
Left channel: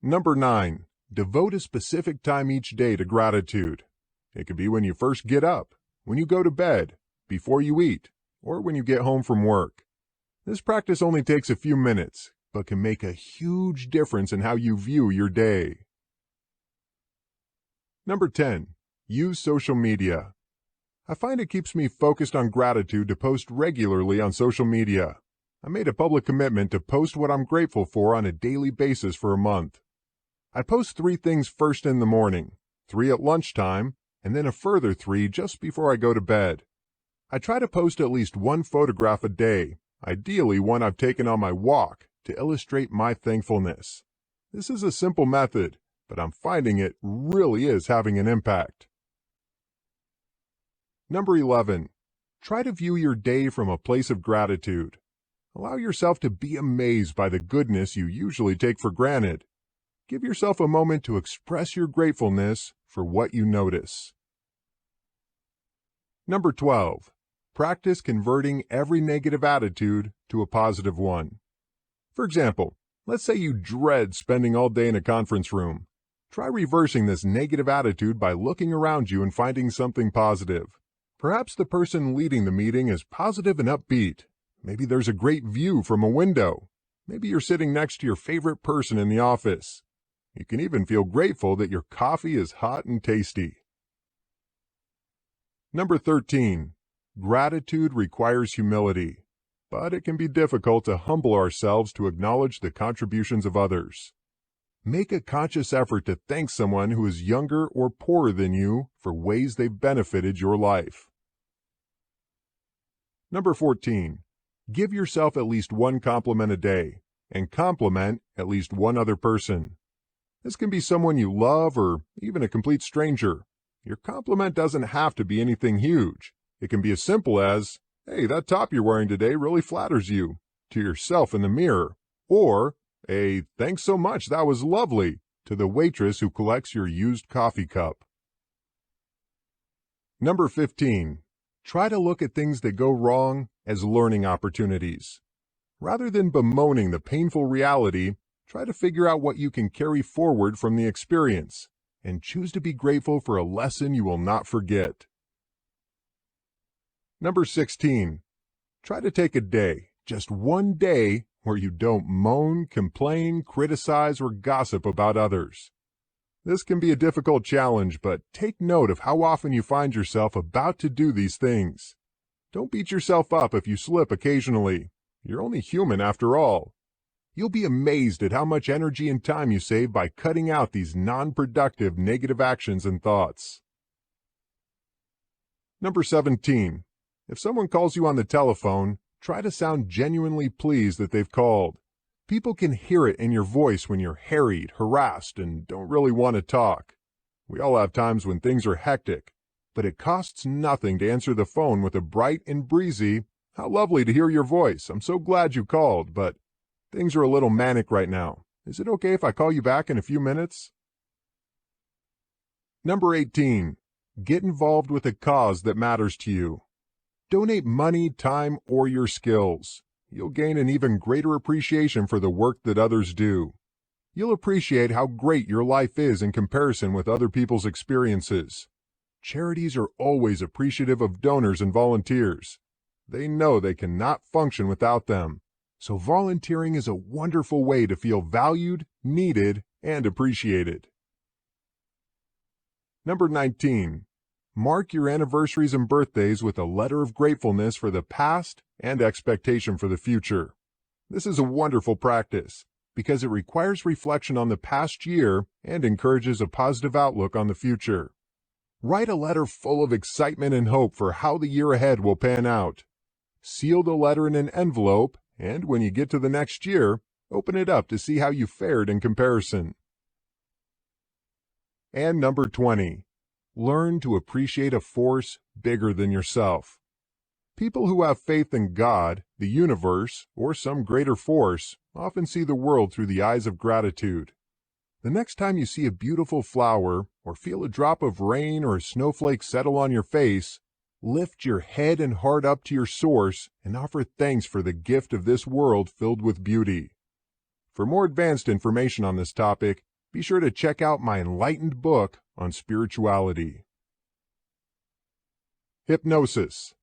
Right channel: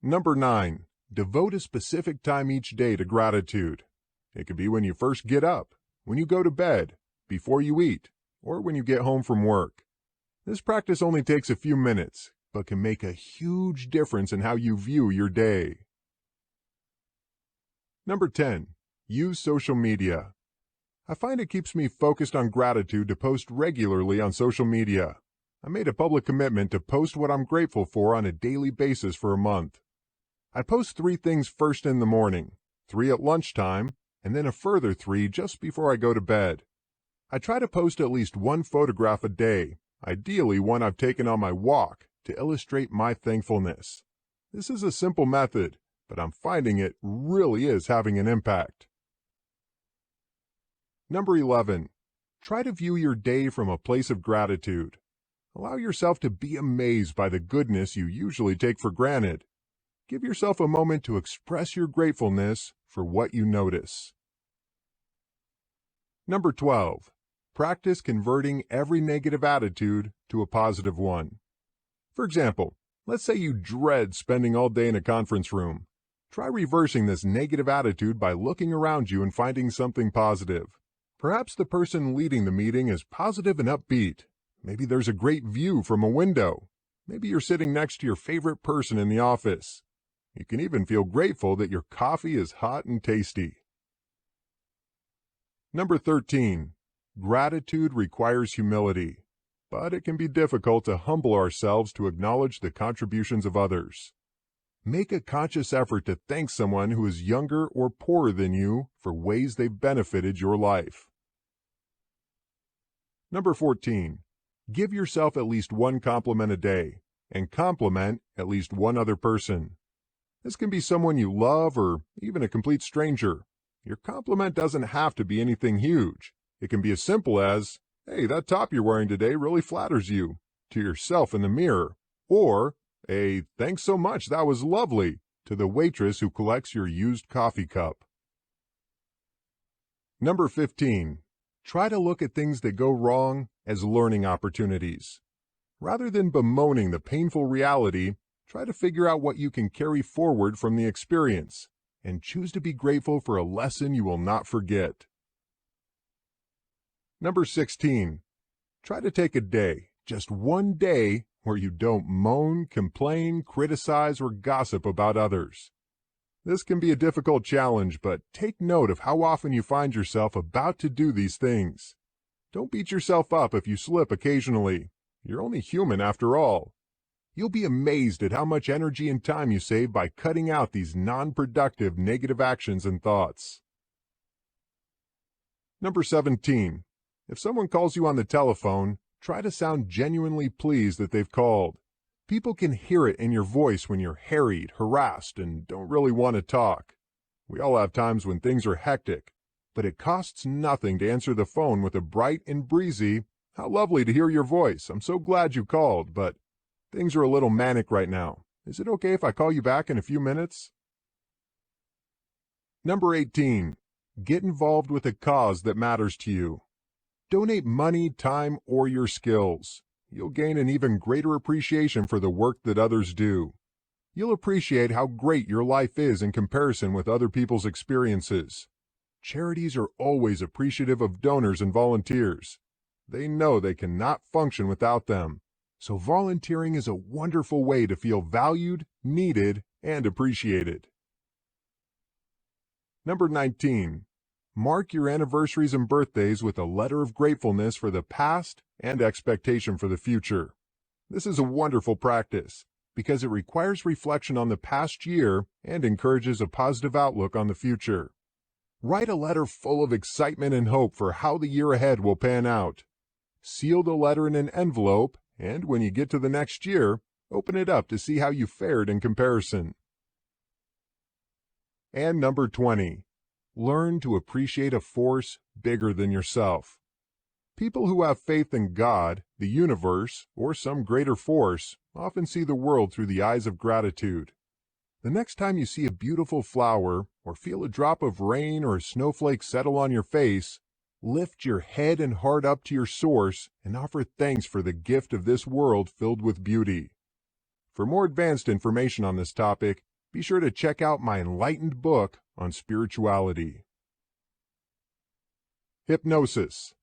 Number 9. Devote a specific time each day to gratitude. It could be when you first get up, when you go to bed, before you eat, or when you get home from work. This practice only takes a few minutes, but can make a huge difference in how you view your day. Number 10. Use social media. I find it keeps me focused on gratitude to post regularly on social media. I made a public commitment to post what I'm grateful for on a daily basis for a month. I post 3 things first in the morning, 3 at lunchtime, and then a further 3 just before I go to bed. I try to post at least 1 photograph a day, ideally one I've taken on my walk, to illustrate my thankfulness. This is a simple method, but I'm finding it really is having an impact. Number 11. Try to view your day from a place of gratitude. Allow yourself to be amazed by the goodness you usually take for granted. Give yourself a moment to express your gratefulness for what you notice. Number 12. Practice converting every negative attitude to a positive one. For example, let's say you dread spending all day in a conference room. Try reversing this negative attitude by looking around you and finding something positive. Perhaps the person leading the meeting is positive and upbeat. Maybe there's a great view from a window. Maybe you're sitting next to your favorite person in the office. You can even feel grateful that your coffee is hot and tasty. Number 13. Gratitude requires humility, but it can be difficult to humble ourselves to acknowledge the contributions of others. Make a conscious effort to thank someone who is younger or poorer than you for ways they've benefited your life. Number 14. Give yourself at least 1 compliment a day. and compliment at least one other person. This can be someone you love or even a complete stranger. Your compliment doesn't have to be anything huge. It can be as simple as, "Hey, that top you're wearing today really flatters you," to yourself in the mirror, or a "Thanks so much, that was lovely," to the waitress who collects your used coffee cup. Number 15. Try to look at things that go wrong as learning opportunities. Rather than bemoaning the painful reality, try to figure out what you can carry forward from the experience, and choose to be grateful for a lesson you will not forget. Number 16. Try to take a day, just one day, where you don't moan, complain, criticize, or gossip about others. This can be a difficult challenge, but take note of how often you find yourself about to do these things. Don't beat yourself up if you slip occasionally. You're only human after all. You'll be amazed at how much energy and time you save by cutting out these non-productive negative actions and thoughts. Number 17. If someone calls you on the telephone, try to sound genuinely pleased that they've called. People can hear it in your voice when you're harried, harassed, and don't really want to talk. We all have times when things are hectic, but it costs nothing to answer the phone with a bright and breezy, "How lovely to hear your voice. I'm so glad you called, but things are a little manic right now. Is it okay if I call you back in a few minutes?" Number 18. Get involved with a cause that matters to you. Donate money, time, or your skills. You'll gain an even greater appreciation for the work that others do. You'll appreciate how great your life is in comparison with other people's experiences. Charities are always appreciative of donors and volunteers. They know they cannot function without them. So volunteering is a wonderful way to feel valued, needed, and appreciated. Number 19. Mark your anniversaries and birthdays with a letter of gratefulness for the past and expectation for the future. This is a wonderful practice because it requires reflection on the past year and encourages a positive outlook on the future. Write a letter full of excitement and hope for how the year ahead will pan out. Seal the letter in an envelope, and when you get to the next year, open it up to see how you fared in comparison. And number 20. Learn to appreciate a force bigger than yourself. People who have faith in God, the universe, or some greater force often see the world through the eyes of gratitude. The next time you see a beautiful flower, or feel a drop of rain or a snowflake settle on your face, lift your head and heart up to your source and offer thanks for the gift of this world filled with beauty. For more advanced information on this topic, be sure to check out my enlightened book on spirituality. Hypnosis.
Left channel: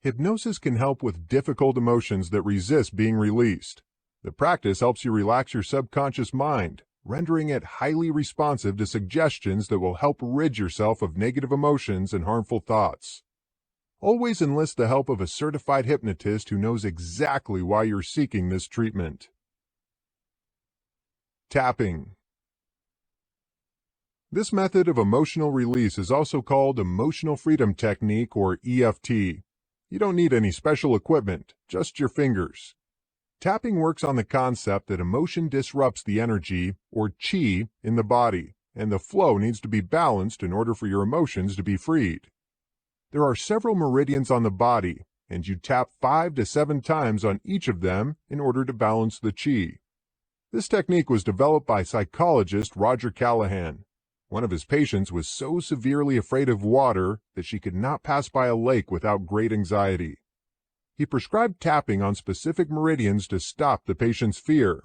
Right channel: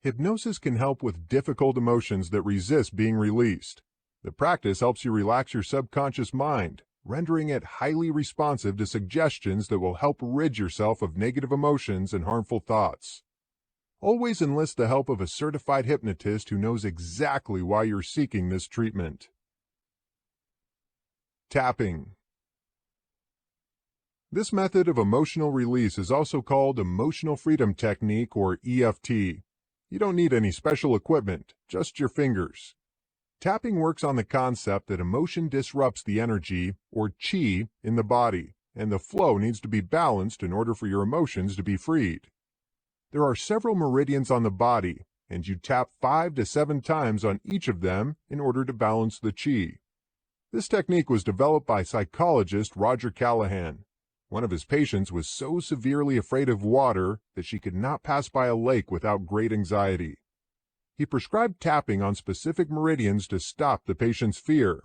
Hypnosis can help with difficult emotions that resist being released. The practice helps you relax your subconscious mind, rendering it highly responsive to suggestions that will help rid yourself of negative emotions and harmful thoughts. Always enlist the help of a certified hypnotist who knows exactly why you're seeking this treatment. Tapping. This method of emotional release is also called Emotional Freedom Technique, or EFT. You don't need any special equipment, just your fingers. Tapping works on the concept that emotion disrupts the energy, or chi, in the body, and the flow needs to be balanced in order for your emotions to be freed. There are several meridians on the body, and you tap 5 to 7 times on each of them in order to balance the chi. This technique was developed by psychologist Roger Callahan. One of his patients was so severely afraid of water that she could not pass by a lake without great anxiety. He prescribed tapping on specific meridians to stop the patient's fear.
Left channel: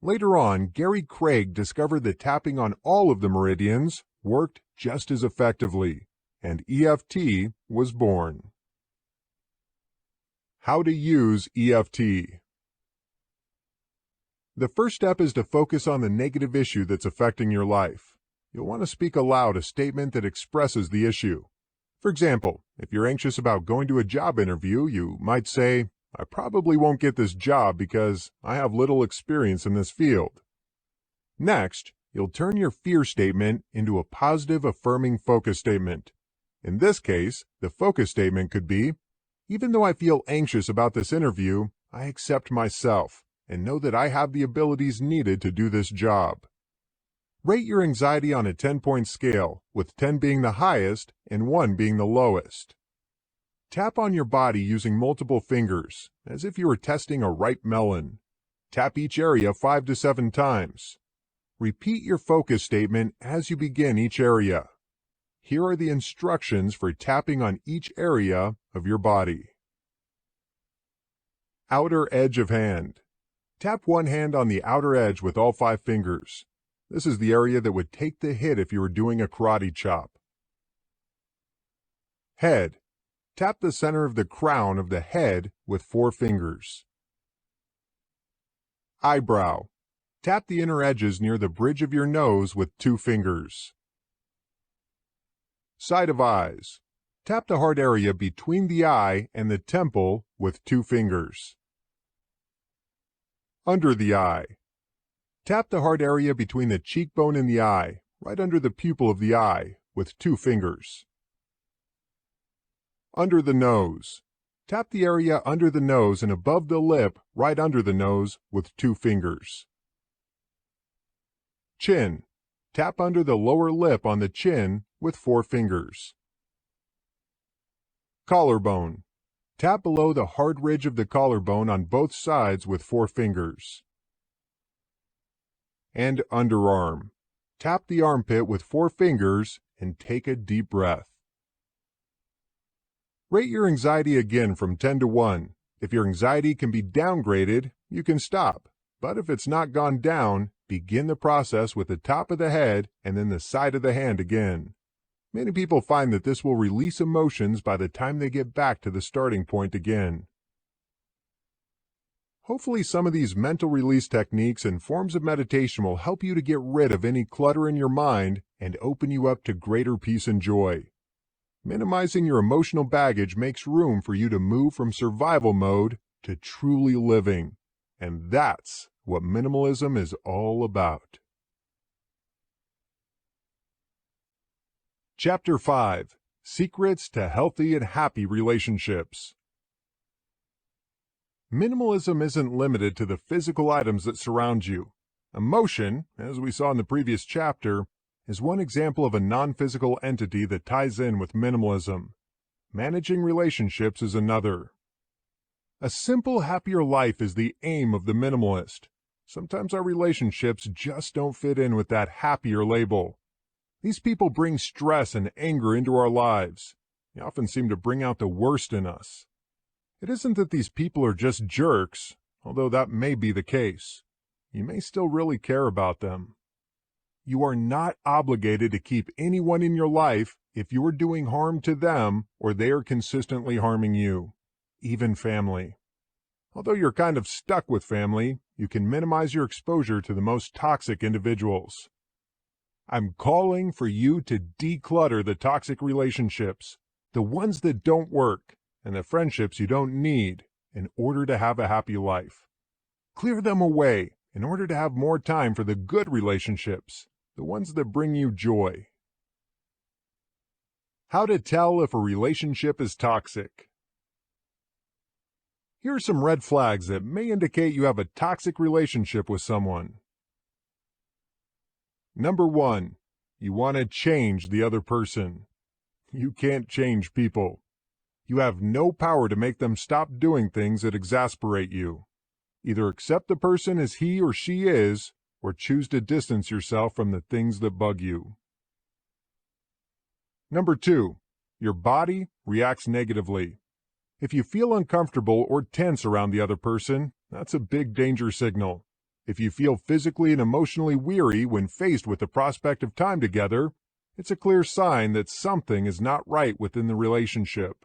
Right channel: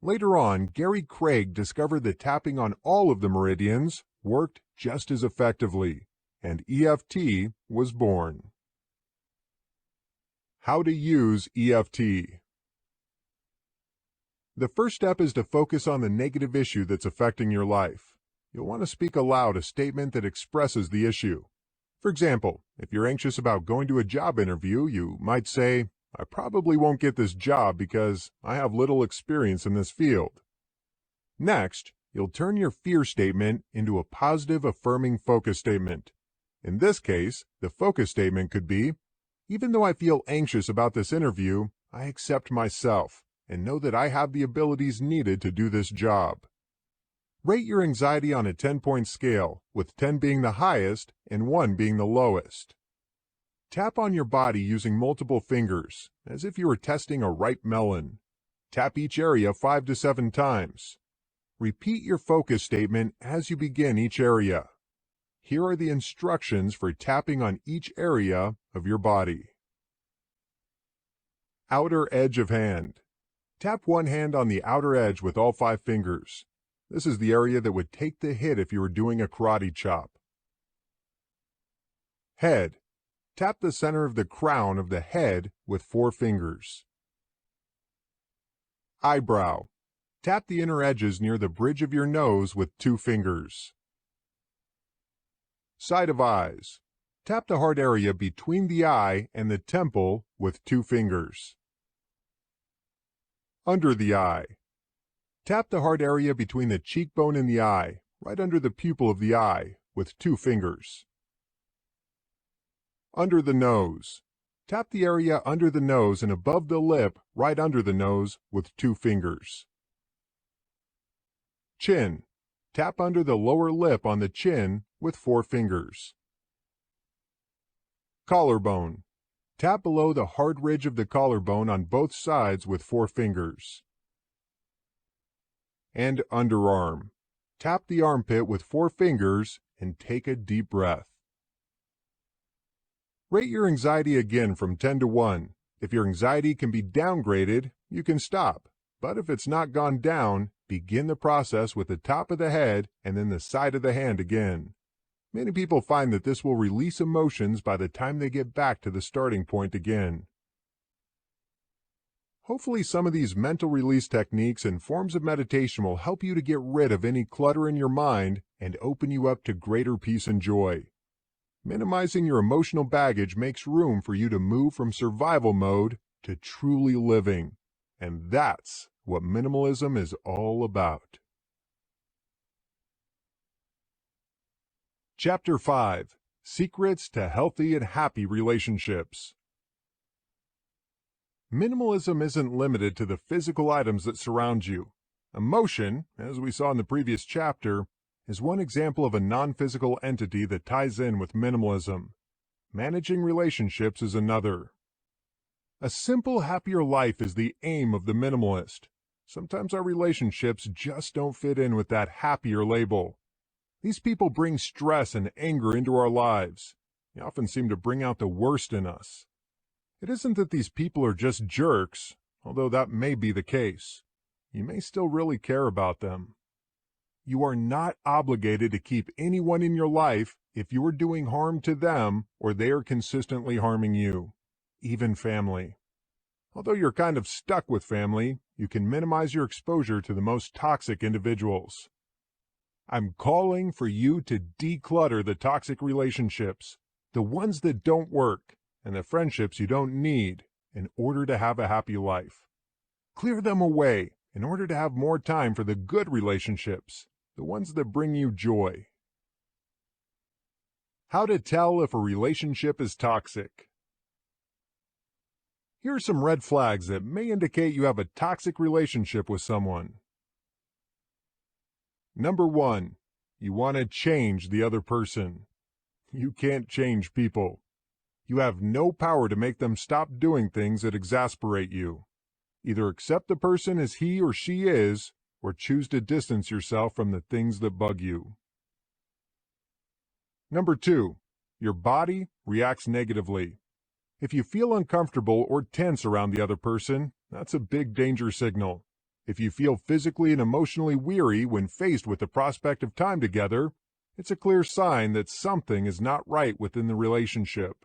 Later on, Gary Craig discovered that tapping on all of the meridians worked just as effectively, and EFT was born. How to use EFT. The first step is to focus on the negative issue that's affecting your life. You'll want to speak aloud a statement that expresses the issue. For example, if you're anxious about going to a job interview, you might say, "I probably won't get this job because I have little experience in this field." Next, you'll turn your fear statement into a positive, affirming focus statement. In this case, the focus statement could be, "Even though I feel anxious about this interview, I accept myself and know that I have the abilities needed to do this job. Rate your anxiety on a 10-point scale, with 10 being the highest and 1 being the lowest. Tap on your body using multiple fingers, as if you were testing a ripe melon. Tap each area 5 to 7 times. Repeat your focus statement as you begin each area. Here are the instructions for tapping on each area of your body. Outer edge of hand. Tap one hand on the outer edge with all 5 fingers. This is the area that would take the hit if you were doing a karate chop. Head. Tap the center of the crown of the head with 4 fingers. Eyebrow. Tap the inner edges near the bridge of your nose with 2 fingers. Side of eyes. Tap the hard area between the eye and the temple with 2 fingers. Under the eye. Tap the hard area between the cheekbone and the eye, right under the pupil of the eye, with 2 fingers. Under the nose. Tap the area under the nose and above the lip, right under the nose, with 2 fingers. Chin. Tap under the lower lip on the chin with 4 fingers. Collarbone. Tap below the hard ridge of the collarbone on both sides with 4 fingers. And underarm. Tap the armpit with 4 fingers and take a deep breath. Rate your anxiety again from 10 to 1. If your anxiety can be downgraded, you can stop. But if it's not gone down, begin the process with the top of the head and then the side of the hand again. Many people find that this will release emotions by the time they get back to the starting point again. Hopefully some of these mental release techniques and forms of meditation will help you to get rid of any clutter in your mind and open you up to greater peace and joy. Minimizing your emotional baggage makes room for you to move from survival mode to truly living. And that's what minimalism is all about. Chapter 5. Secrets to Healthy and Happy Relationships. Minimalism isn't limited to the physical items that surround you. Emotion, as we saw in the previous chapter, is one example of a non-physical entity that ties in with minimalism. Managing relationships is another. A simple, happier life is the aim of the minimalist. Sometimes our relationships just don't fit in with that happier label. These people bring stress and anger into our lives. They often seem to bring out the worst in us. It isn't that these people are just jerks, although that may be the case. You may still really care about them. You are not obligated to keep anyone in your life if you are doing harm to them or they are consistently harming you, even family. Although you're kind of stuck with family, you can minimize your exposure to the most toxic individuals. I'm calling for you to declutter the toxic relationships, the ones that don't work, and the friendships you don't need in order to have a happy life. Clear them away in order to have more time for the good relationships, the ones that bring you joy. How to tell if a relationship is toxic. Here are some red flags that may indicate you have a toxic relationship with someone. Number 1, you want to change the other person. You can't change people. You have no power to make them stop doing things that exasperate you. Either accept the person as he or she is, or choose to distance yourself from the things that bug you. Number 2, your body reacts negatively. If you feel uncomfortable or tense around the other person, that's a big danger signal. If you feel physically and emotionally weary when faced with the prospect of time together, it's a clear sign that something is not right within the relationship.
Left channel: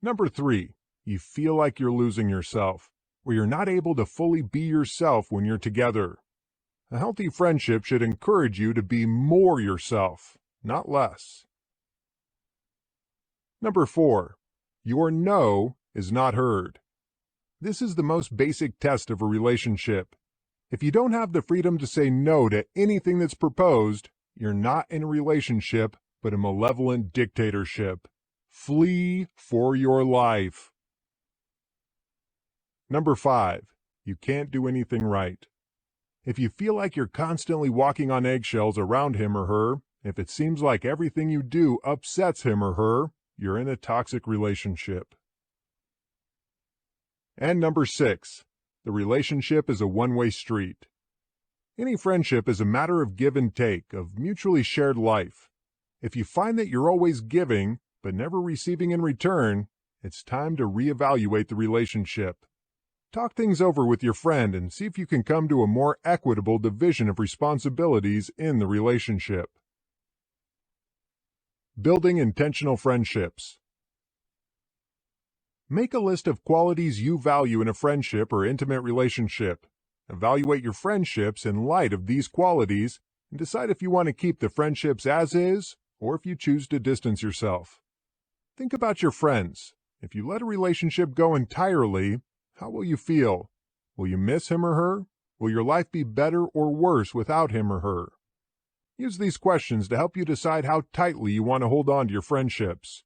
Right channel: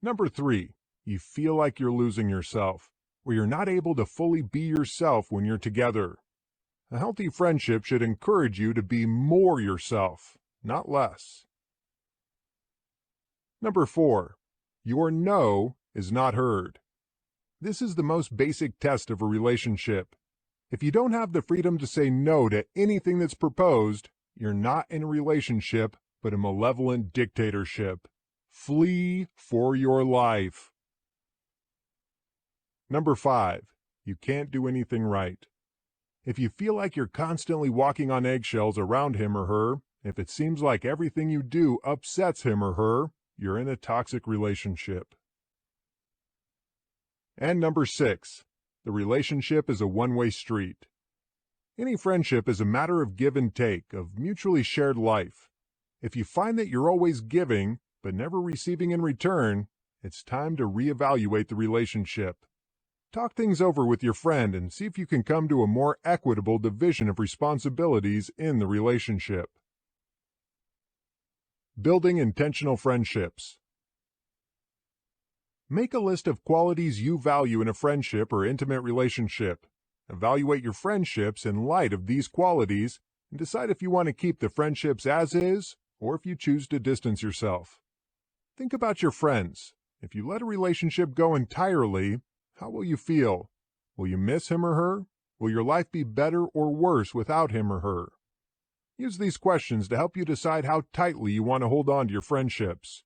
Number 3, you feel like you're losing yourself, or you're not able to fully be yourself when you're together. A healthy friendship should encourage you to be more yourself, not less. Number 4, your no is not heard. This is the most basic test of a relationship. If you don't have the freedom to say no to anything that's proposed, you're not in a relationship, but a malevolent dictatorship. Flee for your life. Number 5, you can't do anything right. If you feel like you're constantly walking on eggshells around him or her, if it seems like everything you do upsets him or her, you're in a toxic relationship. And number 6, the relationship is a one-way street. Any friendship is a matter of give and take, of mutually shared life. If you find that you're always giving, but never receiving in return, it's time to reevaluate the relationship. Talk things over with your friend and see if you can come to a more equitable division of responsibilities in the relationship. Building intentional friendships. Make a list of qualities you value in a friendship or intimate relationship. Evaluate your friendships in light of these qualities and decide if you want to keep the friendships as is or if you choose to distance yourself. Think about your friends. If you let a relationship go entirely, how will you feel? Will you miss him or her? Will your life be better or worse without him or her? Use these questions to help you decide how tightly you want to hold on to your friendships.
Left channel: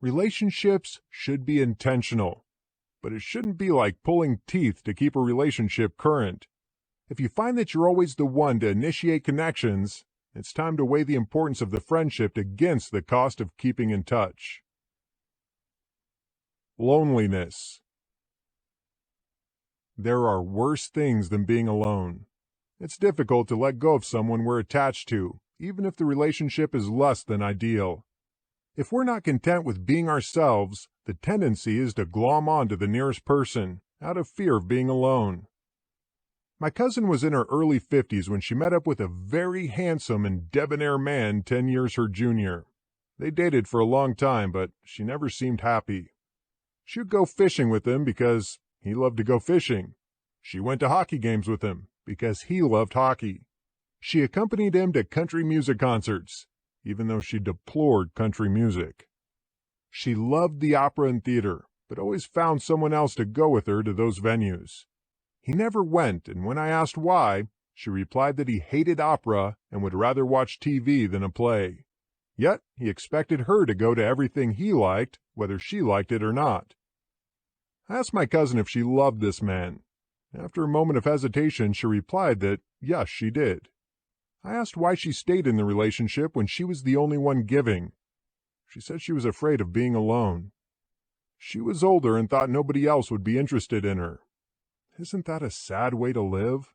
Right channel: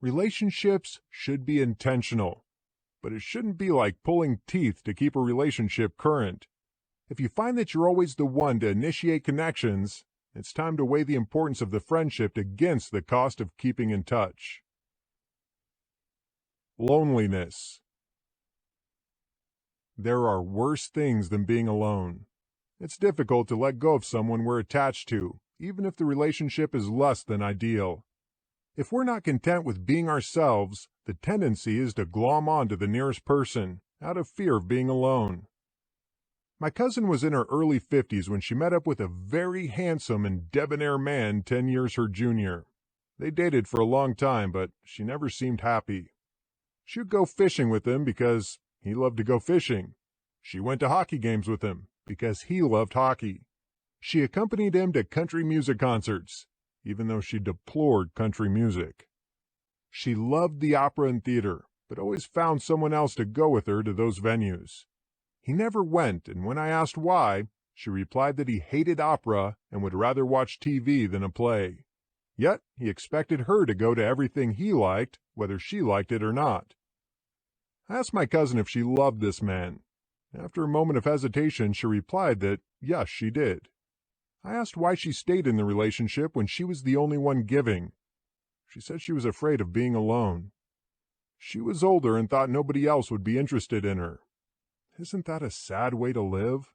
Relationships should be intentional, but it shouldn't be like pulling teeth to keep a relationship current. If you find that you're always the one to initiate connections, it's time to weigh the importance of the friendship against the cost of keeping in touch. Loneliness. There are worse things than being alone. It's difficult to let go of someone we're attached to, even if the relationship is less than ideal. If we're not content with being ourselves, the tendency is to glom onto the nearest person, out of fear of being alone. My cousin was in her early 50s when she met up with a very handsome and debonair man 10 years her junior. They dated for a long time, but she never seemed happy. She would go fishing with him because he loved to go fishing. She went to hockey games with him because he loved hockey. She accompanied him to country music concerts, even though she deplored country music. She loved the opera and theater, but always found someone else to go with her to those venues. He never went, and when I asked why, she replied that he hated opera and would rather watch TV than a play. Yet he expected her to go to everything he liked, whether she liked it or not. I asked my cousin if she loved this man. After a moment of hesitation, she replied that yes, she did. I asked why she stayed in the relationship when she was the only one giving. She said she was afraid of being alone. She was older and thought nobody else would be interested in her. Isn't that a sad way to live?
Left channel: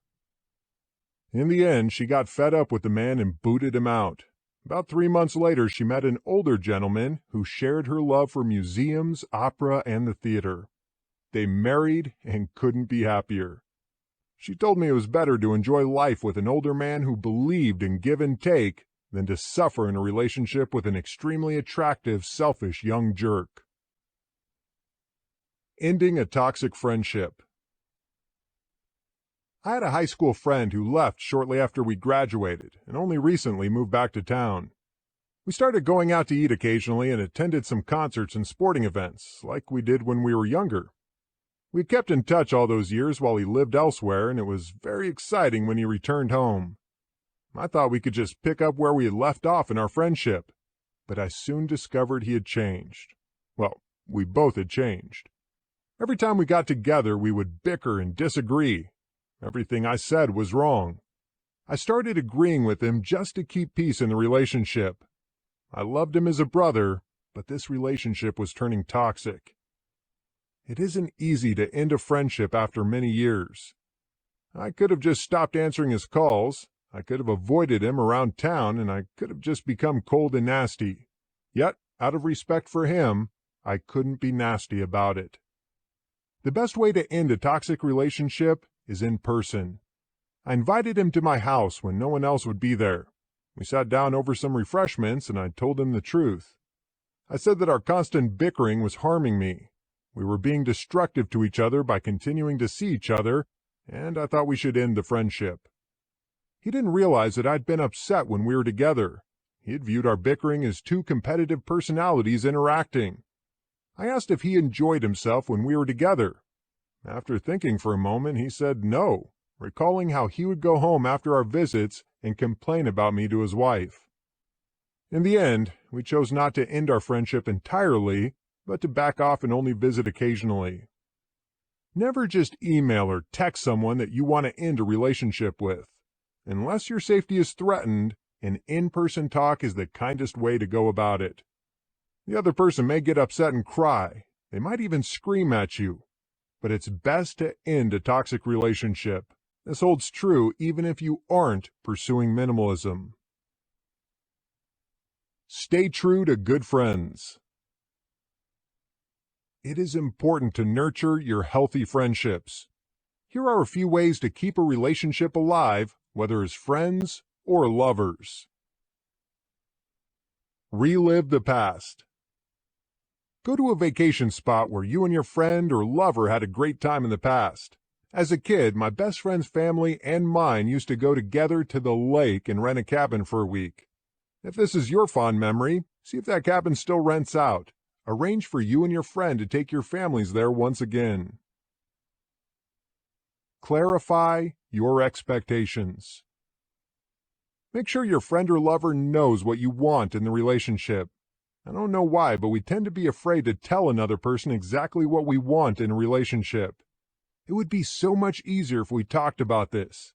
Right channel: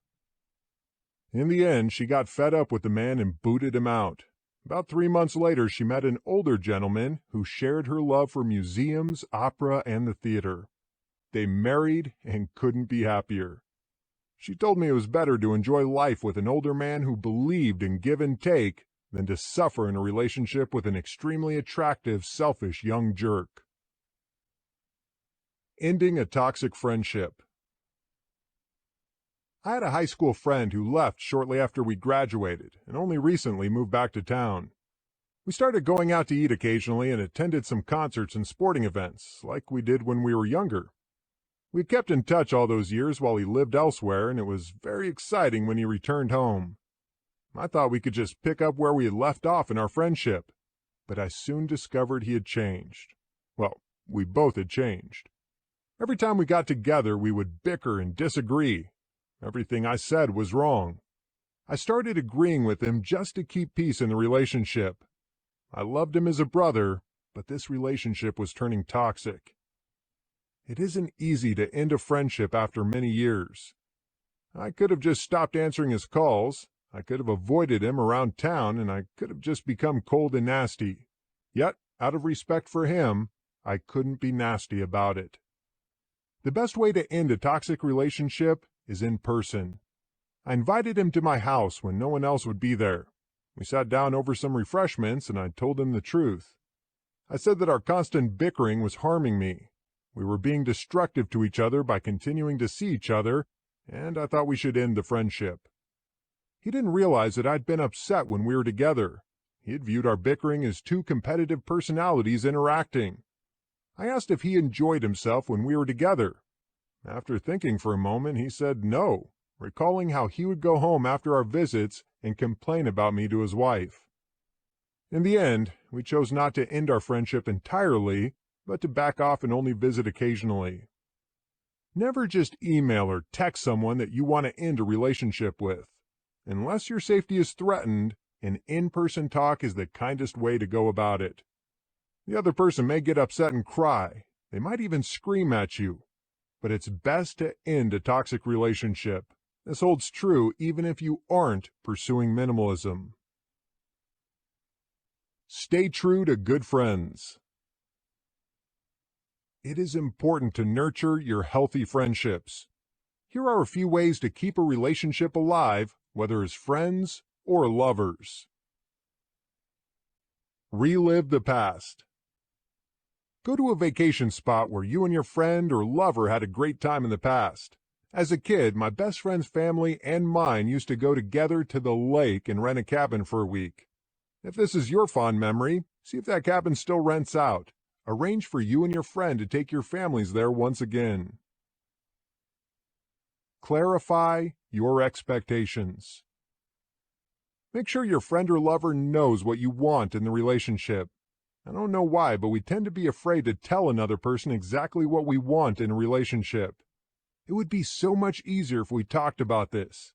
In the end, she got fed up with the man and booted him out. About 3 months later, she met an older gentleman who shared her love for museums, opera, and the theater. They married and couldn't be happier. She told me it was better to enjoy life with an older man who believed in give and take than to suffer in a relationship with an extremely attractive, selfish young jerk. Ending a toxic friendship. I had a high school friend who left shortly after we graduated and only recently moved back to town. We started going out to eat occasionally and attended some concerts and sporting events, like we did when we were younger. We kept in touch all those years while he lived elsewhere, and it was very exciting when he returned home. I thought we could just pick up where we had left off in our friendship, but I soon discovered he had changed. Well, we both had changed. Every time we got together, we would bicker and disagree. Everything I said was wrong. I started agreeing with him just to keep peace in the relationship. I loved him as a brother, but this relationship was turning toxic. It isn't easy to end a friendship after many years. I could have just stopped answering his calls, I could have avoided him around town, and I could have just become cold and nasty. Yet, out of respect for him, I couldn't be nasty about it. The best way to end a toxic relationship is in person. I invited him to my house when no one else would be there. We sat down over some refreshments, and I told him the truth. I said that our constant bickering was harming me. We were being destructive to each other by continuing to see each other, and I thought we should end the friendship. He didn't realize that I'd been upset when we were together. He had viewed our bickering as two competitive personalities interacting. I asked if he enjoyed himself when we were together. After thinking for a moment, he said no, recalling how he would go home after our visits and complain about me to his wife. In the end, we chose not to end our friendship entirely, but to back off and only visit occasionally. Never just email or text someone that you want to end a relationship with. Unless your safety is threatened, an in-person talk is the kindest way to go about it. The other person may get upset and cry. They might even scream at you. But it's best to end a toxic relationship. This holds true even if you aren't pursuing minimalism. Stay true to good friends. It is important to nurture your healthy friendships. Here are a few ways to keep a relationship alive, whether as friends or lovers. Relive the past. Go to a vacation spot where you and your friend or lover had a great time in the past. As a kid, my best friend's family and mine used to go together to the lake and rent a cabin for a week. If this is your fond memory, see if that cabin still rents out. Arrange for you and your friend to take your families there once again. Clarify your expectations. Make sure your friend or lover knows what you want in the relationship. I don't know why, but we tend to be afraid to tell another person exactly what we want in a relationship. It would be so much easier if we talked about this.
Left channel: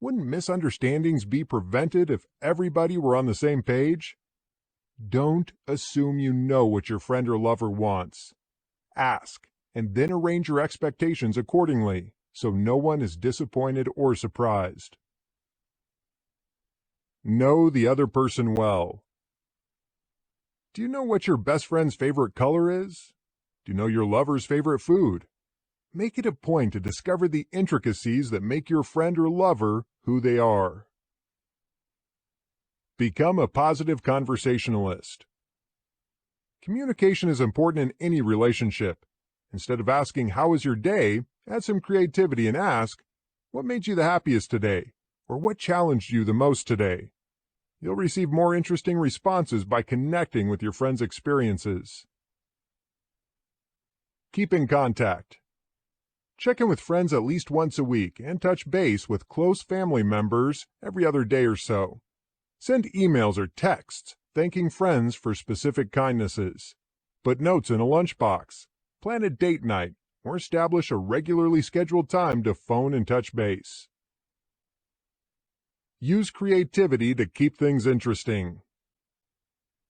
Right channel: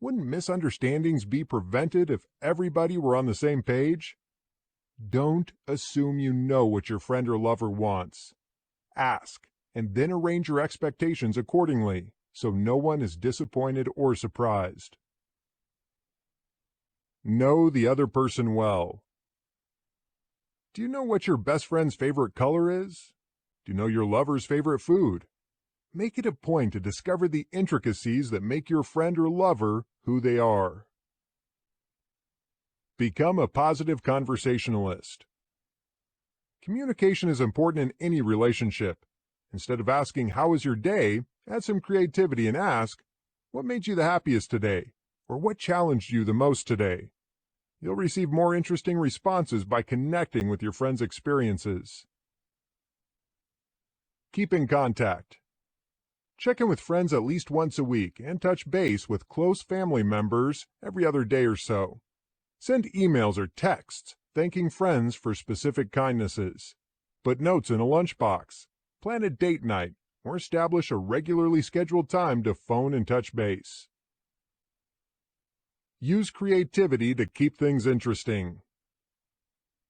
Wouldn't misunderstandings be prevented if everybody were on the same page? Don't assume you know what your friend or lover wants. Ask, and then arrange your expectations accordingly, so no one is disappointed or surprised. Know the other person well. Do you know what your best friend's favorite color is? Do you know your lover's favorite food? Make it a point to discover the intricacies that make your friend or lover who they are. Become a positive conversationalist. Communication is important in any relationship. Instead of asking, "How was your day?" add some creativity and ask, "What made you the happiest today?" or "What challenged you the most today?" You'll receive more interesting responses by connecting with your friend's experiences. Keep in contact. Check in with friends at least once a week and touch base with close family members every other day or so. Send emails or texts thanking friends for specific kindnesses. Put notes in a lunchbox. Plan a date night or establish a regularly scheduled time to phone and touch base. Use creativity to keep things interesting.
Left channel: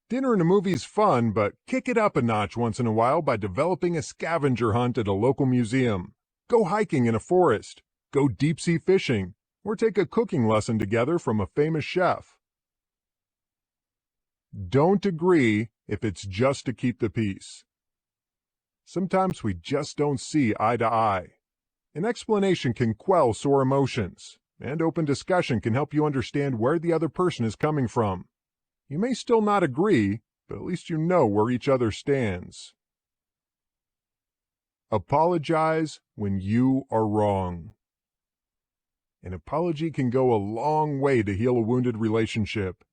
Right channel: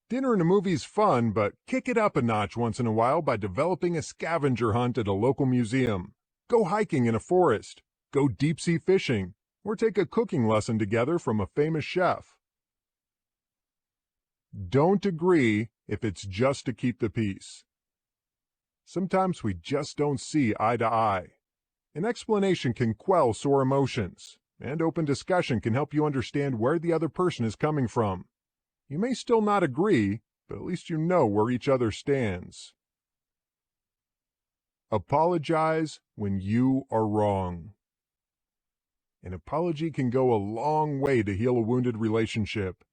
Dinner and a movie is fun, but kick it up a notch once in a while by developing a scavenger hunt at a local museum. Go hiking in a forest. Go deep-sea fishing, or take a cooking lesson together from a famous chef. Don't agree if it's just to keep the peace. Sometimes we just don't see eye to eye. An explanation can quell sore emotions, and open discussion can help you understand where the other person is coming from. You may still not agree, but at least you know where each other stands. Apologize when you are wrong. An apology can go a long way to heal a wounded relationship.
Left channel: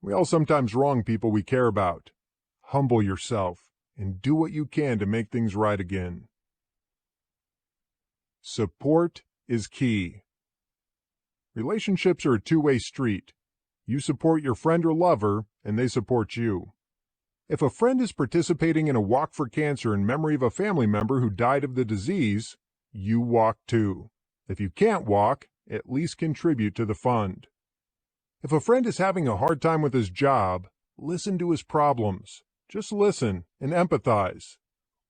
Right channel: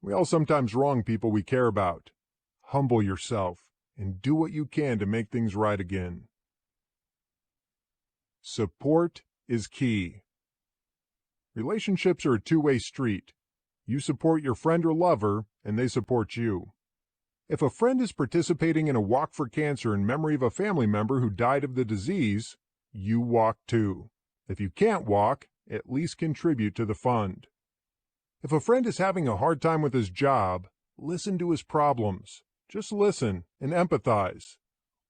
We all sometimes wrong people we care about. Humble yourself and do what you can to make things right again. Support is key. Relationships are a two-way street. You support your friend or lover, and they support you. If a friend is participating in a walk for cancer in memory of a family member who died of the disease, you walk too. If you can't walk, at least contribute to the fund. If a friend is having a hard time with his job, listen to his problems. Just listen and empathize.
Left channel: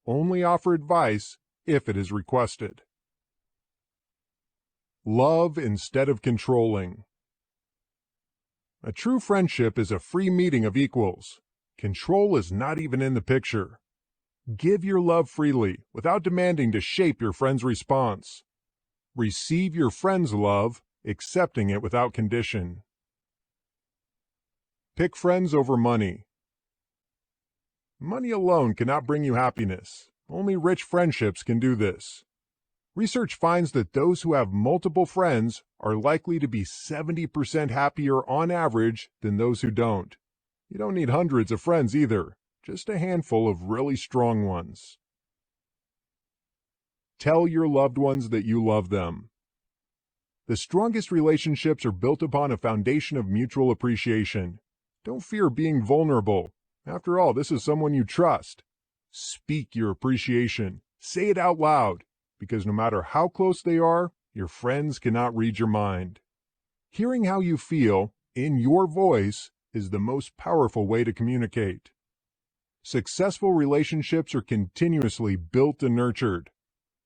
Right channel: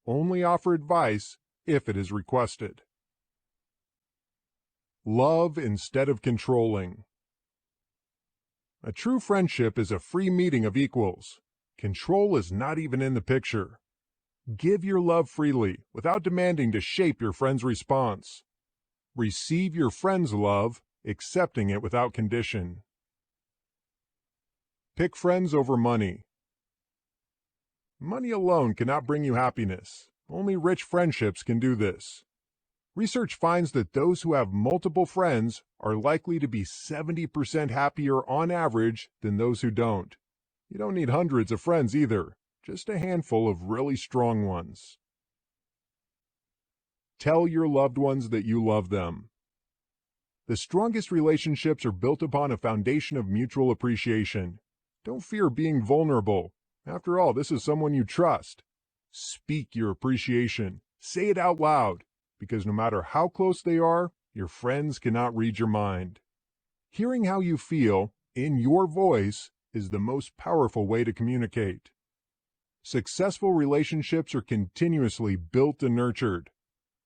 Only offer advice if it is requested. Love instead of controlling. A true friendship is a free meeting of equals. Control is not even in the picture. Give your love freely without demanding to shape your friend's response. Receive your friend's love, accepting it without condition. Pick friends over money. Money alone cannot bring you happiness. Only rich friendships can do this. Research finds that those who have multiple friends are likely to be 70% happier on average than those who don't. You don't need hundreds of friends either, just a handful of really strong ones. Tell your loved ones that you love them. The strongest relationships are built upon a foundation of mutual appreciation. Don't fear being vulnerable. After all, this is someone you trust. Speak your appreciation. Say it out loud. because no matter how close they are, your friends cannot read your mind. Hearing how you feel in your voice is the most powerful way to communicate. Successful relationships are continuously built and nurtured.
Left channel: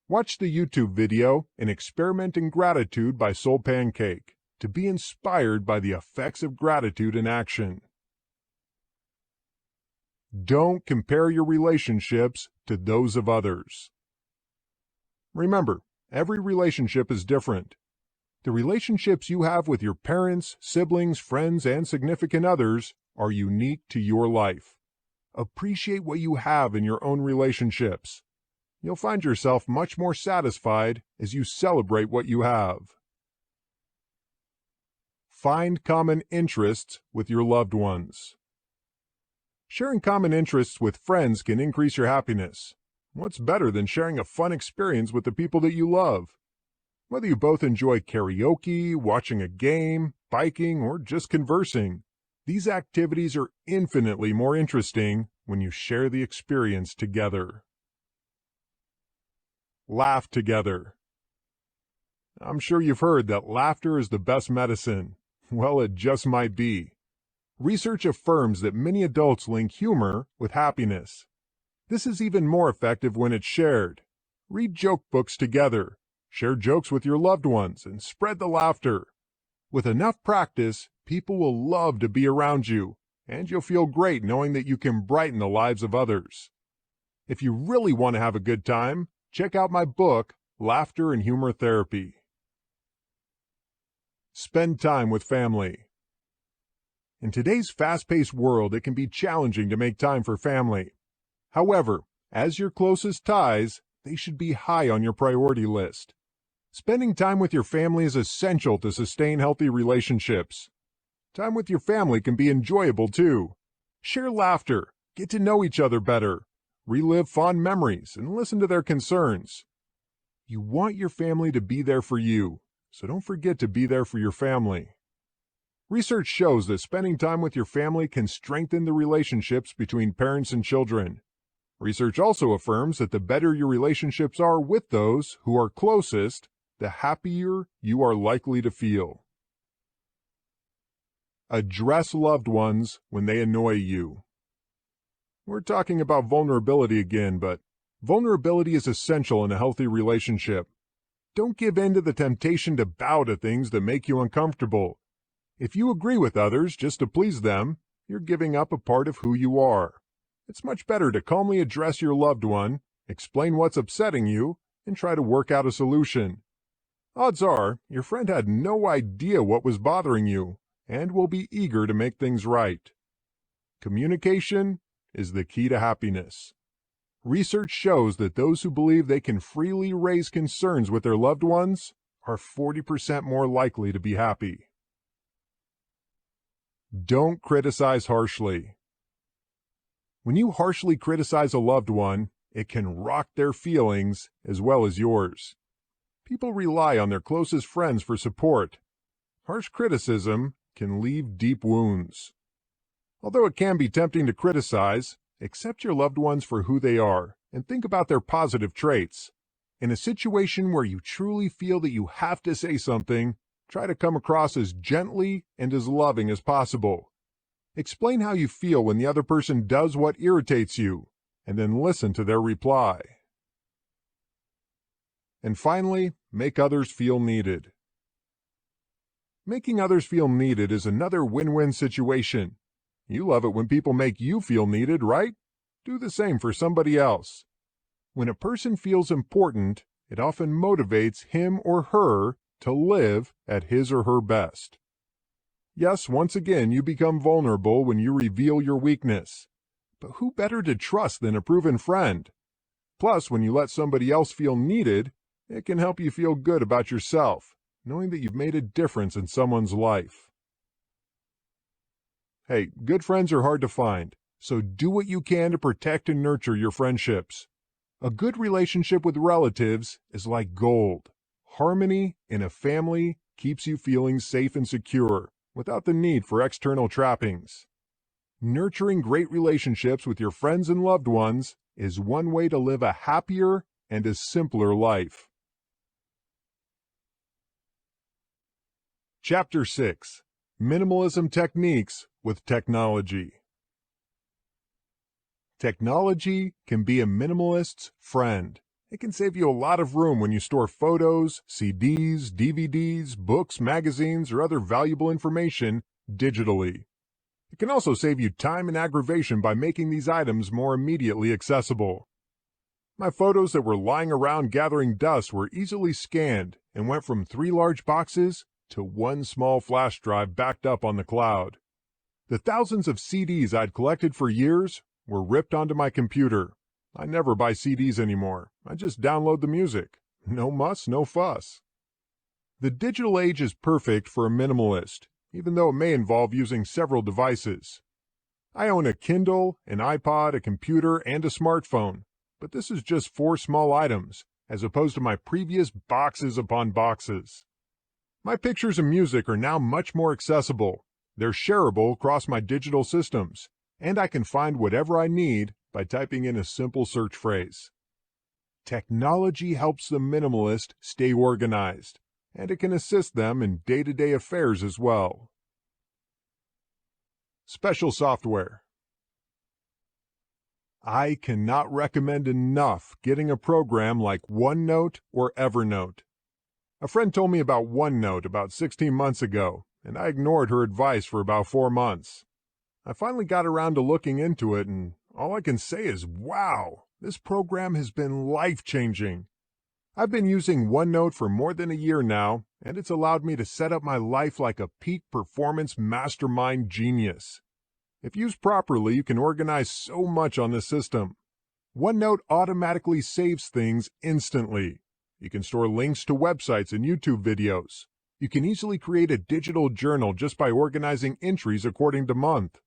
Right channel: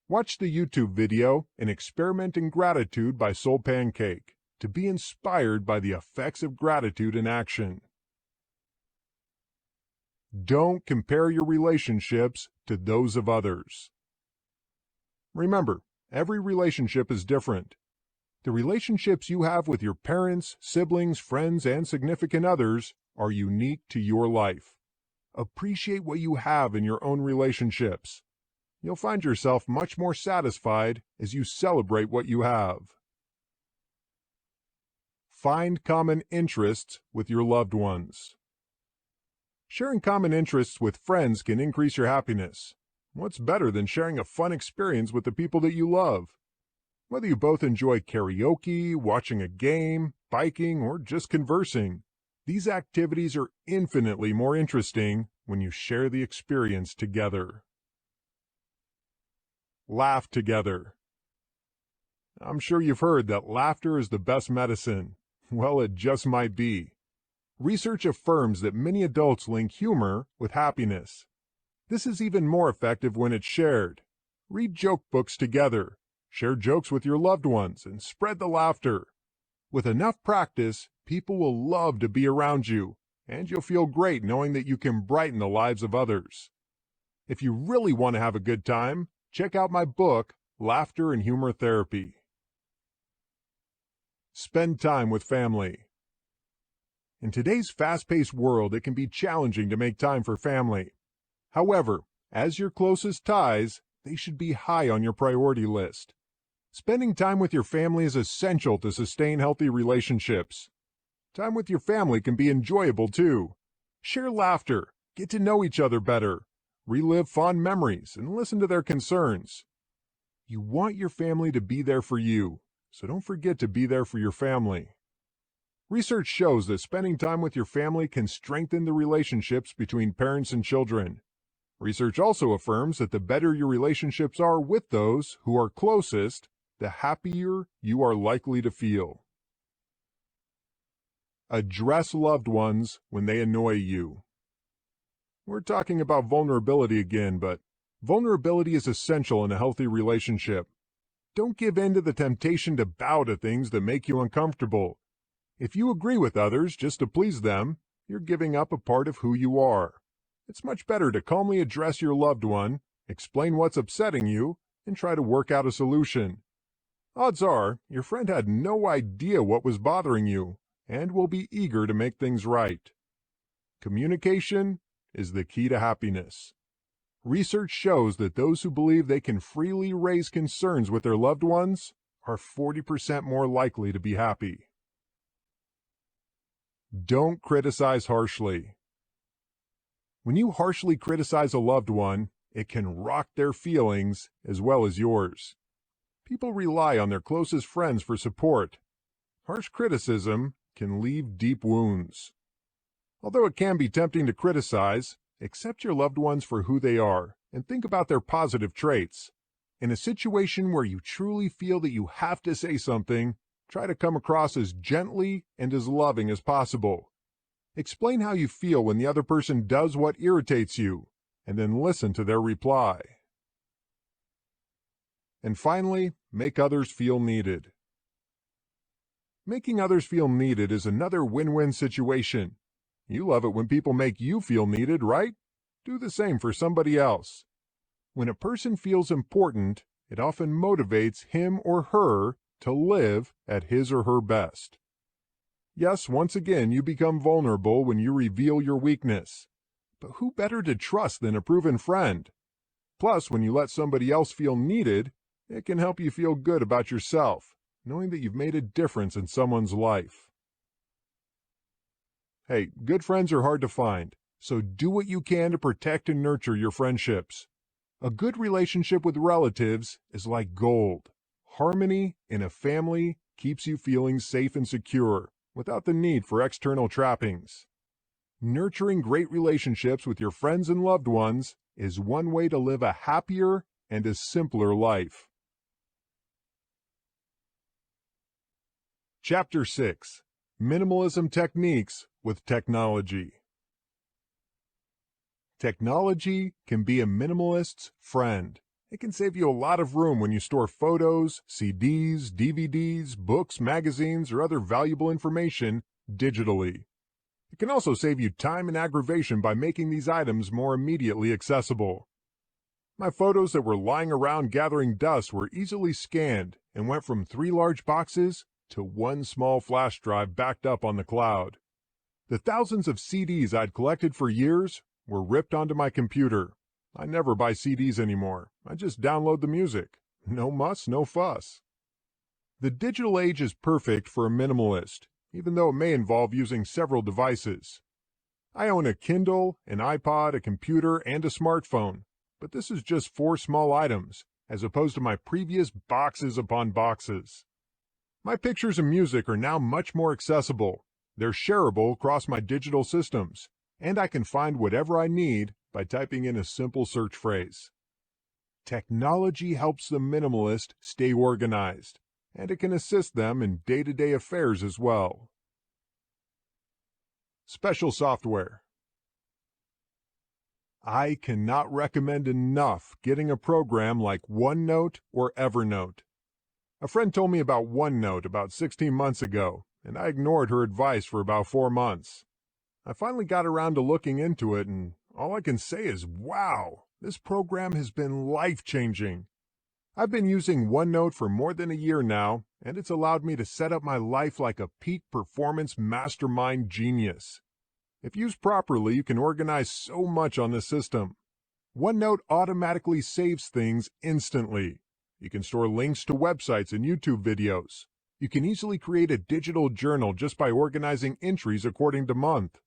Watch the YouTube video An Experiment in Gratitude by Soul Pancake to be inspired by the effects of gratitude in action. Don't compare your relationships to those of others. Remember, every relationship is different. The relationships you have with your parents, siblings, friends, and significant others are unique to your life. Appreciate what you have in your own relationships. You'll find yourself much more satisfied as you celebrate what you have. Find common interests with your loved ones. Sharing common interests with friends can increase your happiness. What's better than sharing a fun experience with the people that you love? Whether you both enjoy karaoke, watching a game, biking, or just conversing, these activities are infinitely more interesting when you share the experience together. Laugh together. I'm sure you've heard that laughter is the best medicine. Well, it just might be. Research affirms that many adults link humor with happiness. This is even more effective when it's shared. Read joke books together, share jokes with your loved ones, and spread the laughter. With enough practice, people will love to be around you, and you'll feel great knowing that you can brighten the lives of others. If you really want to have a good time, check out my book, Laughter and Humor Therapy. Spend time with family. In today's fast-paced world, it can be challenging to make time for family. However, as your closest ties, they should be high on your priority list. Spending time with your family is essential to sustain healthy relationships. Time with your family can be enjoyable too. Share laughter, get to know each other better, relive fond memories, and listen to their concerns. You want your family to be there for you, so don't forget to be there for your family. Research shows that spending time with your family can strengthen the relationships between parents and children. Research also affirms that the better your relationships are with those who are closest, the happier you are likely to feel. Address loved ones when they annoy you. We're talking about vulnerability again, but vulnerability is essential in a healthy relationship. Don't give in to the temptation to bow to things that make you uncomfortable. If you agree with others just to please them, you're giving up a part of who you are. It's much better to calmly address your loved one, explain what's upsetting you, and try to work out a solution. Odds are, your friend had no idea what was bothering you, and will be eager to make things right. Communication is the key to happiness. Research shows that those who believe they can freely raise concerns with their loved ones are 40% more likely to be happy. Don't criticize harshly. When you harshly criticize a loved one, it can rock their feelings as well as yours. People rely on their closest friends for support. Harsh criticism can leave deep wounds. Although it can be tempting to criticize, accept your loved ones for who they are and think about their positive traits. In a situation where you truly feel that you have to say something, try to come across as gently and as loving as possible. Explain how you feel when the other person does what irritates you, and then listen to their reply. And finally, make others feel needed. Making others feel needed is another win-win situation. You love it when people make you feel needed, right? Do the same for somebody else. When a person feels important, it often motivates him or her to live at his or her best. Yes, once again, you become vulnerable when you reveal your weakness. But who better to trust than a proven friend? Plus, when you let somebody else feel needed, it can help you feel good about yourself, knowing that you've made a difference in someone's life. Hey, good friends are hard to find, so do what you can to protect and nurture your friendships. A good relationship with relatives is like gold. Harmony in a family keeps you feeling safe and secure, without the need for external trappings. Nurturing great relationships with your friends and loved ones is one way to live a happier and a simpler life. Chapter 6: Minimalism Techniques with Technology. Technology can be a minimalist's friend. It can save you a lot of room when you store photos, CDs, DVDs, books, magazines, or other valuable information digitally. It can also save you time and aggravation by making these items more immediately accessible. My photos that were lying around gathering dust were easily scanned and went from 3 large boxes to 1 small flash drive backed up on the cloud. The thousands of CDs I'd collected for years were ripped onto my computer. I never buy CDs anymore. I just download the music. No muss, no fuss. The digital age is perfect for a minimalist, even though it may involve using several devices. I own a Kindle, an iPod, a computer, and a smartphone, but this is just 4 small items, as opposed to my previous boxes upon boxes. My pictures and music are now much more accessible. They're shareable across my digital systems, and I can find whatever I need by typing in a simple search phrase. Technology helps the minimalist stay organized, and it can assist them in day-to-day affairs as well. Special software. I cannot recommend enough getting a program like OneNote or Evernote. A friend told me about OneNote about 16 months ago, and I ignored her advice for about 4 months. I finally got around to looking into it, and all I can say is, wow, this program has been life-changing. I've been using OneNote for more than a year now, and it's allowed me to set up my life like a peak performance mastermind genius. If used properly, you can organize so much on the system. OneNote automatically saves things instantly. You can store links to websites and YouTube videos. You can easily create a digital journal just by organizing entries according to month.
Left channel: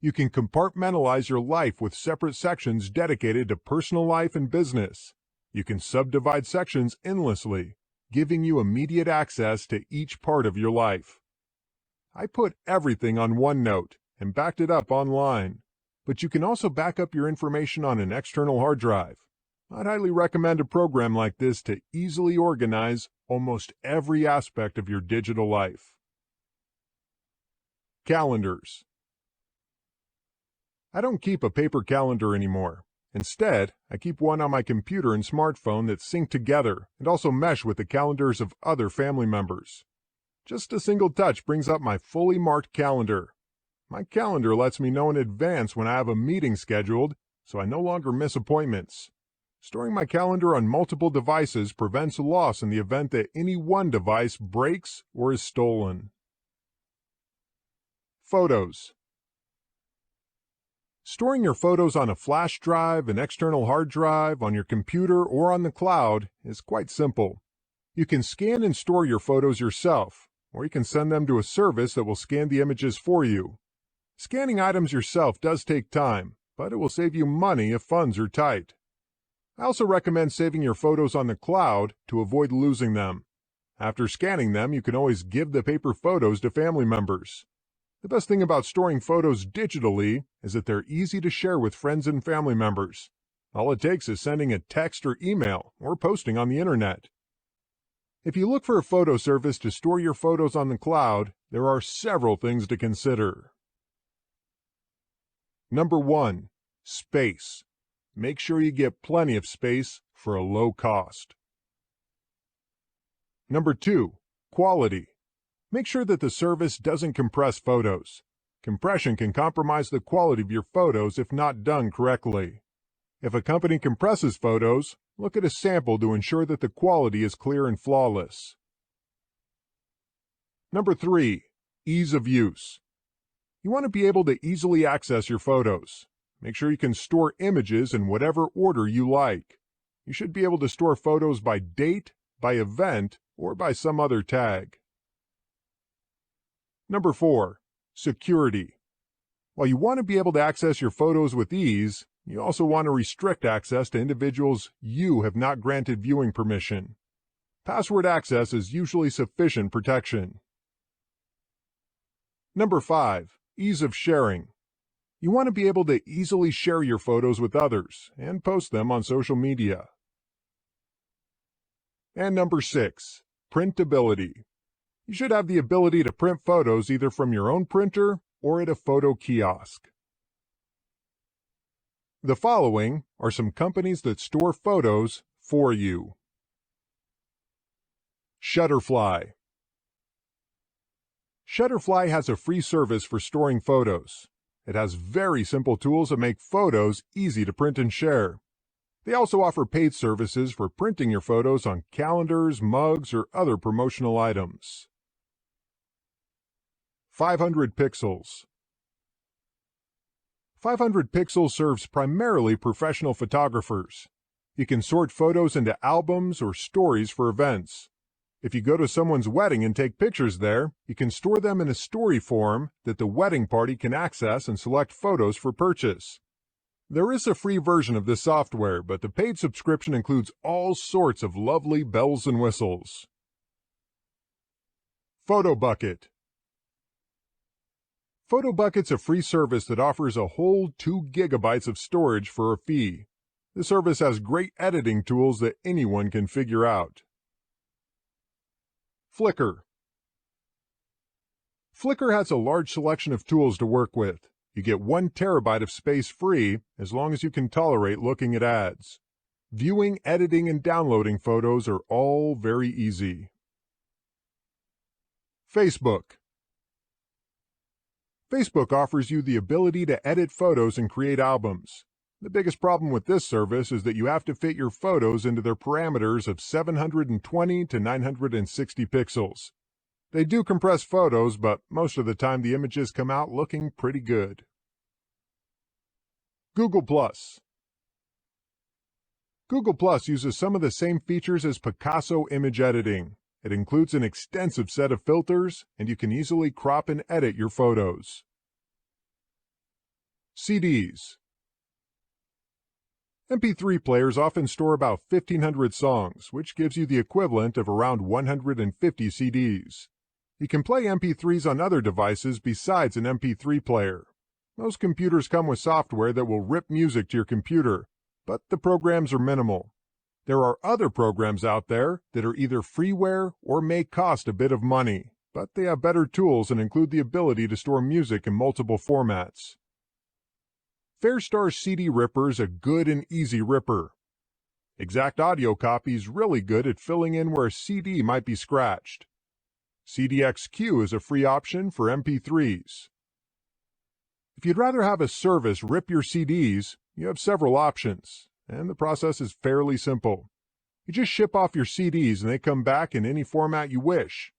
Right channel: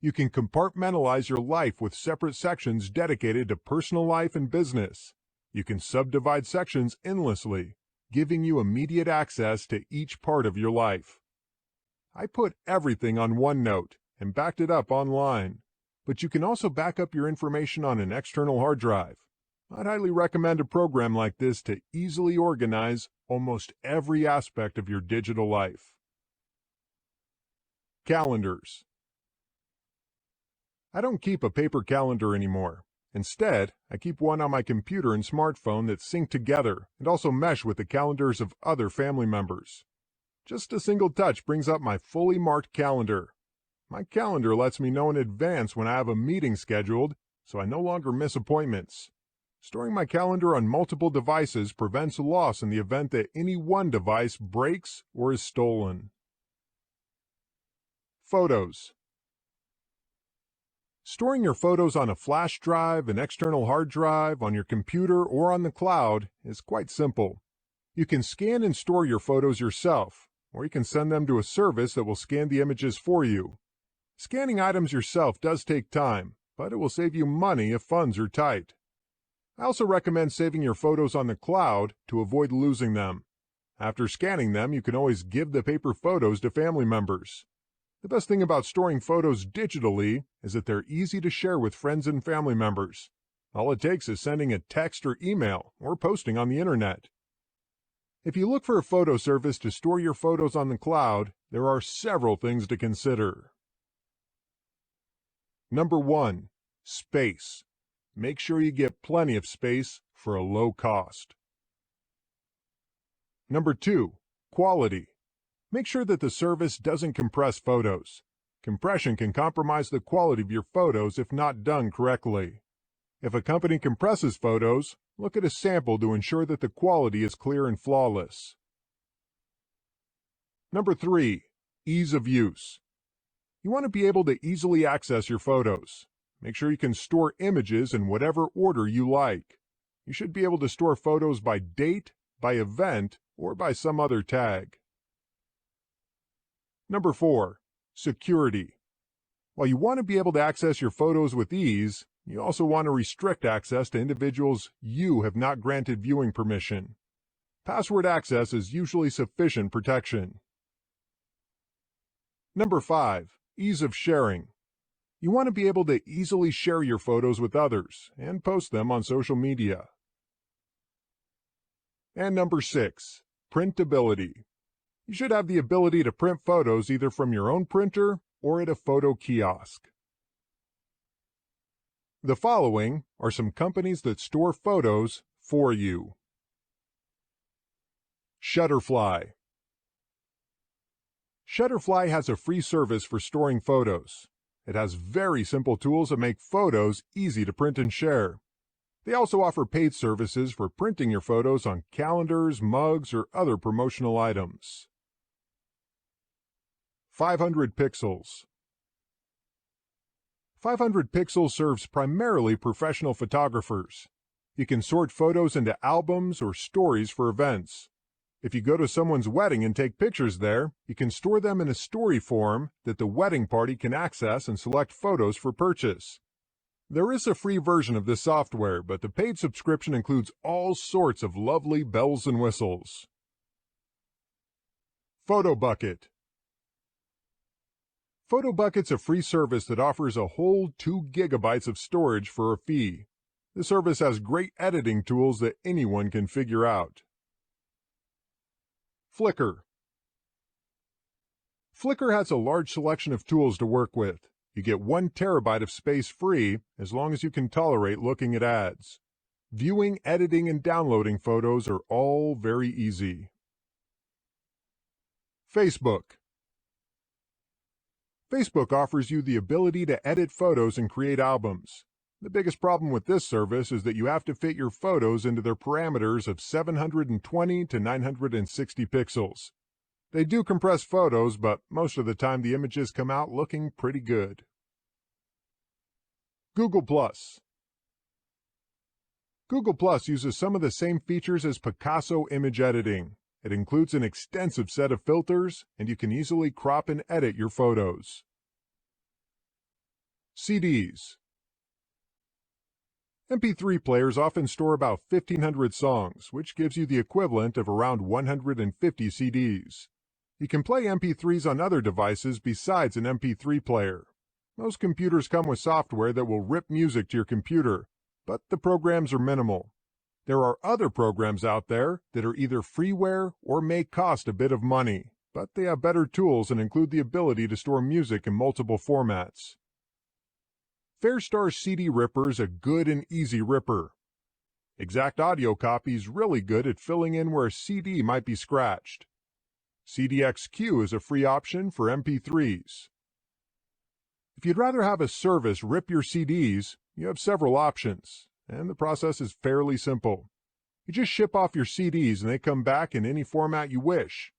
You can compartmentalize your life with separate sections dedicated to personal life and business. You can subdivide sections endlessly, giving you immediate access to each part of your life. I put everything on OneNote and backed it up online, but you can also back up your information on an external hard drive. I'd highly recommend a program like this to easily organize almost every aspect of your digital life. Calendars. I don't keep a paper calendar anymore. Instead, I keep one on my computer and smartphone that sync together and also mesh with the calendars of other family members. Just a single touch brings up my fully marked calendar. My calendar lets me know in advance when I have a meeting scheduled, so I no longer miss appointments. Storing my calendar on multiple devices prevents loss in the event that any one device breaks or is stolen. Photos. Storing your photos on a flash drive, an external hard drive, on your computer, or on the cloud is quite simple. You can scan and store your photos yourself, or you can send them to a service that will scan the images for you. Scanning items yourself does take time, but it will save you money if funds are tight. I also recommend saving your photos on the cloud to avoid losing them. After scanning them, you can always give the paper photos to family members. The best thing about storing photos digitally is that they're easy to share with friends and family members. All it takes is sending a text or email or posting on the internet. If you look for a photo service to store your photos on the cloud, there are several things to consider. Number 1. Space. Make sure you get plenty of space for a low cost. Number 2. Quality. Make sure that the service doesn't compress photos. Compression can compromise the quality of your photos if not done correctly. If a company compresses photos, look at a sample to ensure that the quality is clear and flawless. Number 3. Ease of use. You want to be able to easily access your photos. Make sure you can store images in whatever order you like. You should be able to store photos by date, by event, or by some other tag. Number 4. Security. While you want to be able to access your photos with ease, you also want to restrict access to individuals you have not granted viewing permission. Password access is usually sufficient protection. Number 5. Ease of sharing. You want to be able to easily share your photos with others and post them on social media. And number 6, printability. You should have the ability to print photos either from your own printer or at a photo kiosk. The following are some companies that store photos for you. Shutterfly. Shutterfly has a free service for storing photos. It has very simple tools that make photos easy to print and share. They also offer paid services for printing your photos on calendars, mugs, or other promotional items. 500 Pixels. 500 Pixels serves primarily professional photographers. You can sort photos into albums or stories for events. If you go to someone's wedding and take pictures there, you can store them in a story form that the wedding party can access and select photos for purchase. There is a free version of this software, but the paid subscription includes all sorts of lovely bells and whistles. PhotoBucket. PhotoBucket's a free service that offers a whole 2 gigabytes of storage for a fee. The service has great editing tools that anyone can figure out. Flickr. Flickr has a large selection of tools to work with. You get 1 terabyte of space free as long as you can tolerate looking at ads. Viewing, editing, and downloading photos are all very easy. Facebook. Facebook offers you the ability to edit photos and create albums. The biggest problem with this service is that you have to fit your photos into their parameters of 720 to 960 pixels. They do compress photos, but most of the time the images come out looking pretty good. Google+. Google+ uses some of the same features as Picasso image editing. It includes an extensive set of filters, and you can easily crop and edit your photos. CDs. MP3 players often store about 1,500 songs, which gives you the equivalent of around 150 CDs. You can play MP3s on other devices besides an MP3 player. Most computers come with software that will rip music to your computer, but the programs are minimal. There are other programs out there that are either freeware or may cost a bit of money, but they have better tools and include the ability to store music in multiple formats. Fairstar CD Ripper is a good and easy ripper. Exact Audio Copy is really good at filling in where a CD might be scratched. CDXQ is a free option for MP3s. If you'd rather have a service rip your CDs, you have several options, and the process is fairly simple. You just ship off your CDs and they come back in any format you wish.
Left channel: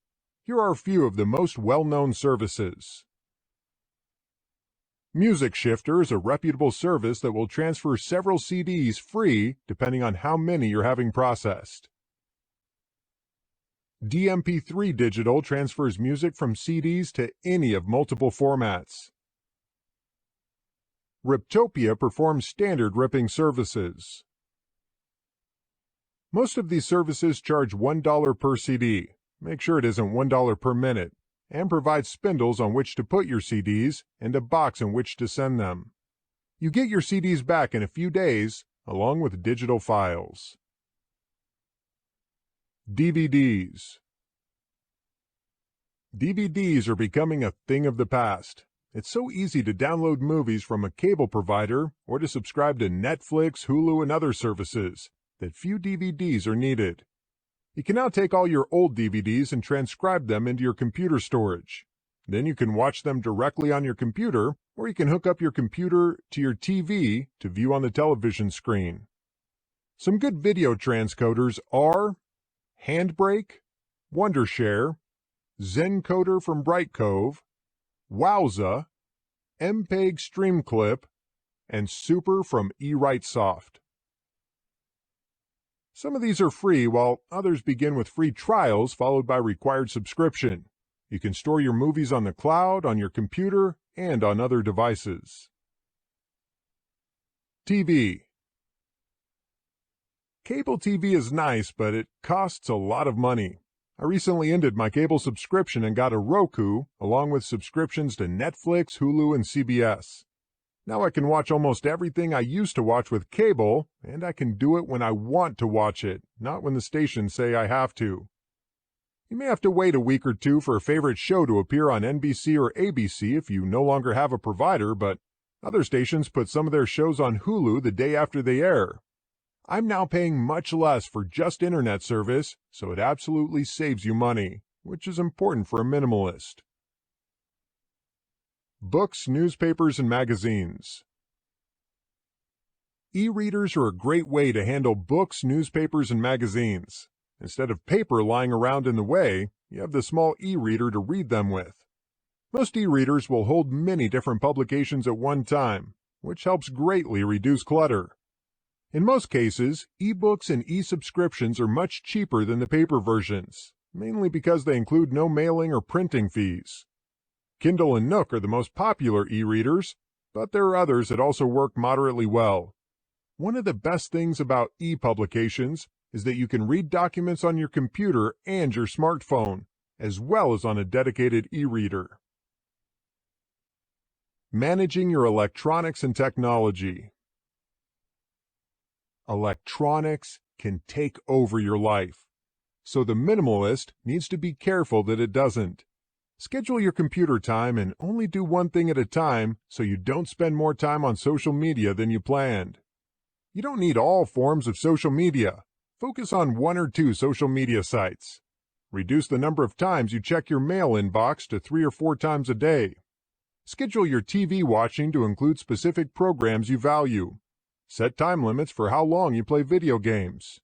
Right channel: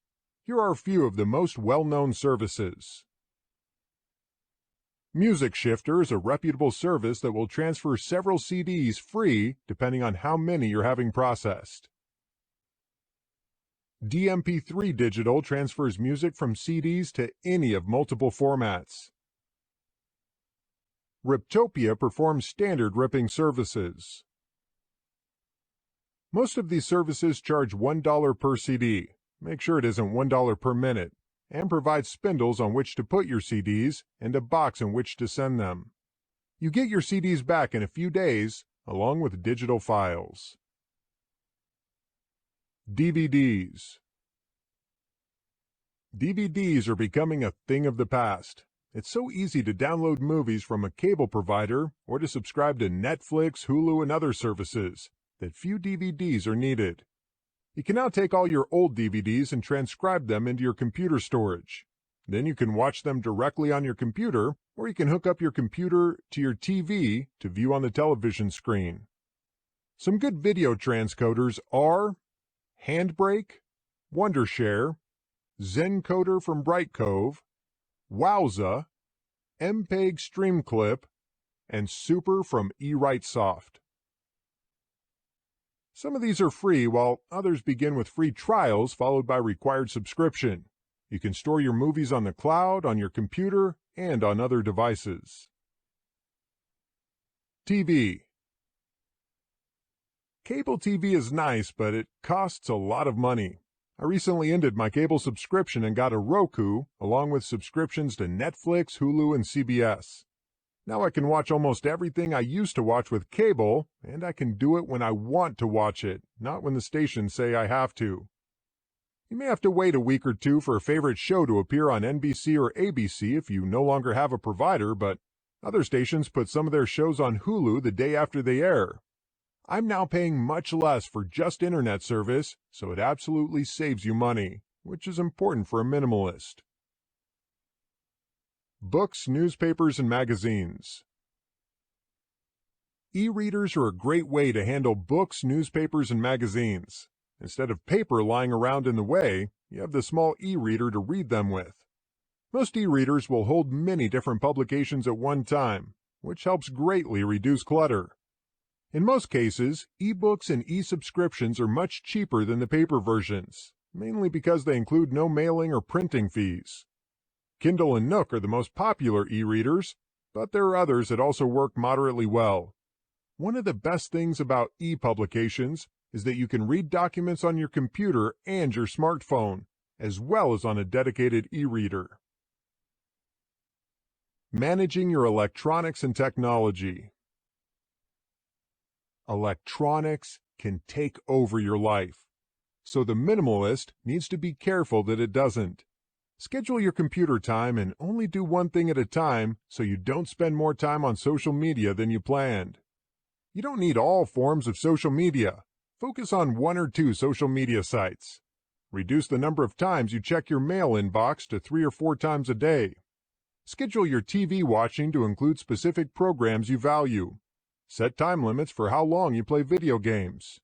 Here are a few of the most well-known services. Music Shifter is a reputable service that will transfer several CDs free depending on how many you're having processed. DMP3 Digital transfers music from CDs to any of multiple formats. Riptopia performs standard ripping services. Most of these services charge $1 per CD. Make sure it isn't $1 per minute, and provide spindles on which to put your CDs and a box in which to send them. You get your CDs back in a few days, along with digital files. DVDs. DVDs are becoming a thing of the past. It's so easy to download movies from a cable provider or to subscribe to Netflix, Hulu, and other services that few DVDs are needed. You can now take all your old DVDs and transcribe them into your computer storage. Then you can watch them directly on your computer, or you can hook up your computer to your TV to view on the television screen. Some good video transcoders are Handbrake, Wondershare, Zencoder from Brightcove, Wowza, MPEG Streamclip, and Super from eWriteSoft. Some of these are free, while others begin with free trials followed by required subscription. You can store your movies on the cloud, on your computer, and on other devices. TV. Cable TV is nice, but it costs a lot of money. I recently ended my cable subscription and got a Roku, along with subscriptions to Netflix, Hulu, and CBS. Now I can watch almost everything I used to watch with cable, and I can do it when I want to watch it, not when the stations say I have to. You may have to wait a week or two for a favorite show to appear on NBC or ABC if you no longer have a provider, but other stations put some of their shows on Hulu the day after they air. I'm now paying much less for just internet service, so it absolutely saves you money, which is important for a minimalist. Books, newspapers, and magazines. E-readers are a great way to handle books, newspapers, and magazines. Instead of paper lying around in the way, you have the small e-reader to read them with. Most e-readers will hold many different publications at one time, which helps greatly reduce clutter. In most cases, e-books and e-subscriptions are much cheaper than the paper versions, mainly because they include no mailing or printing fees. Kindle and Nook are the most popular e-readers, but there are others that also work moderately well. One of the best things about e-publications is that you can read documents on your computer and your smartphone, as well as on a dedicated e-reader. Managing your electronics and technology. Electronics can take over your life, so the minimalist needs to be careful that it doesn't. Schedule your computer time and only do one thing at a time so you don't spend more time on social media than you planned. You don't need all forms of social media. Focus on one or two social media sites. Reduce the number of times you check your mail inbox to 3 or 4 times a day. Schedule your TV watching to include specific programs you value. Set time limits for how long you play video games.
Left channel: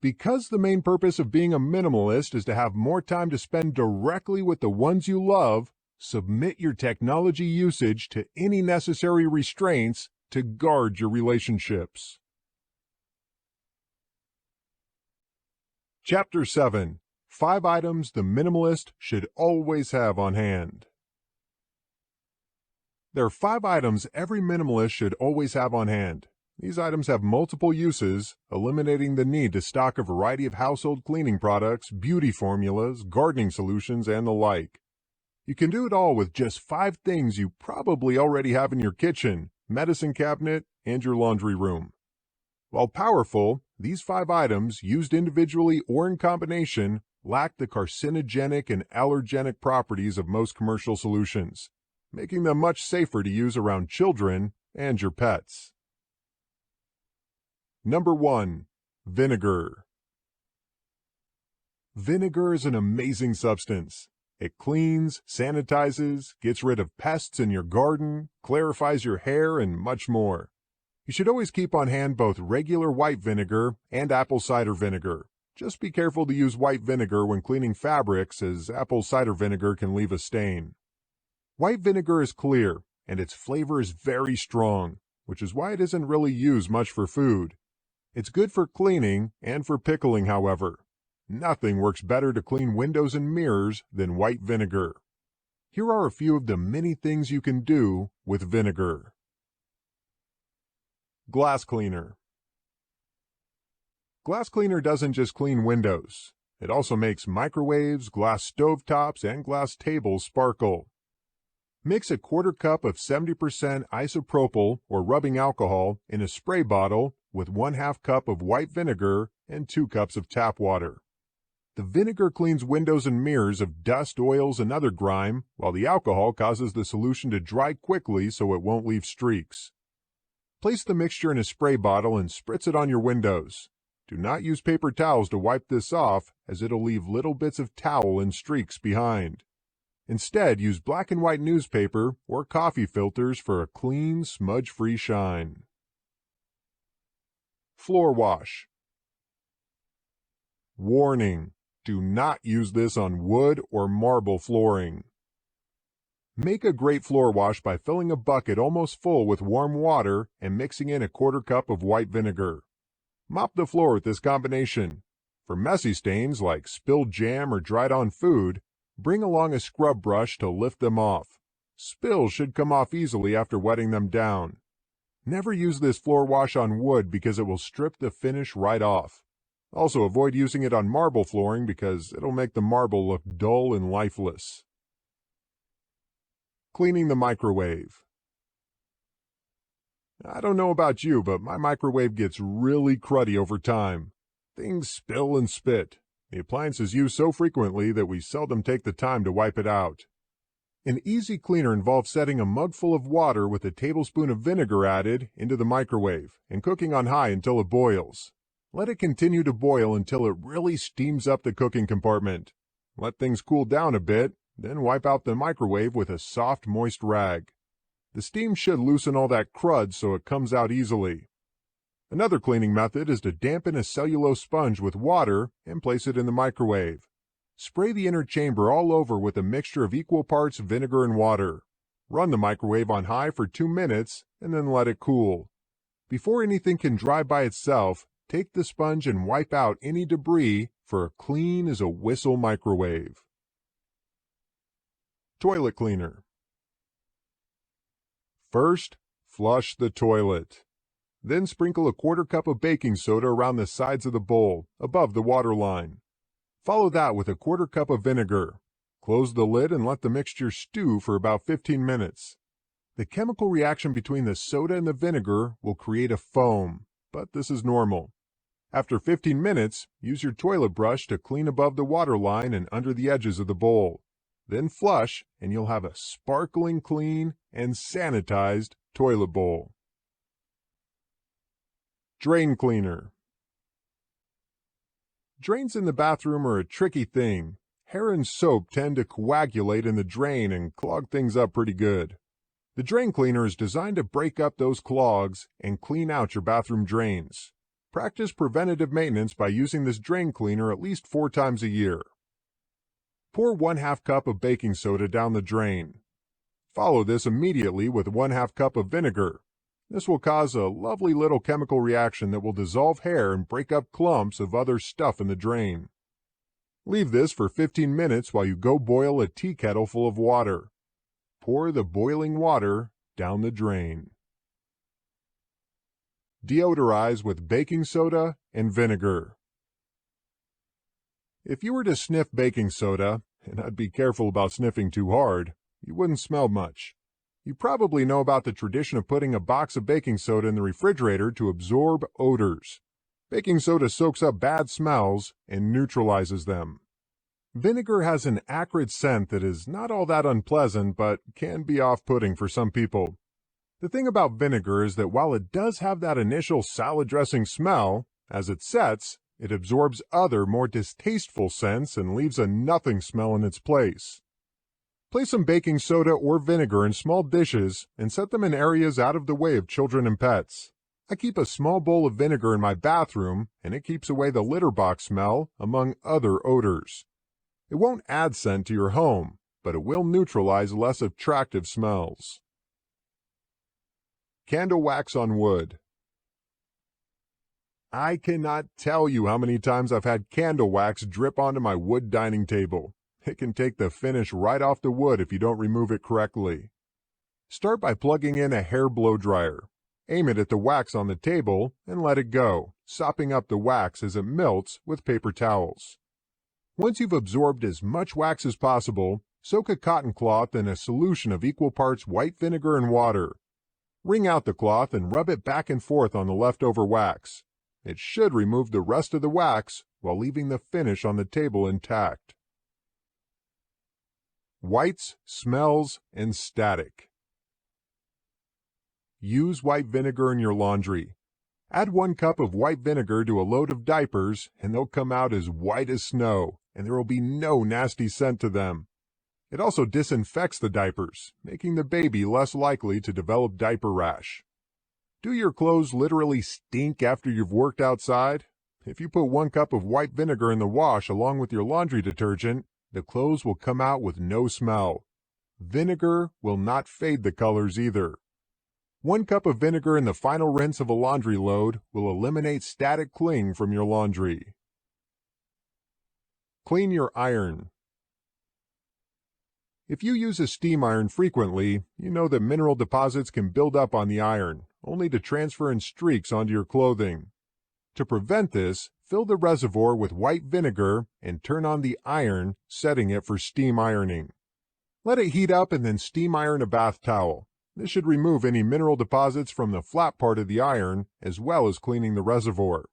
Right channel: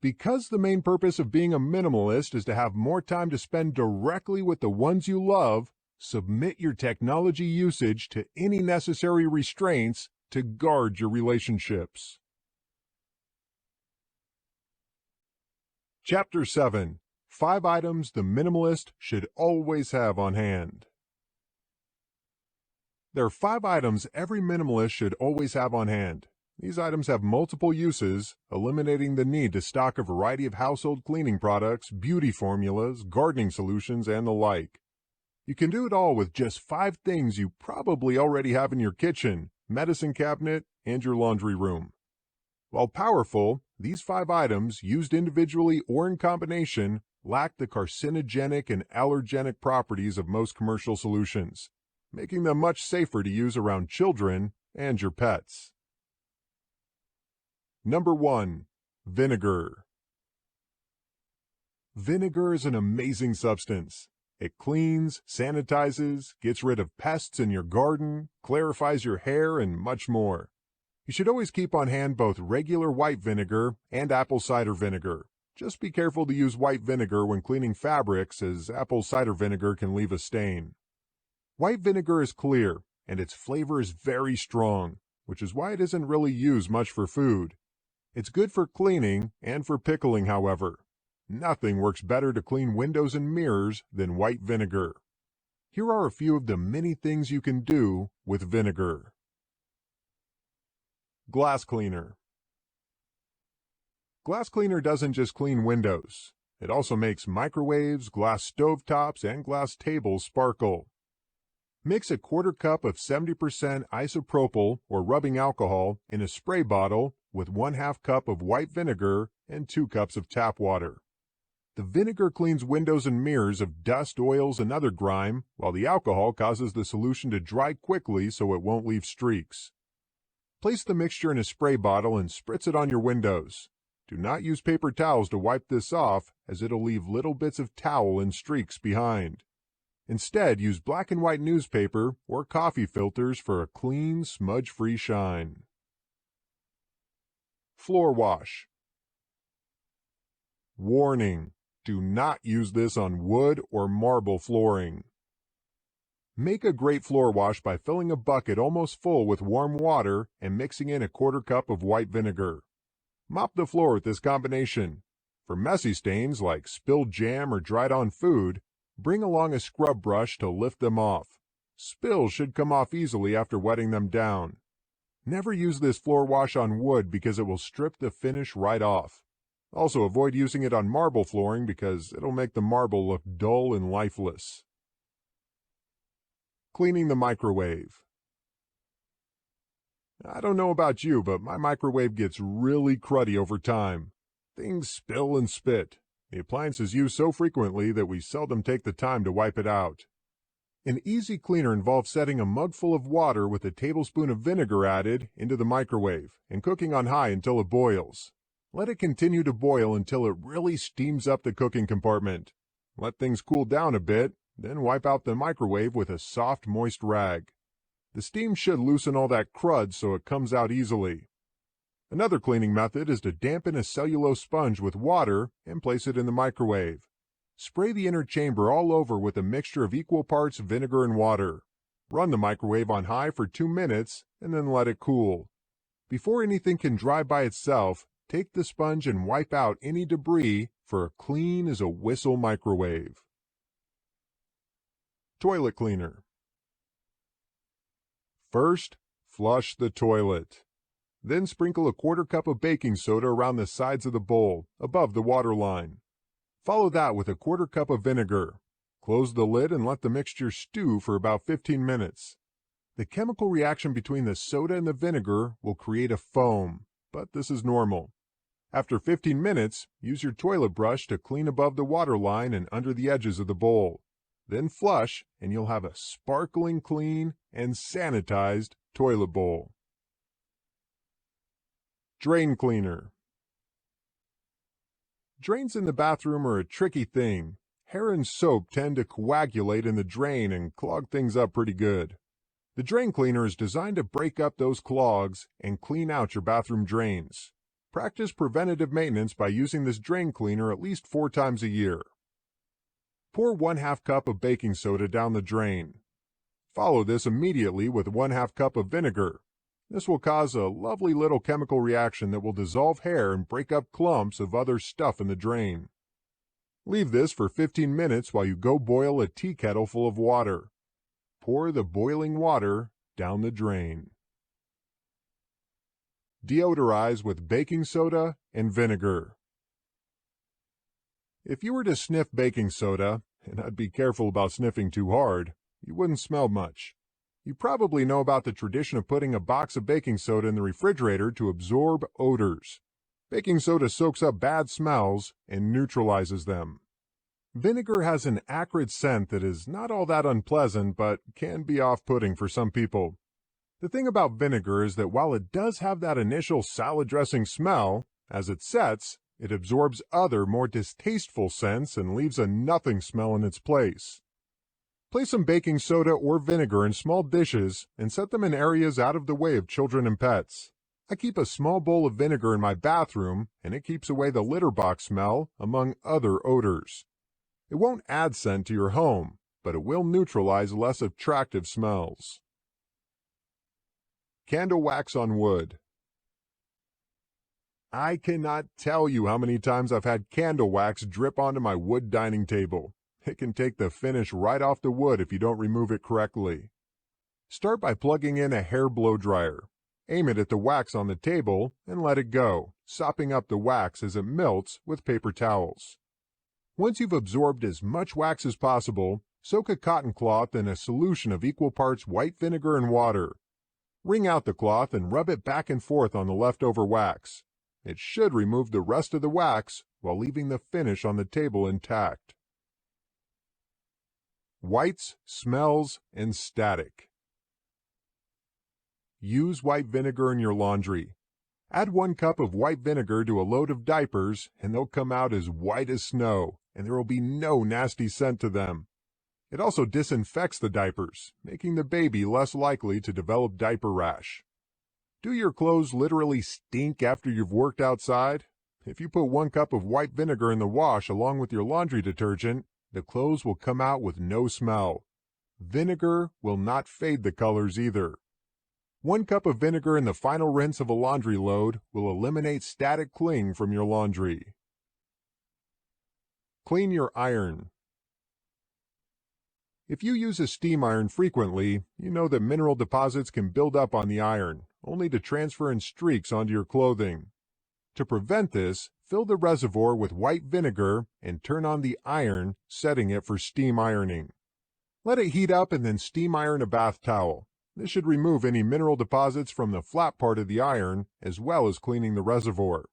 Because the main purpose of being a minimalist is to have more time to spend directly with the ones you love, submit your technology usage to any necessary restraints to guard your relationships. Chapter 7. 5 items the minimalist should always have on hand. There are 5 items every minimalist should always have on hand. These items have multiple uses, eliminating the need to stock a variety of household cleaning products, beauty formulas, gardening solutions, and the like. You can do it all with just 5 things you probably already have in your kitchen, medicine cabinet, and your laundry room. While powerful, these 5 items, used individually or in combination, lack the carcinogenic and allergenic properties of most commercial solutions, making them much safer to use around children and your pets. Number 1. Vinegar. Vinegar is an amazing substance. It cleans, sanitizes, gets rid of pests in your garden, clarifies your hair, and much more. You should always keep on hand both regular white vinegar and apple cider vinegar. Just be careful to use white vinegar when cleaning fabrics, as apple cider vinegar can leave a stain. White vinegar is clear, and its flavor is very strong, which is why it isn't really used much for food. It's good for cleaning and for pickling, however. Nothing works better to clean windows and mirrors than white vinegar. Here are a few of the many things you can do with vinegar. Glass cleaner. Glass cleaner doesn't just clean windows. It also makes microwaves, glass stovetops, and glass tables sparkle. Mix a 1/4 cup of 70% isopropyl or rubbing alcohol in a spray bottle with 1/2 cup of white vinegar and 2 cups of tap water. The vinegar cleans windows and mirrors of dust, oils, and other grime, while the alcohol causes the solution to dry quickly so it won't leave streaks. Place the mixture in a spray bottle and spritz it on your windows. Do not use paper towels to wipe this off, as it'll leave little bits of towel and streaks behind. Instead, use black and white newspaper or coffee filters for a clean, smudge-free shine. Floor wash. Warning: do not use this on wood or marble flooring. Make a great floor wash by filling a bucket almost full with warm water and mixing in a 1/4 cup of white vinegar. Mop the floor with this combination. For messy stains like spilled jam or dried-on food, bring along a scrub brush to lift them off. Spills should come off easily after wetting them down. Never use this floor wash on wood because it will strip the finish right off. Also, avoid using it on marble flooring because it'll make the marble look dull and lifeless. Cleaning the microwave. I don't know about you, but my microwave gets really cruddy over time. Things spill and spit. The appliance is used so frequently that we seldom take the time to wipe it out. An easy cleaner involves setting a mug full of water with a tablespoon of vinegar added into the microwave and cooking on high until it boils. Let it continue to boil until it really steams up the cooking compartment. Let things cool down a bit, then wipe out the microwave with a soft, moist rag. The steam should loosen all that crud so it comes out easily. Another cleaning method is to dampen a cellulose sponge with water and place it in the microwave. Spray the inner chamber all over with a mixture of equal parts vinegar and water. Run the microwave on high for 2 minutes and then let it cool. Before anything can dry by itself, take the sponge and wipe out any debris for a clean as a whistle microwave. Toilet cleaner. First, flush the toilet. Then sprinkle a 1/4 cup of baking soda around the sides of the bowl, above the water line. Follow that with a 1/4 cup of vinegar. Close the lid and let the mixture stew for about 15 minutes. The chemical reaction between the soda and the vinegar will create a foam, but this is normal. After 15 minutes, use your toilet brush to clean above the water line and under the edges of the bowl. Then flush, and you'll have a sparkling clean and sanitized toilet bowl. Drain cleaner. Drains in the bathroom are a tricky thing. Hair and soap tend to coagulate in the drain and clog things up pretty good. The drain cleaner is designed to break up those clogs and clean out your bathroom drains. Practice preventative maintenance by using this drain cleaner at least 4 times a year. Pour 1/2 cup of baking soda down the drain. Follow this immediately with 1/2 cup of vinegar. This will cause a lovely little chemical reaction that will dissolve hair and break up clumps of other stuff in the drain. Leave this for 15 minutes while you go boil a tea kettle full of water. Pour the boiling water down the drain. Deodorize with baking soda and vinegar. If you were to sniff baking soda, and I'd be careful about sniffing too hard, you wouldn't smell much. You probably know about the tradition of putting a box of baking soda in the refrigerator to absorb odors. Baking soda soaks up bad smells and neutralizes them. Vinegar has an acrid scent that is not all that unpleasant, but can be off-putting for some people. The thing about vinegar is that while it does have that initial salad dressing smell, as it sets, it absorbs other, more distasteful scents and leaves a nothing smell in its place. Place some baking soda or vinegar in small dishes and set them in areas out of the way of children and pets. I keep a small bowl of vinegar in my bathroom, and it keeps away the litter box smell, among other odors. It won't add scent to your home, but it will neutralize less attractive smells. Candle wax on wood. I cannot tell you how many times I've had candle wax drip onto my wood dining table. It can take the finish right off the wood if you don't remove it correctly. Start by plugging in a hair blow dryer. Aim it at the wax on the table and let it go, sopping up the wax as it melts with paper towels. Once you've absorbed as much wax as possible, soak a cotton cloth in a solution of equal parts white vinegar and water. Wring out the cloth and rub it back and forth on the leftover wax. It should remove the rest of the wax while leaving the finish on the table intact. Whites, smells, and static. Use white vinegar in your laundry. Add 1 cup of white vinegar to a load of diapers and they'll come out as white as snow, and there will be no nasty scent to them. It also disinfects the diapers, making the baby less likely to develop diaper rash. Do your clothes literally stink after you've worked outside? If you put 1 cup of white vinegar in the wash along with your laundry detergent, the clothes will come out with no smell. Vinegar will not fade the colors either. 1 cup of vinegar in the final rinse of a laundry load will eliminate static cling from your laundry. Clean your iron. If you use a steam iron frequently, you know that mineral deposits can build up on the iron, only to transfer in streaks onto your clothing. To prevent this, fill the reservoir with white vinegar and turn on the iron, setting it for steam ironing. Let it heat up and then steam iron a bath towel. This should remove any mineral deposits from the flat part of the iron, as well as cleaning the reservoir.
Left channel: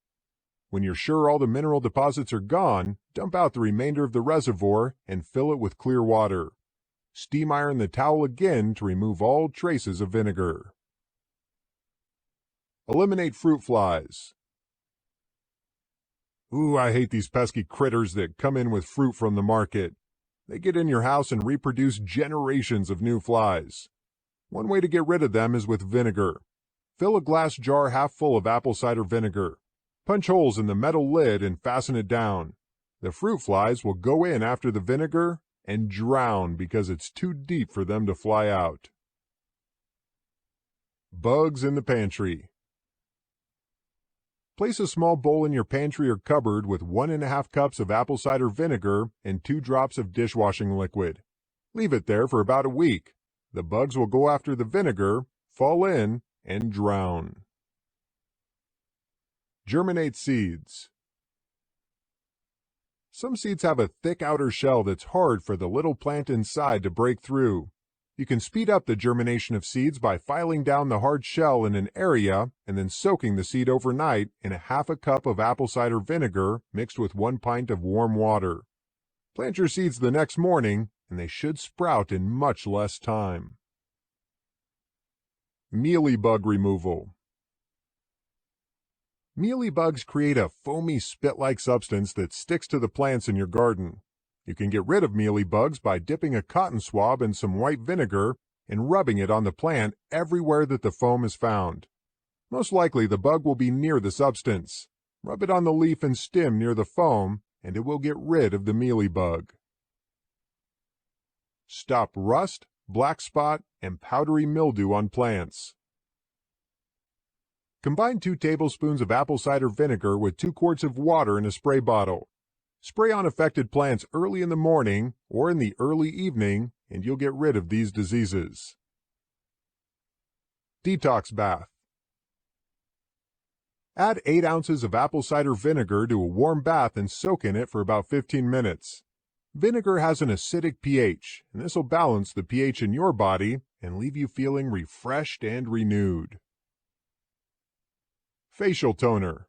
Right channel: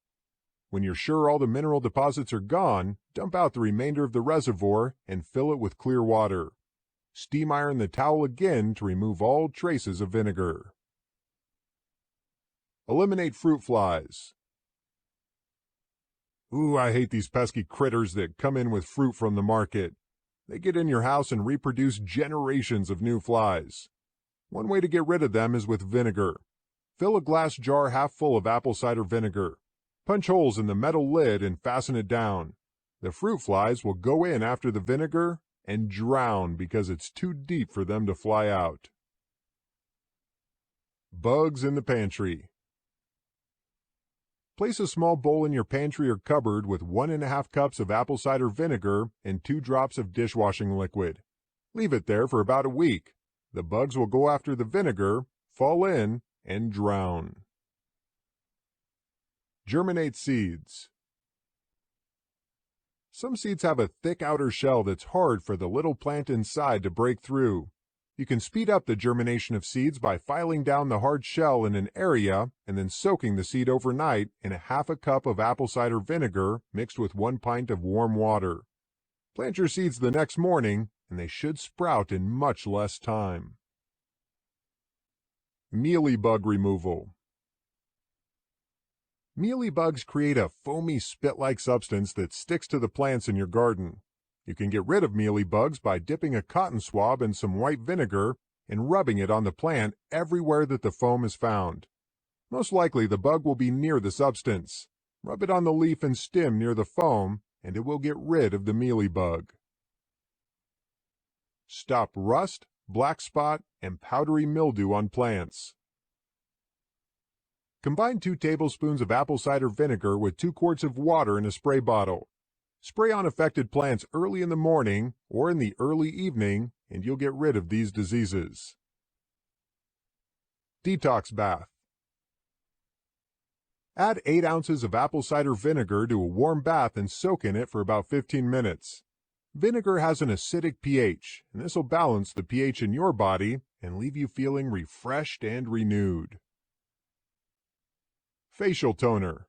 When you're sure all the mineral deposits are gone, dump out the remainder of the reservoir and fill it with clear water. Steam iron the towel again to remove all traces of vinegar. Eliminate fruit flies. Ooh, I hate these pesky critters that come in with fruit from the market. They get in your house and reproduce generations of new flies. One way to get rid of them is with vinegar. Fill a glass jar half full of apple cider vinegar. Punch holes in the metal lid and fasten it down. The fruit flies will go in after the vinegar and drown because it's too deep for them to fly out. Bugs in the pantry. Place a small bowl in your pantry or cupboard with 1½ cups of apple cider vinegar and 2 drops of dishwashing liquid. Leave it there for about a week. The bugs will go after the vinegar, fall in, and drown. Germinate seeds. Some seeds have a thick outer shell that's hard for the little plant inside to break through. You can speed up the germination of seeds by filing down the hard shell in an area and then soaking the seed overnight in ½ cup of apple cider vinegar mixed with 1 pint of warm water. Plant your seeds the next morning and they should sprout in much less time. Mealybug removal. Mealybugs create a foamy spit-like substance that sticks to the plants in your garden. You can get rid of mealybugs by dipping a cotton swab in some white vinegar and rubbing it on the plant everywhere that the foam is found. Most likely the bug will be near the substance. Rub it on the leaf and stem near the foam and it will get rid of the mealybug. Stop rust, black spot, and powdery mildew on plants. Combine 2 tablespoons of apple cider vinegar with 2 quarts of water in a spray bottle. Spray on affected plants early in the morning or in the early evening and you'll get rid of these diseases. Detox bath. Add 8 ounces of apple cider vinegar to a warm bath and soak in it for about 15 minutes. Vinegar has an acidic pH, and this will balance the pH in your body and leave you feeling refreshed and renewed. Facial toner.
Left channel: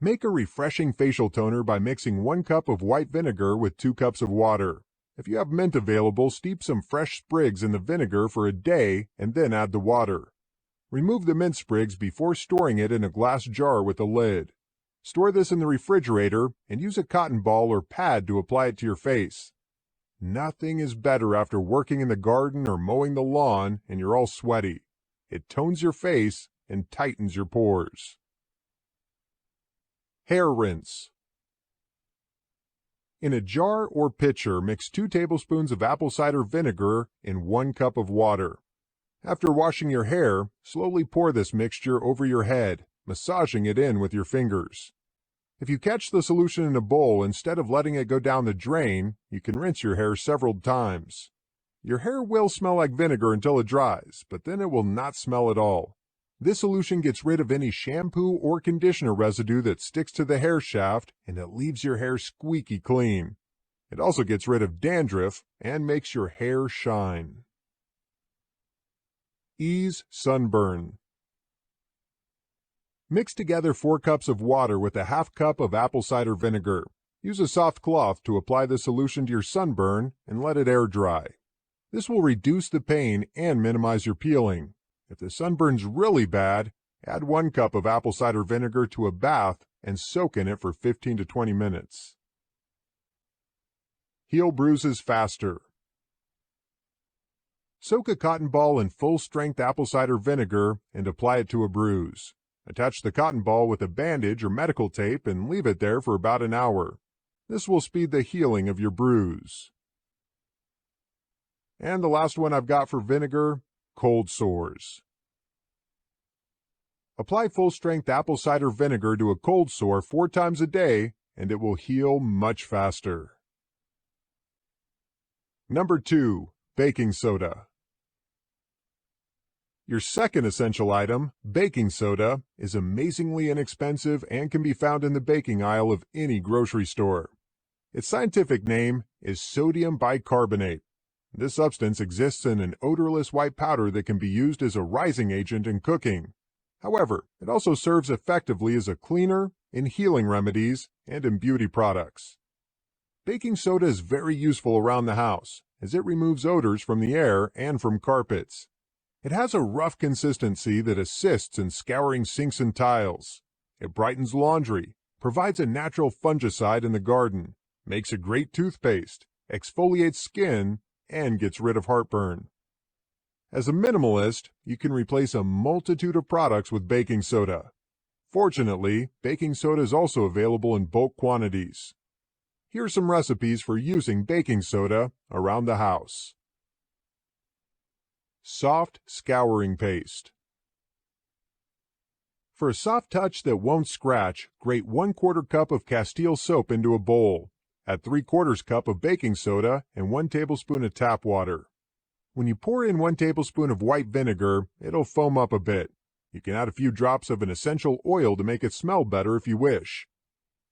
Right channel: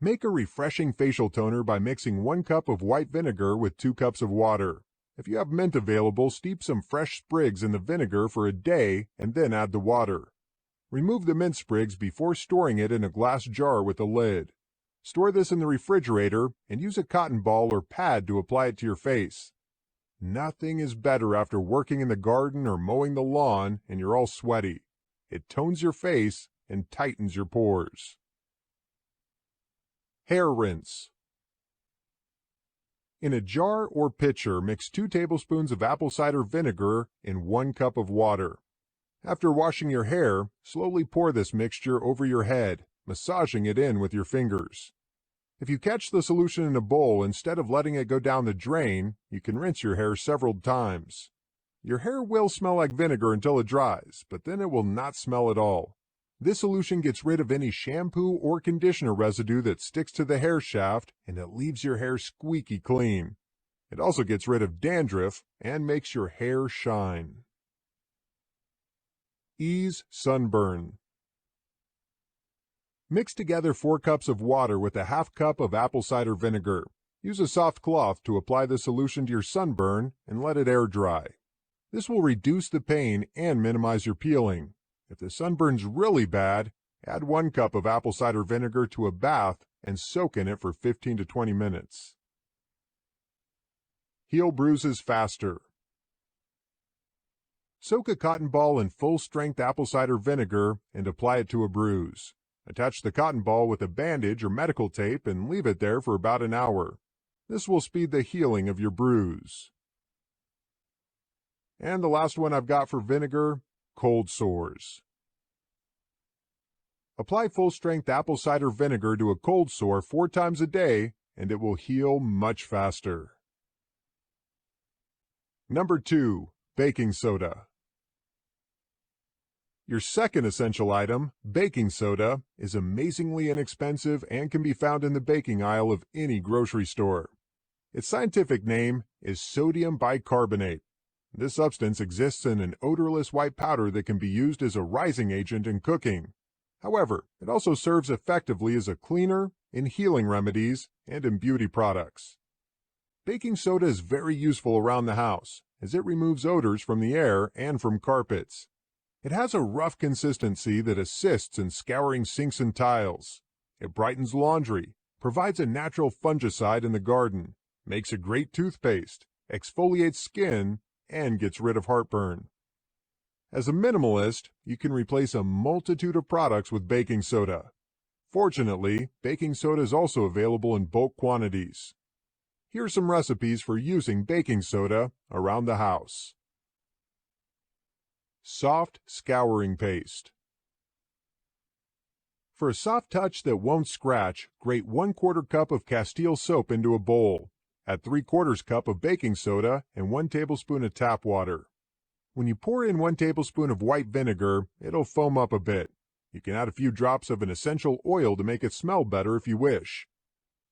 Make a refreshing facial toner by mixing 1 cup of white vinegar with 2 cups of water. If you have mint available, steep some fresh sprigs in the vinegar for a day and then add the water. Remove the mint sprigs before storing it in a glass jar with a lid. Store this in the refrigerator and use a cotton ball or pad to apply it to your face. Nothing is better after working in the garden or mowing the lawn and you're all sweaty. It tones your face and tightens your pores. Hair rinse. In a jar or pitcher, mix 2 tablespoons of apple cider vinegar in 1 cup of water. After washing your hair, slowly pour this mixture over your head, massaging it in with your fingers. If you catch the solution in a bowl instead of letting it go down the drain, you can rinse your hair several times. Your hair will smell like vinegar until it dries, but then it will not smell at all. This solution gets rid of any shampoo or conditioner residue that sticks to the hair shaft and it leaves your hair squeaky clean. It also gets rid of dandruff and makes your hair shine. Ease sunburn. Mix together 4 cups of water with a ½ cup of apple cider vinegar. Use a soft cloth to apply the solution to your sunburn and let it air dry. This will reduce the pain and minimize your peeling. If the sunburn's really bad, add 1 cup of apple cider vinegar to a bath and soak in it for 15 to 20 minutes. Heal bruises faster. Soak a cotton ball in full-strength apple cider vinegar and apply it to a bruise. Attach the cotton ball with a bandage or medical tape and leave it there for about an hour. This will speed the healing of your bruise. And the last one I've got for vinegar, cold sores. Apply full-strength apple cider vinegar to a cold sore 4 times a day and it will heal much faster. Number 2, baking soda. Your second essential item, baking soda, is amazingly inexpensive and can be found in the baking aisle of any grocery store. Its scientific name is sodium bicarbonate. This substance exists in an odorless white powder that can be used as a rising agent in cooking. However, it also serves effectively as a cleaner, in healing remedies, and in beauty products. Baking soda is very useful around the house, as it removes odors from the air and from carpets. It has a rough consistency that assists in scouring sinks and tiles. It brightens laundry, provides a natural fungicide in the garden, makes a great toothpaste, exfoliates skin, and gets rid of heartburn. As a minimalist, you can replace a multitude of products with baking soda. Fortunately, baking soda is also available in bulk quantities. Here are some recipes for using baking soda around the house. Soft scouring paste. For a soft touch that won't scratch, grate 1/4 cup of Castile soap into a bowl. Add 3/4 cup of baking soda and 1 tablespoon of tap water. When you pour in 1 tablespoon of white vinegar, it'll foam up a bit. You can add a few drops of an essential oil to make it smell better if you wish.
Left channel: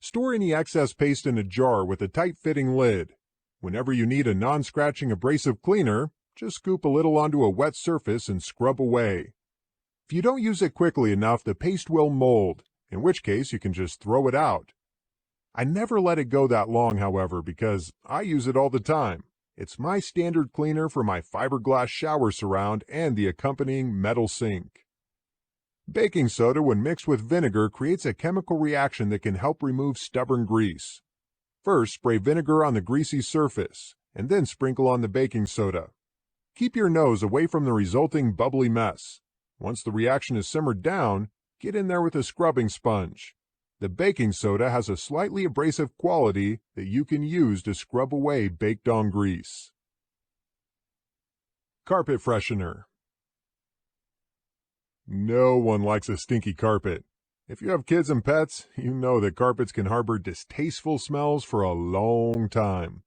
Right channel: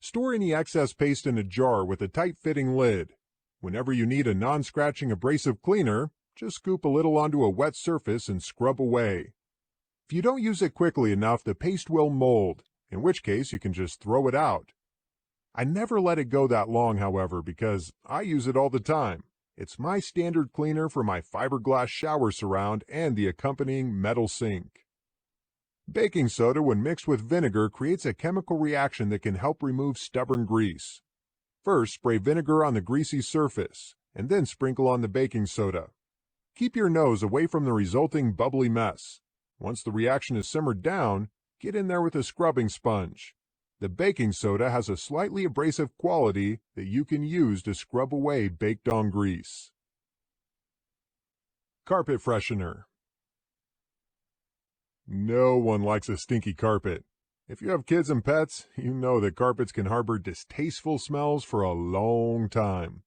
Store any excess paste in a jar with a tight-fitting lid. Whenever you need a non-scratching abrasive cleaner, just scoop a little onto a wet surface and scrub away. If you don't use it quickly enough, the paste will mold, in which case you can just throw it out. I never let it go that long, however, because I use it all the time. It's my standard cleaner for my fiberglass shower surround and the accompanying metal sink. Baking soda, when mixed with vinegar, creates a chemical reaction that can help remove stubborn grease. First, spray vinegar on the greasy surface, and then sprinkle on the baking soda. Keep your nose away from the resulting bubbly mess. Once the reaction is simmered down, get in there with a scrubbing sponge. The baking soda has a slightly abrasive quality that you can use to scrub away baked-on grease. Carpet freshener. No one likes a stinky carpet. If you have kids and pets, you know that carpets can harbor distasteful smells for a long time.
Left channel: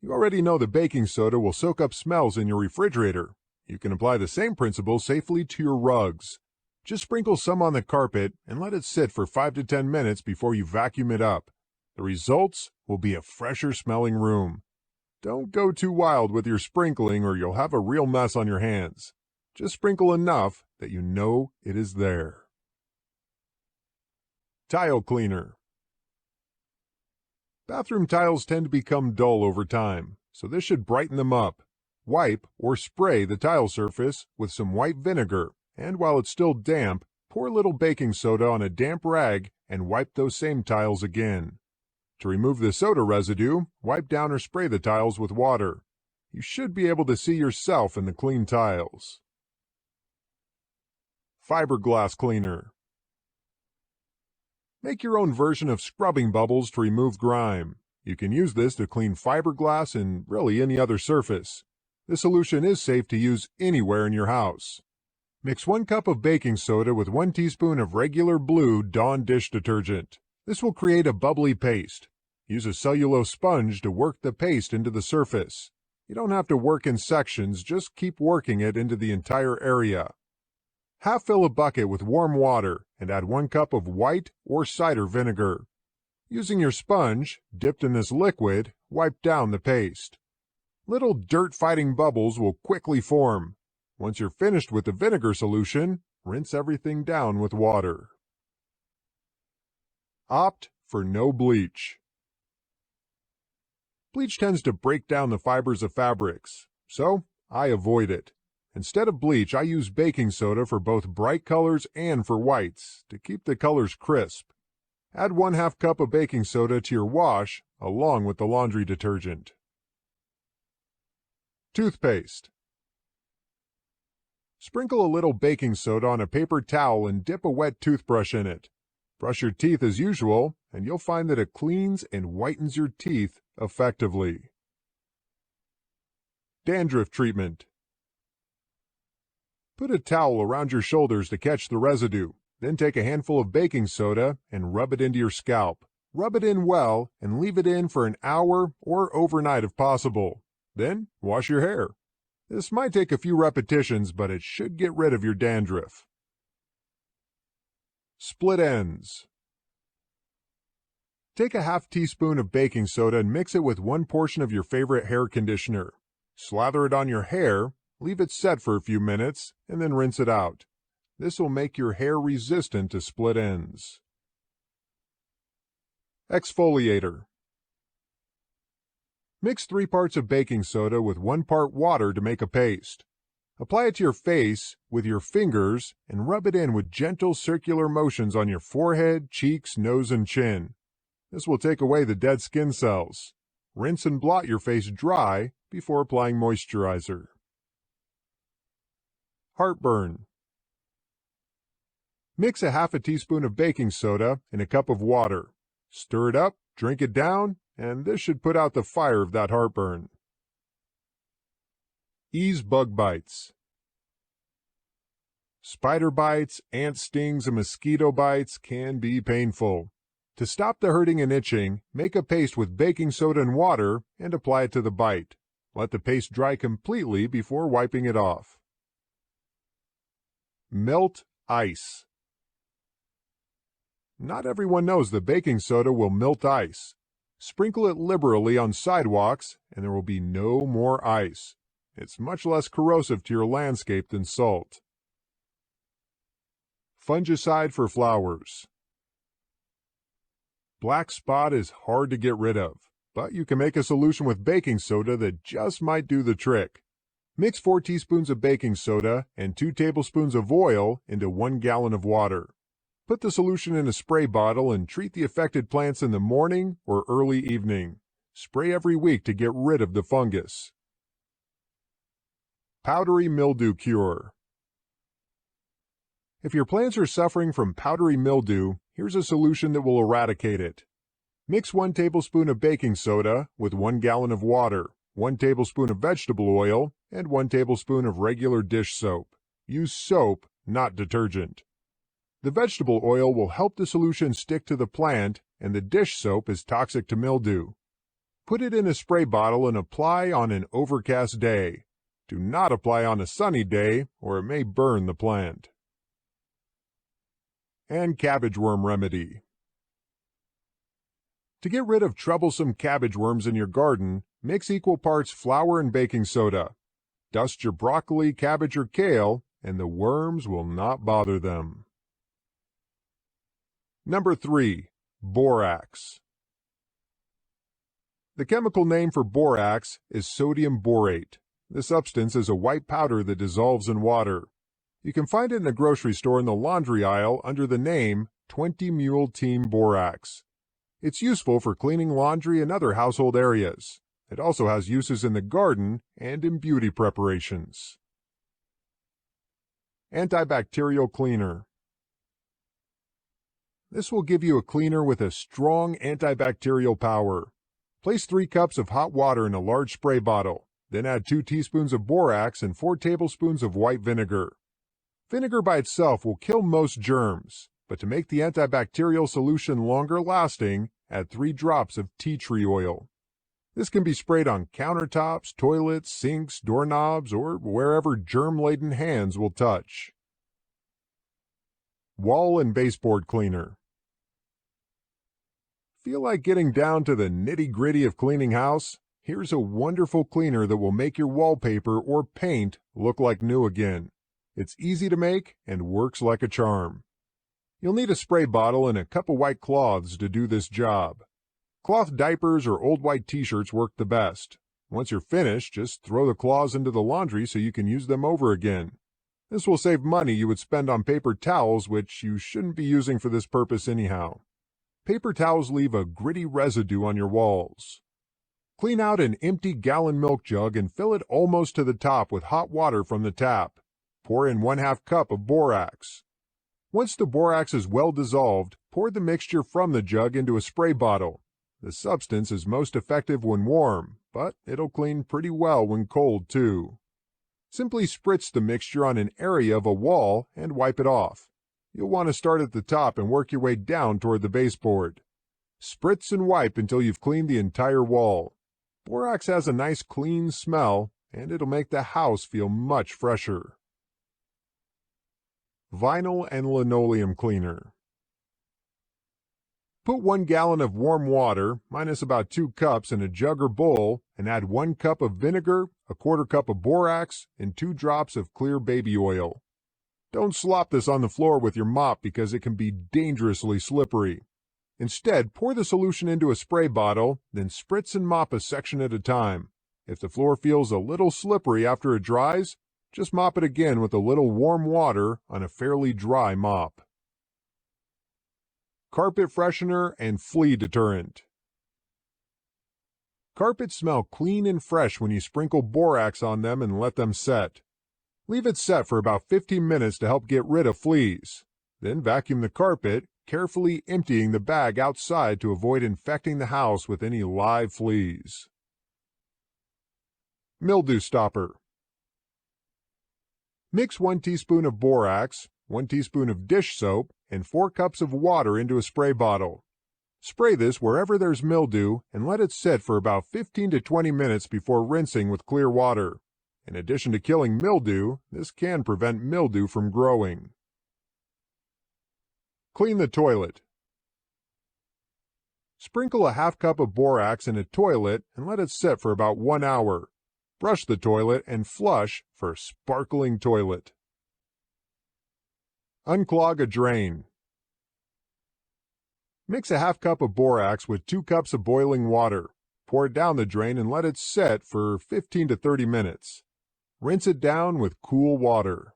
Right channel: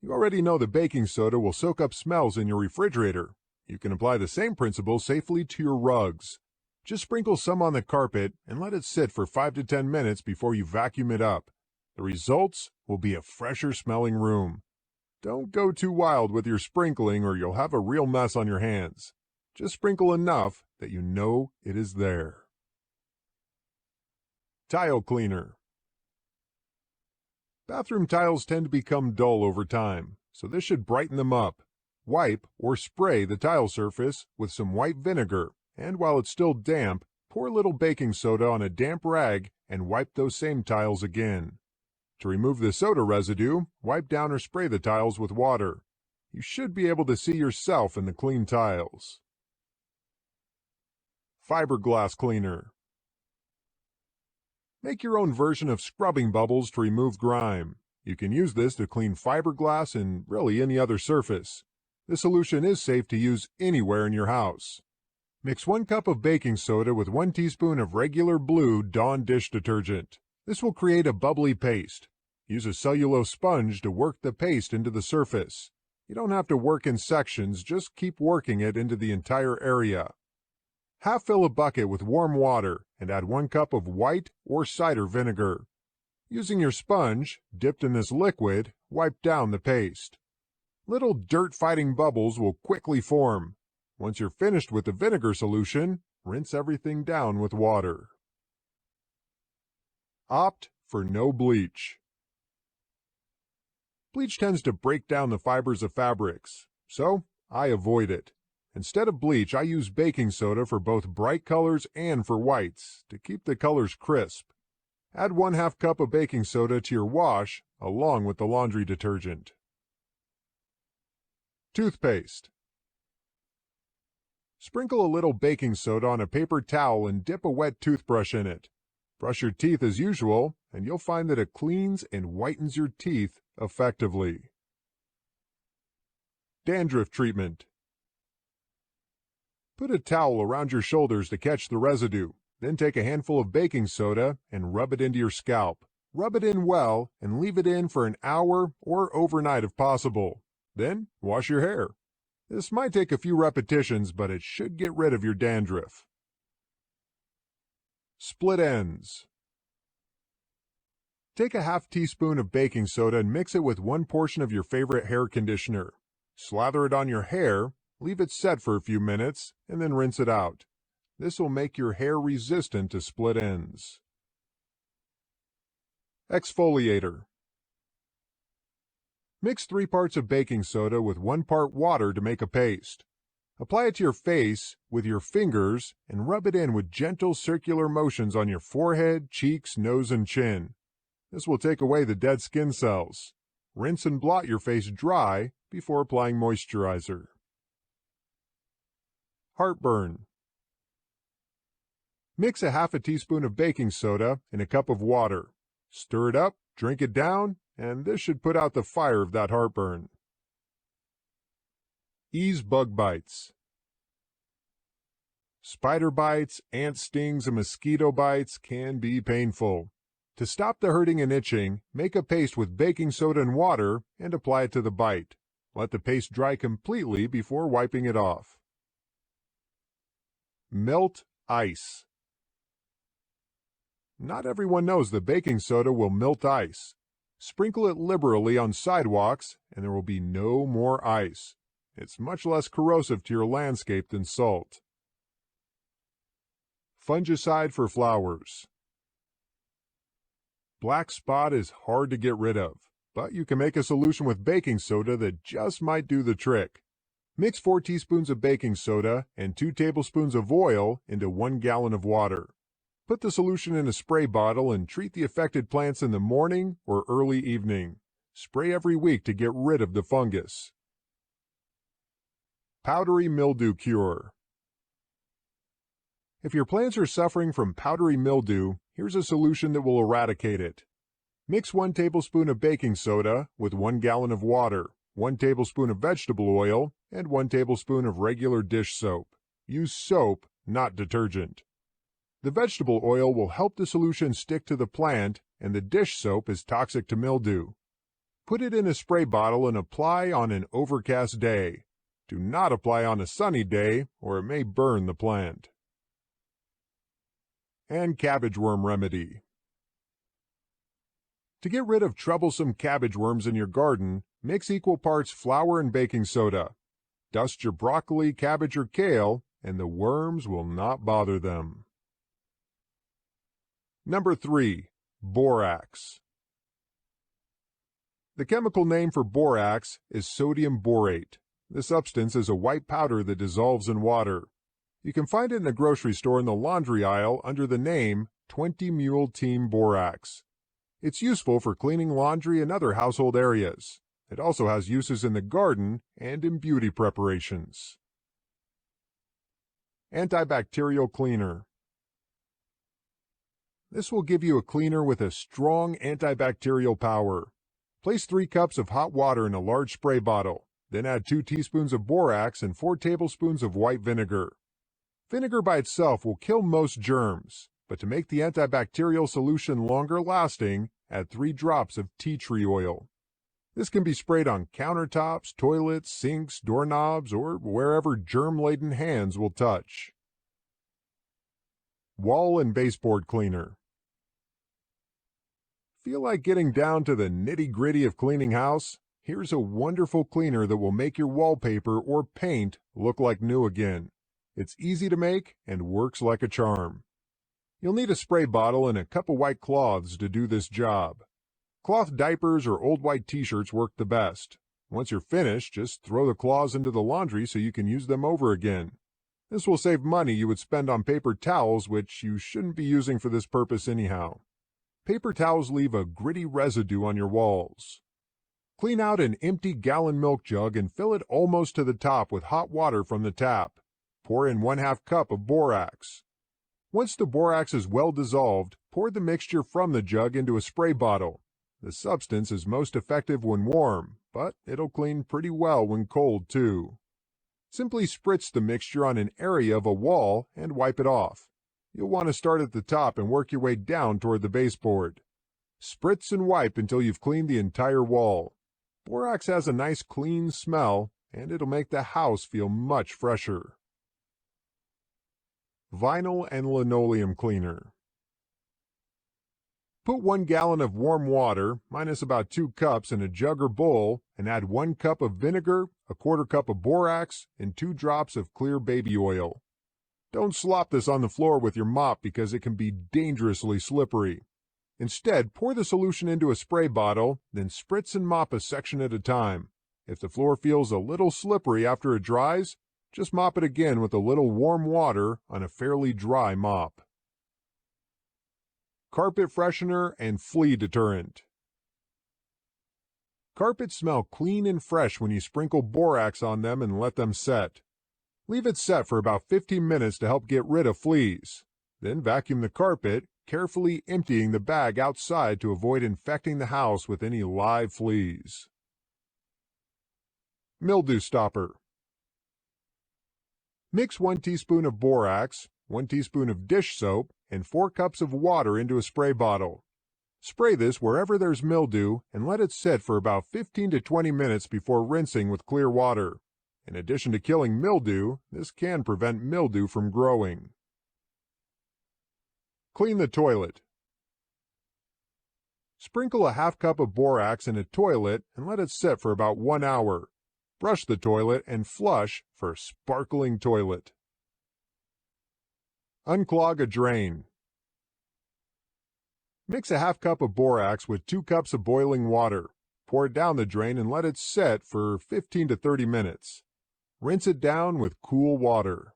You already know that baking soda will soak up smells in your refrigerator. You can apply the same principle safely to your rugs. Just sprinkle some on the carpet and let it sit for 5 to 10 minutes before you vacuum it up. The results will be a fresher smelling room. Don't go too wild with your sprinkling or you'll have a real mess on your hands. Just sprinkle enough that you know it is there. Tile cleaner. Bathroom tiles tend to become dull over time, so this should brighten them up. Wipe or spray the tile surface with some white vinegar, and while it's still damp, pour a little baking soda on a damp rag and wipe those same tiles again. To remove the soda residue, wipe down or spray the tiles with water. You should be able to see yourself in the clean tiles. Fiberglass cleaner. Make your own version of scrubbing bubbles to remove grime. You can use this to clean fiberglass and really any other surface. This solution is safe to use anywhere in your house. Mix 1 cup of baking soda with 1 teaspoon of regular blue Dawn dish detergent. This will create a bubbly paste. Use a cellulose sponge to work the paste into the surface. You don't have to work in sections, just keep working it into the entire area. Half fill a bucket with warm water and add 1 cup of white or cider vinegar. Using your sponge, dipped in this liquid, wipe down the paste. Little dirt-fighting bubbles will quickly form. Once you're finished with the vinegar solution, rinse everything down with water. Opt for no bleach. Bleach tends to break down the fibers of fabrics, so I avoid it. Instead of bleach, I use baking soda for both bright colors and for whites to keep the colors crisp. Add 1/2 cup of baking soda to your wash along with the laundry detergent. Toothpaste. Sprinkle a little baking soda on a paper towel and dip a wet toothbrush in it. Brush your teeth as usual, and you'll find that it cleans and whitens your teeth effectively. Dandruff treatment. Put a towel around your shoulders to catch the residue. Then take a handful of baking soda and rub it into your scalp. Rub it in well and leave it in for an hour or overnight if possible. Then wash your hair. This might take a few repetitions, but it should get rid of your dandruff. Split ends. Take a 1/2 teaspoon of baking soda and mix it with 1 portion of your favorite hair conditioner. Slather it on your hair, leave it set for a few minutes, and then rinse it out. This will make your hair resistant to split ends. Exfoliator. Mix 3 parts of baking soda with 1 part water to make a paste. Apply it to your face with your fingers and rub it in with gentle circular motions on your forehead, cheeks, nose, and chin. This will take away the dead skin cells. Rinse and blot your face dry before applying moisturizer. Heartburn. Mix a half a teaspoon of baking soda in a cup of water. Stir it up, drink it down, and this should put out the fire of that heartburn. Ease bug bites. Spider bites, ant stings, and mosquito bites can be painful. To stop the hurting and itching, make a paste with baking soda and water and apply it to the bite. Let the paste dry completely before wiping it off. Melt ice. Not everyone knows that baking soda will melt ice. Sprinkle it liberally on sidewalks and there will be no more ice. It's much less corrosive to your landscape than salt. Fungicide for flowers. Black spot is hard to get rid of, but you can make a solution with baking soda that just might do the trick. Mix 4 teaspoons of baking soda and 2 tablespoons of oil into 1 gallon of water. Put the solution in a spray bottle and treat the affected plants in the morning or early evening. Spray every week to get rid of the fungus. Powdery mildew cure. If your plants are suffering from powdery mildew, here's a solution that will eradicate it. Mix 1 tablespoon of baking soda with 1 gallon of water, 1 tablespoon of vegetable oil, and 1 tablespoon of regular dish soap. Use soap, not detergent. The vegetable oil will help the solution stick to the plant, and the dish soap is toxic to mildew. Put it in a spray bottle and apply on an overcast day. Do not apply on a sunny day, or it may burn the plant. And cabbage worm remedy. To get rid of troublesome cabbage worms in your garden, mix equal parts flour and baking soda. Dust your broccoli, cabbage, or kale, and the worms will not bother them. Number 3. Borax. The chemical name for borax is sodium borate. The substance is a white powder that dissolves in water. You can find it in a grocery store in the laundry aisle under the name 20 Mule Team Borax. It's useful for cleaning laundry and other household areas. It also has uses in the garden and in beauty preparations. Antibacterial cleaner. This will give you a cleaner with a strong antibacterial power. Place 3 cups of hot water in a large spray bottle. Then add 2 teaspoons of borax and 4 tablespoons of white vinegar. Vinegar by itself will kill most germs, but to make the antibacterial solution longer lasting, add 3 drops of tea tree oil. This can be sprayed on countertops, toilets, sinks, doorknobs, or wherever germ-laden hands will touch. Wall and baseboard cleaner. Feel like getting down to the nitty-gritty of cleaning house? Here's a wonderful cleaner that will make your wallpaper or paint look like new again. It's easy to make and works like a charm. You'll need a spray bottle and a cup of white cloths to do this job. Cloth diapers or old white t-shirts work the best. Once you're finished, just throw the cloths into the laundry so you can use them over again. This will save money you would spend on paper towels, which you shouldn't be using for this purpose anyhow. Paper towels leave a gritty residue on your walls. Clean out an empty gallon milk jug and fill it almost to the top with hot water from the tap. Pour in 1/2 cup of borax. Once the borax is well dissolved, pour the mixture from the jug into a spray bottle. The substance is most effective when warm, but it'll clean pretty well when cold too. Simply spritz the mixture on an area of a wall and wipe it off. You'll want to start at the top and work your way down toward the baseboard. Spritz and wipe until you've cleaned the entire wall. Borax has a nice clean smell, and it'll make the house feel much fresher. Vinyl and linoleum cleaner. Put 1 gallon of warm water, minus about 2 cups, in a jug or bowl and add 1 cup of vinegar, a 1/4 cup of borax, and 2 drops of clear baby oil. Don't slop this on the floor with your mop because it can be dangerously slippery. Instead, pour the solution into a spray bottle, then spritz and mop a section at a time. If the floor feels a little slippery after it dries, just mop it again with a little warm water on a fairly dry mop. Carpet freshener and flea deterrent. Carpets smell clean and fresh when you sprinkle borax on them and let them set. Leave it set for about 15 minutes to help get rid of fleas. Then vacuum the carpet, carefully emptying the bag outside to avoid infecting the house with any live fleas. Mildew stopper. Mix 1 teaspoon of borax, 1 teaspoon of dish soap, and 4 cups of water into a spray bottle. Spray this wherever there's mildew and let it sit for about 15 to 20 minutes before rinsing with clear water. In addition to killing mildew, this can prevent mildew from growing. Clean the toilet. Sprinkle a 1/2 cup of borax in a toilet and let it sit for about 1 hour. Brush the toilet and flush for a sparkling toilet. Unclog a drain. Mix a 1/2 cup of borax with 2 cups of boiling water. Pour it down the drain and let it set for 15 to 30 minutes. Rinse it down with cool water.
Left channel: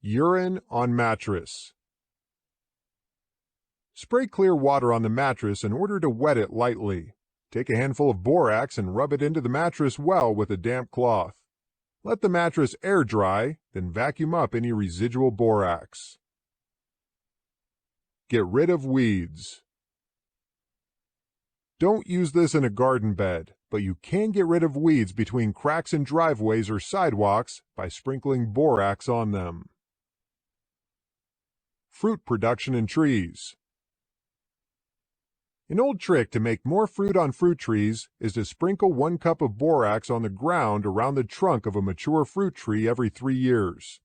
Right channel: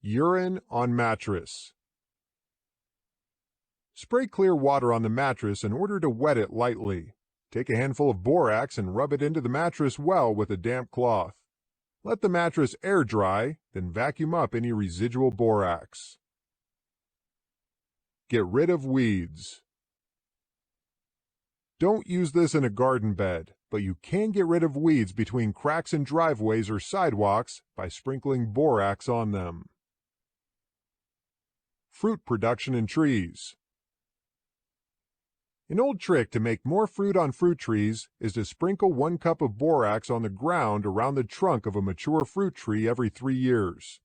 Urine on mattress. Spray clear water on the mattress in order to wet it lightly. Take a handful of borax and rub it into the mattress well with a damp cloth. Let the mattress air dry, then vacuum up any residual borax. Get rid of weeds. Don't use this in a garden bed, but you can get rid of weeds between cracks in driveways or sidewalks by sprinkling borax on them. Fruit production in trees. An old trick to make more fruit on fruit trees is to sprinkle 1 cup of borax on the ground around the trunk of a mature fruit tree every 3 years.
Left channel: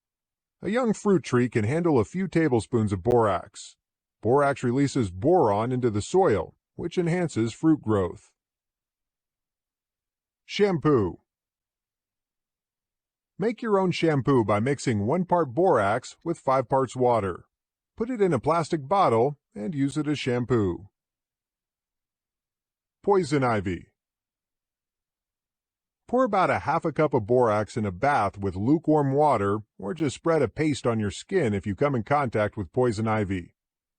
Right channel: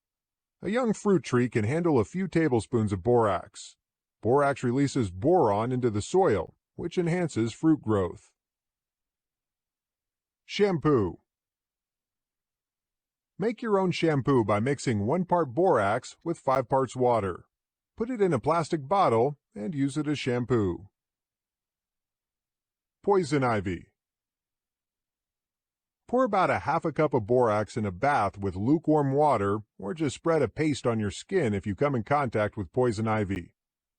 A young fruit tree can handle a few tablespoons of borax. Borax releases boron into the soil, which enhances fruit growth. Shampoo. Make your own shampoo by mixing 1 part borax with 5 parts water. Put it in a plastic bottle and use it as shampoo. Poison ivy. Pour about a 1/2 cup of borax in a bath with lukewarm water, or just spread a paste on your skin if you come in contact with poison ivy.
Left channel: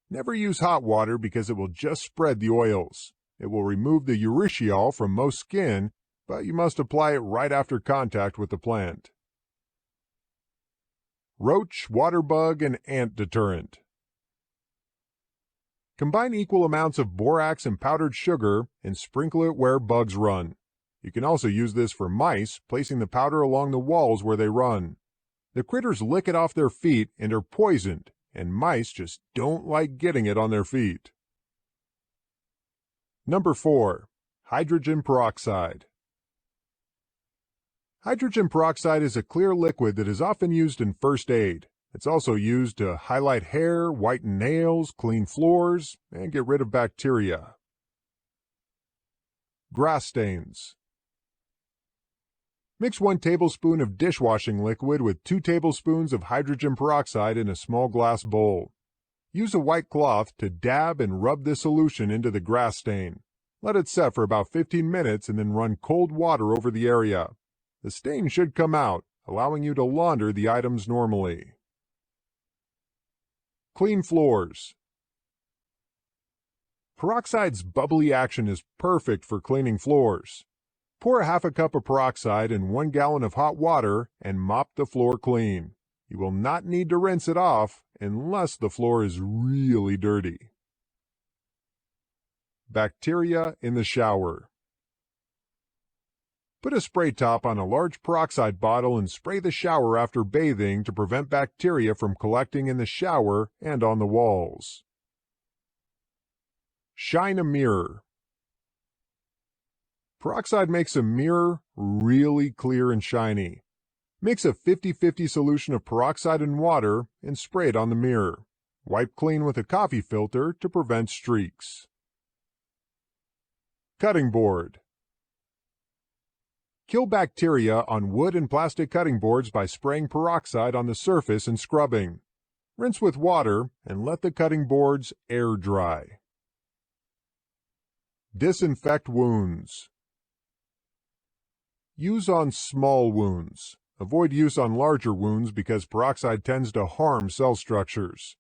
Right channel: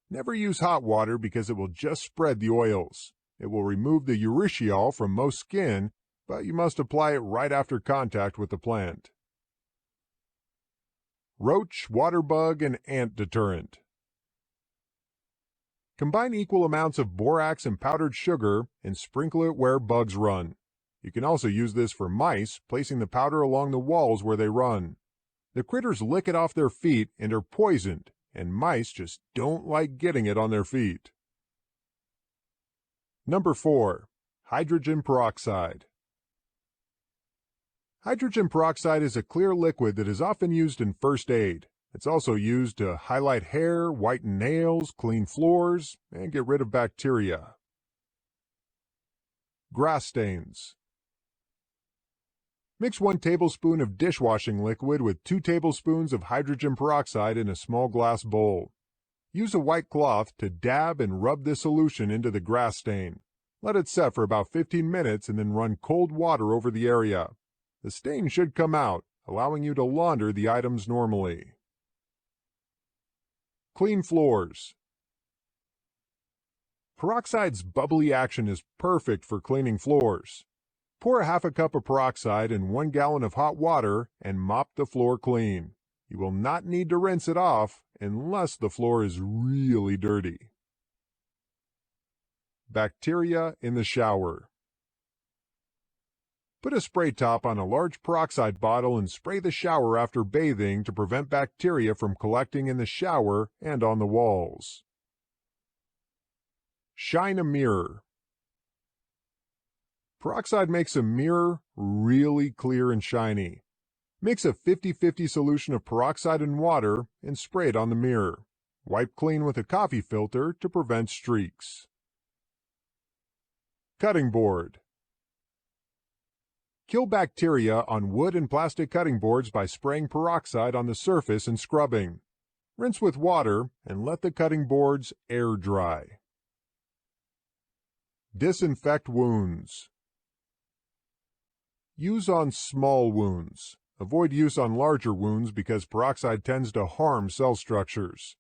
Never use hot water because it will just spread the oils. It will remove the urushiol from most skin, but you must apply it right after contact with the plant. Roach, water bug, and ant deterrent. Combine equal amounts of borax and powdered sugar and sprinkle it where bugs run. You can also use this for mice, placing the powder along the walls where they run. The critters lick it off their feet and are poisoned, and mice just don't like getting it on their feet. Number 4. Hydrogen peroxide. Hydrogen peroxide is a clear liquid that is often used in first aid. It's also used to highlight hair, whiten nails, clean floors, and get rid of bacteria. Grass stains. Mix 1 tablespoon of dishwashing liquid with 2 tablespoons of hydrogen peroxide in a small glass bowl. Use a white cloth to dab and rub this solution into the grass stain. Let it set for about 15 minutes and then run cold water over the area. The stain should come out, allowing you to launder the items normally. Clean floors. Peroxide's bubbly action is perfect for cleaning floors. Pour a 1/2 cup of peroxide in 1 gallon of hot water and mop the floor clean. You will not need to rinse it off unless the floor is really dirty. Bacteria in the shower. Put a spray top on a large peroxide bottle and spray the shower after bathing to prevent bacteria from collecting in the shower and on the walls. Shine a mirror. Peroxide makes a mirror really clear and shiny. Mix a 50-50 solution of peroxide and water and spray it on the mirror. Wipe clean with a coffee filter to prevent streaks. Cutting board. Kill bacteria on wood and plastic cutting boards by spraying peroxide on the surface and scrubbing. Rinse with water and let the cutting boards air dry. Disinfect wounds. Use on small wounds. Avoid use on larger wounds because peroxide tends to harm cell structures.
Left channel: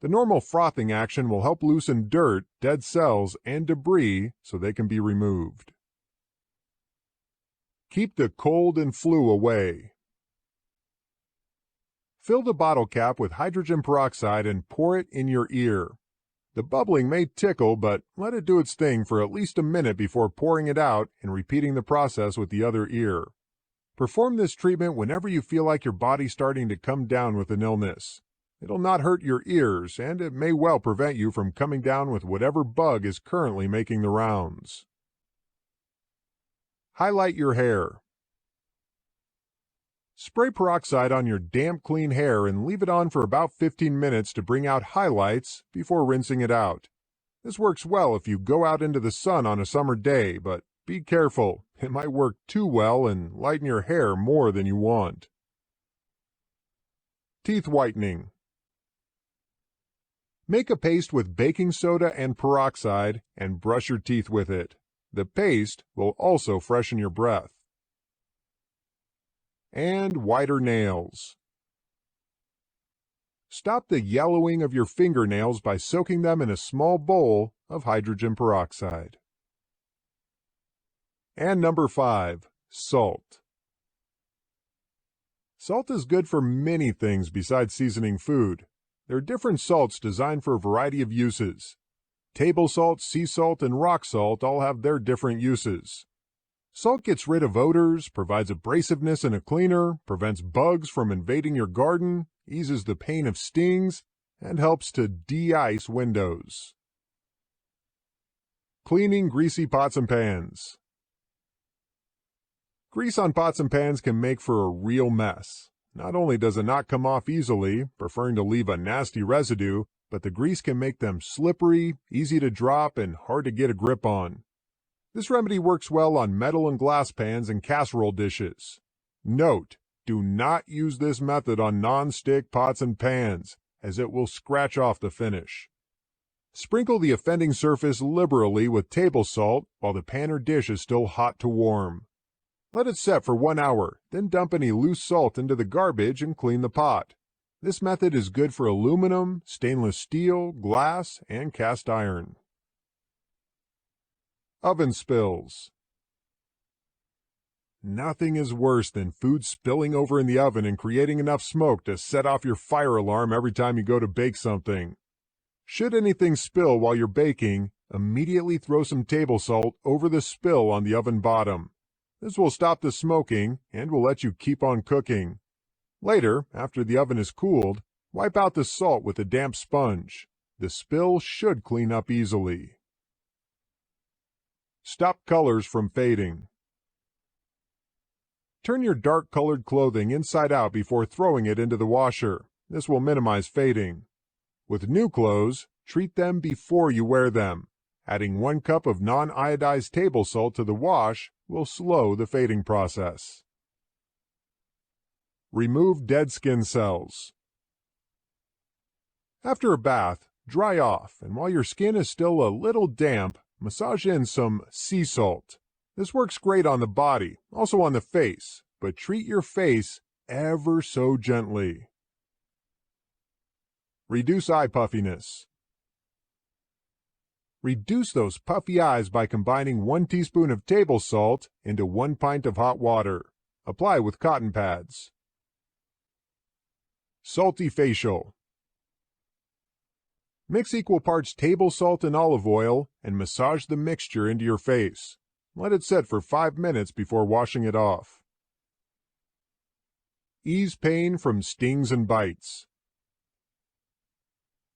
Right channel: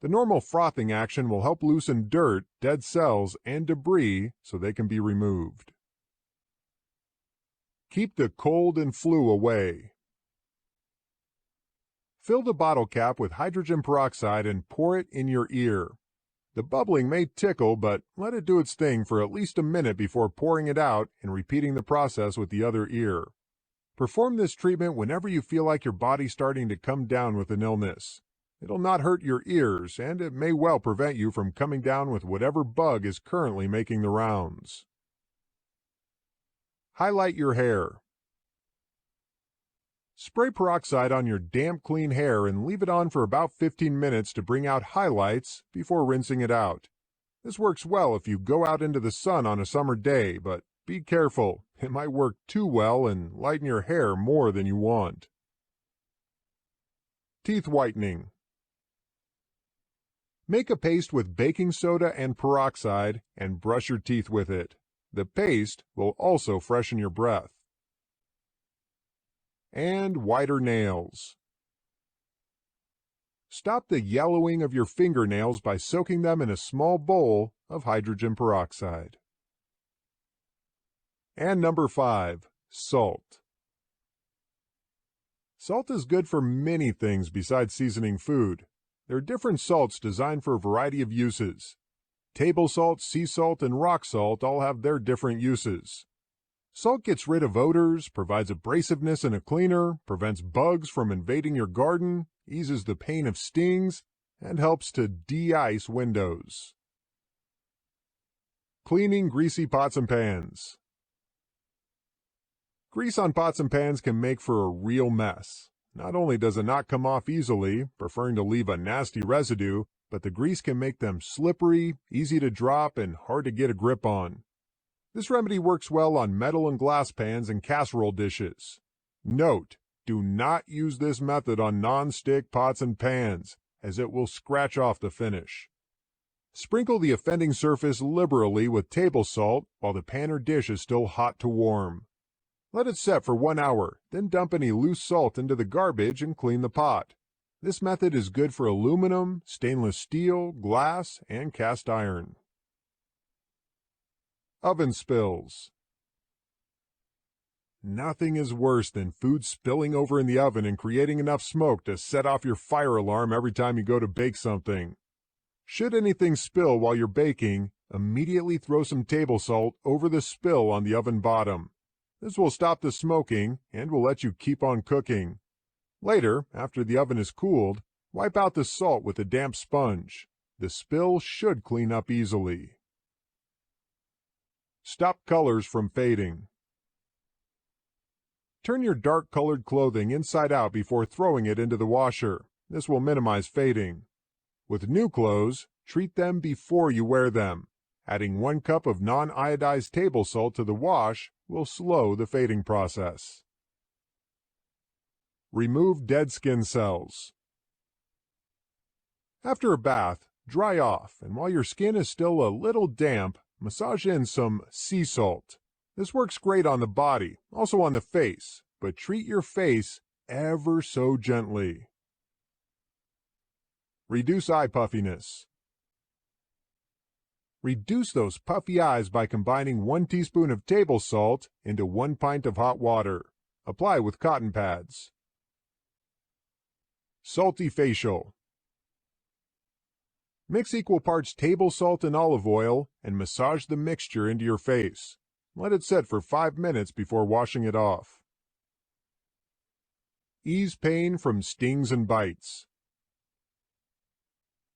The normal frothing action will help loosen dirt, dead cells, and debris so they can be removed. Keep the cold and flu away. Fill the bottle cap with hydrogen peroxide and pour it in your ear. The bubbling may tickle, but let it do its thing for at least a minute before pouring it out and repeating the process with the other ear. Perform this treatment whenever you feel like your body's starting to come down with an illness. It'll not hurt your ears, and it may well prevent you from coming down with whatever bug is currently making the rounds. Highlight your hair. Spray peroxide on your damp, clean hair and leave it on for about 15 minutes to bring out highlights before rinsing it out. This works well if you go out into the sun on a summer day, but be careful. It might work too well and lighten your hair more than you want. Teeth whitening. Make a paste with baking soda and peroxide and brush your teeth with it. The paste will also freshen your breath. And whiter nails. Stop the yellowing of your fingernails by soaking them in a small bowl of hydrogen peroxide. And number 5, salt. Salt is good for many things besides seasoning food. There are different salts designed for a variety of uses. Table salt, sea salt, and rock salt all have their different uses. Salt gets rid of odors, provides abrasiveness and a cleaner, prevents bugs from invading your garden, eases the pain of stings, and helps to de-ice windows. Cleaning greasy pots and pans. Grease on pots and pans can make for a real mess. Not only does it not come off easily, preferring to leave a nasty residue, but the grease can make them slippery, easy to drop, and hard to get a grip on. This remedy works well on metal and glass pans and casserole dishes. Note, do not use this method on non-stick pots and pans, as it will scratch off the finish. Sprinkle the offending surface liberally with table salt while the pan or dish is still hot to warm. Let it set for 1 hour, then dump any loose salt into the garbage and clean the pot. This method is good for aluminum, stainless steel, glass, and cast iron. Oven spills. Nothing is worse than food spilling over in the oven and creating enough smoke to set off your fire alarm every time you go to bake something. Should anything spill while you're baking, immediately throw some table salt over the spill on the oven bottom. This will stop the smoking and will let you keep on cooking. Later, after the oven is cooled, wipe out the salt with a damp sponge. The spill should clean up easily. Stop colors from fading. Turn your dark-colored clothing inside out before throwing it into the washer. This will minimize fading. With new clothes, treat them before you wear them. Adding 1 cup of non-iodized table salt to the wash will slow the fading process. Remove dead skin cells. After a bath, dry off, and while your skin is still a little damp, massage in some sea salt. This works great on the body, also on the face, but treat your face ever so gently. Reduce eye puffiness. Reduce those puffy eyes by combining 1 teaspoon of table salt into 1 pint of hot water. Apply with cotton pads. Salty facial. Mix equal parts table salt and olive oil and massage the mixture into your face. Let it set for 5 minutes before washing it off. Ease pain from stings and bites.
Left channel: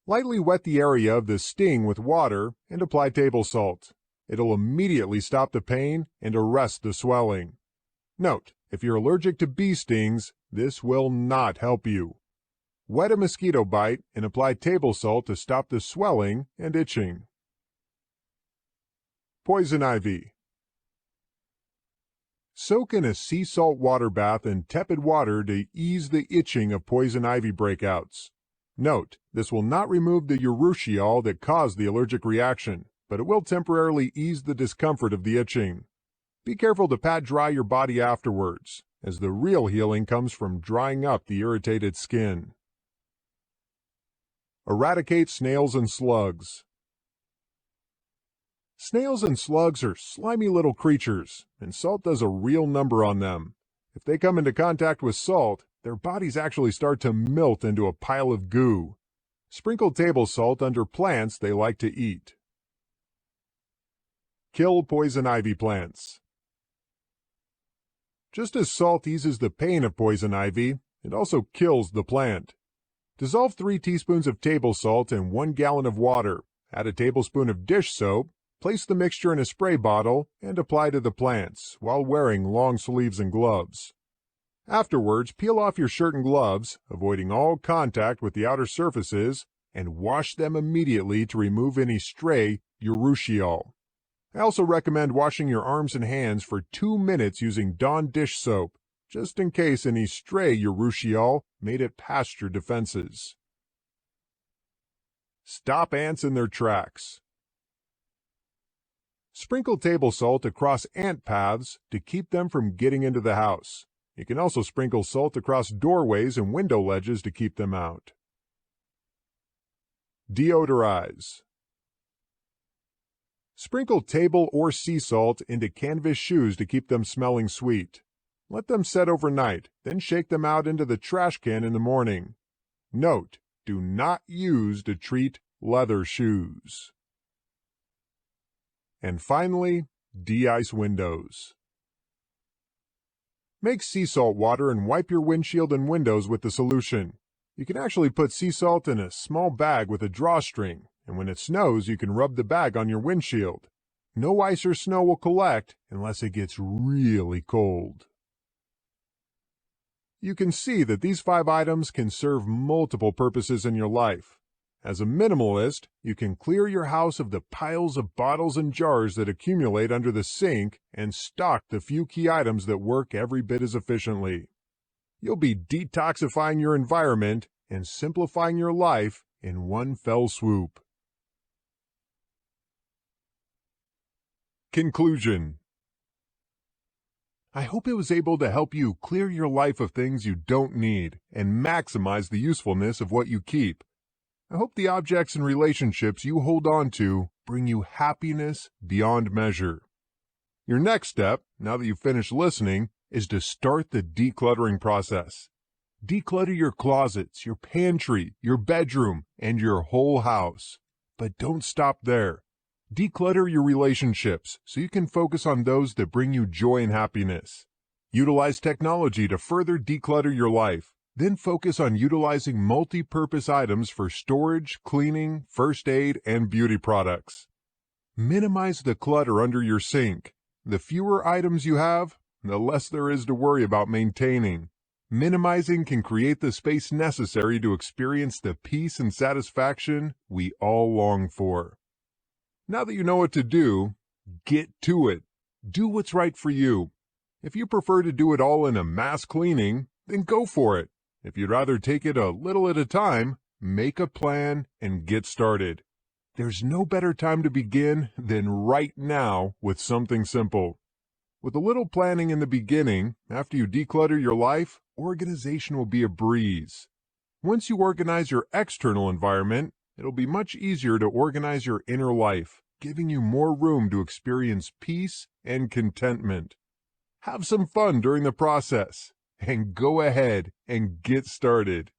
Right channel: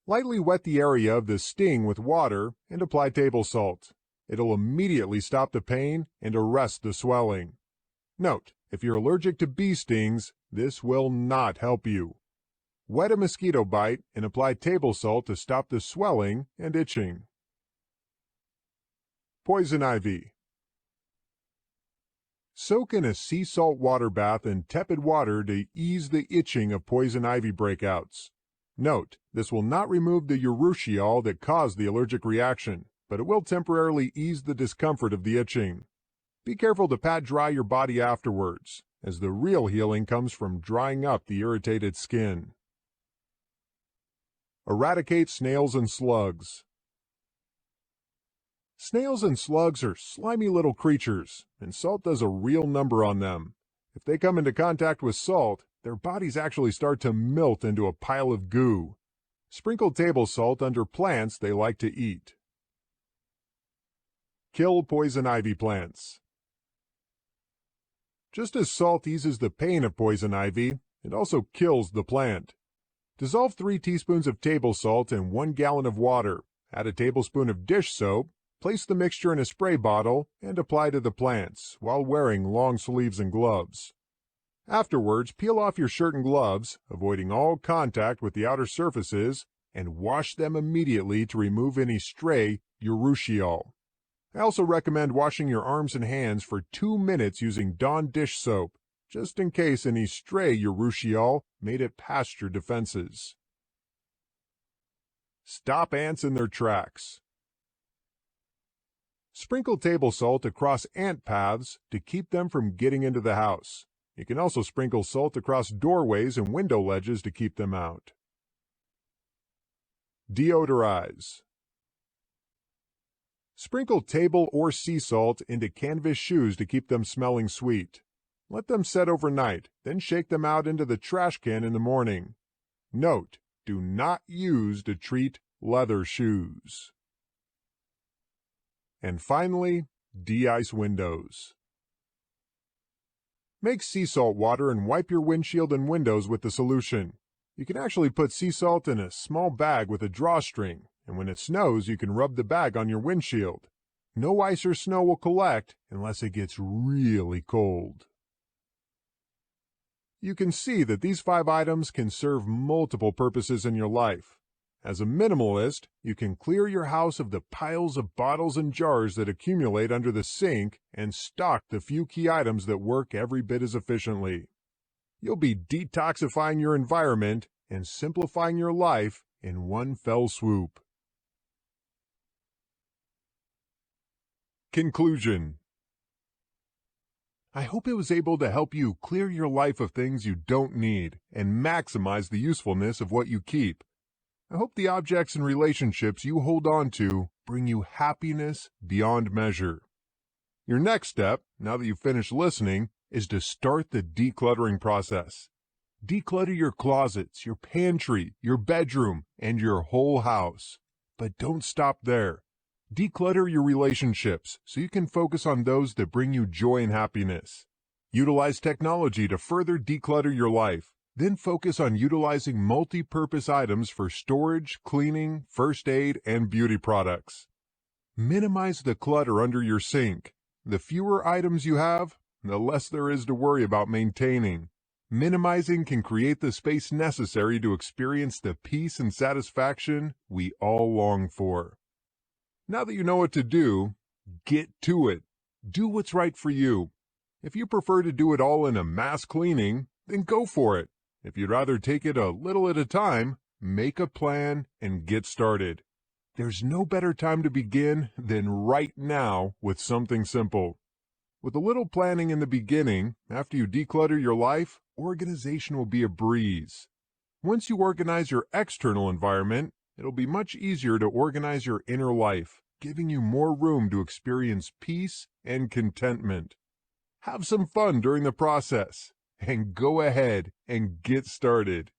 Lightly wet the area of the sting with water and apply table salt. It'll immediately stop the pain and arrest the swelling. Note, if you're allergic to bee stings, this will not help you. Wet a mosquito bite and apply table salt to stop the swelling and itching. Poison ivy. Soak in a sea salt water bath in tepid water to ease the itching of poison ivy breakouts. Note, this will not remove the urushiol that caused the allergic reaction, but it will temporarily ease the discomfort of the itching. Be careful to pat dry your body afterwards, as the real healing comes from drying up the irritated skin. Eradicate snails and slugs. Snails and slugs are slimy little creatures, and salt does a real number on them. If they come into contact with salt, their bodies actually start to melt into a pile of goo. Sprinkle table salt under plants they like to eat. Kill poison ivy plants. Just as salt eases the pain of poison ivy, it also kills the plant. Dissolve 3 teaspoons of table salt in 1 gallon of water, add a tablespoon of dish soap, place the mixture in a spray bottle, and apply to the plants while wearing long sleeves and gloves. Afterwards, peel off your shirt and gloves, avoiding all contact with the outer surfaces, and wash them immediately to remove any stray urushiol. I also recommend washing your arms and hands for 2 minutes using Dawn dish soap, just in case any stray urushiol made it past your defenses. Stop ants in their tracks. Sprinkle table salt across ant paths to keep them from getting into the house. You can also sprinkle salt across doorways and window ledges to keep them out. Deodorize. Sprinkle table or sea salt into canvas shoes to keep them smelling sweet. Let them set overnight, then shake them out into the trash can in the morning. Note, do not use to treat leather shoes. And finally, de-ice windows. Make sea salt water and wipe your windshield and windows with the solution. You can actually put sea salt in a small bag with a drawstring, and when it snows, you can rub the bag on your windshield. No ice or snow will collect unless it gets really cold. You can see that these 5 items can serve multiple purposes in your life. As a minimalist, you can clear your house of the piles of bottles and jars that accumulate under the sink and stock the few key items that work every bit as efficiently. You'll be detoxifying your environment and simplifying your life in one fell swoop. Conclusion. I hope it was able to help you clear your life of things you don't need and maximize the usefulness of what you keep. I hope the objects and relationships you hold on to bring you happiness beyond measure. Your next step, now that you've finished listening, is to start the decluttering process. Declutter your closets, your pantry, your bedroom, and your whole house. But don't stop there. Declutter your relationships so you can focus on those that bring you joy and happiness. Utilize technology to further declutter your life. Then focus on utilizing multi-purpose items for storage, cleaning, first aid, and beauty products. Minimize the clutter under your sink. The fewer items you have, the less there is to worry about maintaining. Minimizing can create the space necessary to experience the peace and satisfaction we all long for. Now that you know what to do, get to it. Do what's right for you. If you prefer to do it all in a mass cleaning, then go for it. If you'd rather take it a little at a time, make a plan and get started. There's no better time to begin than right now with something simple. With a little planning in the beginning, after you declutter your life, organization will be a breeze. Once you organize your external environment, it'll be much easier to organize your inner life, giving you more room to experience peace and contentment. Have some fun during the process, and go ahead and get started.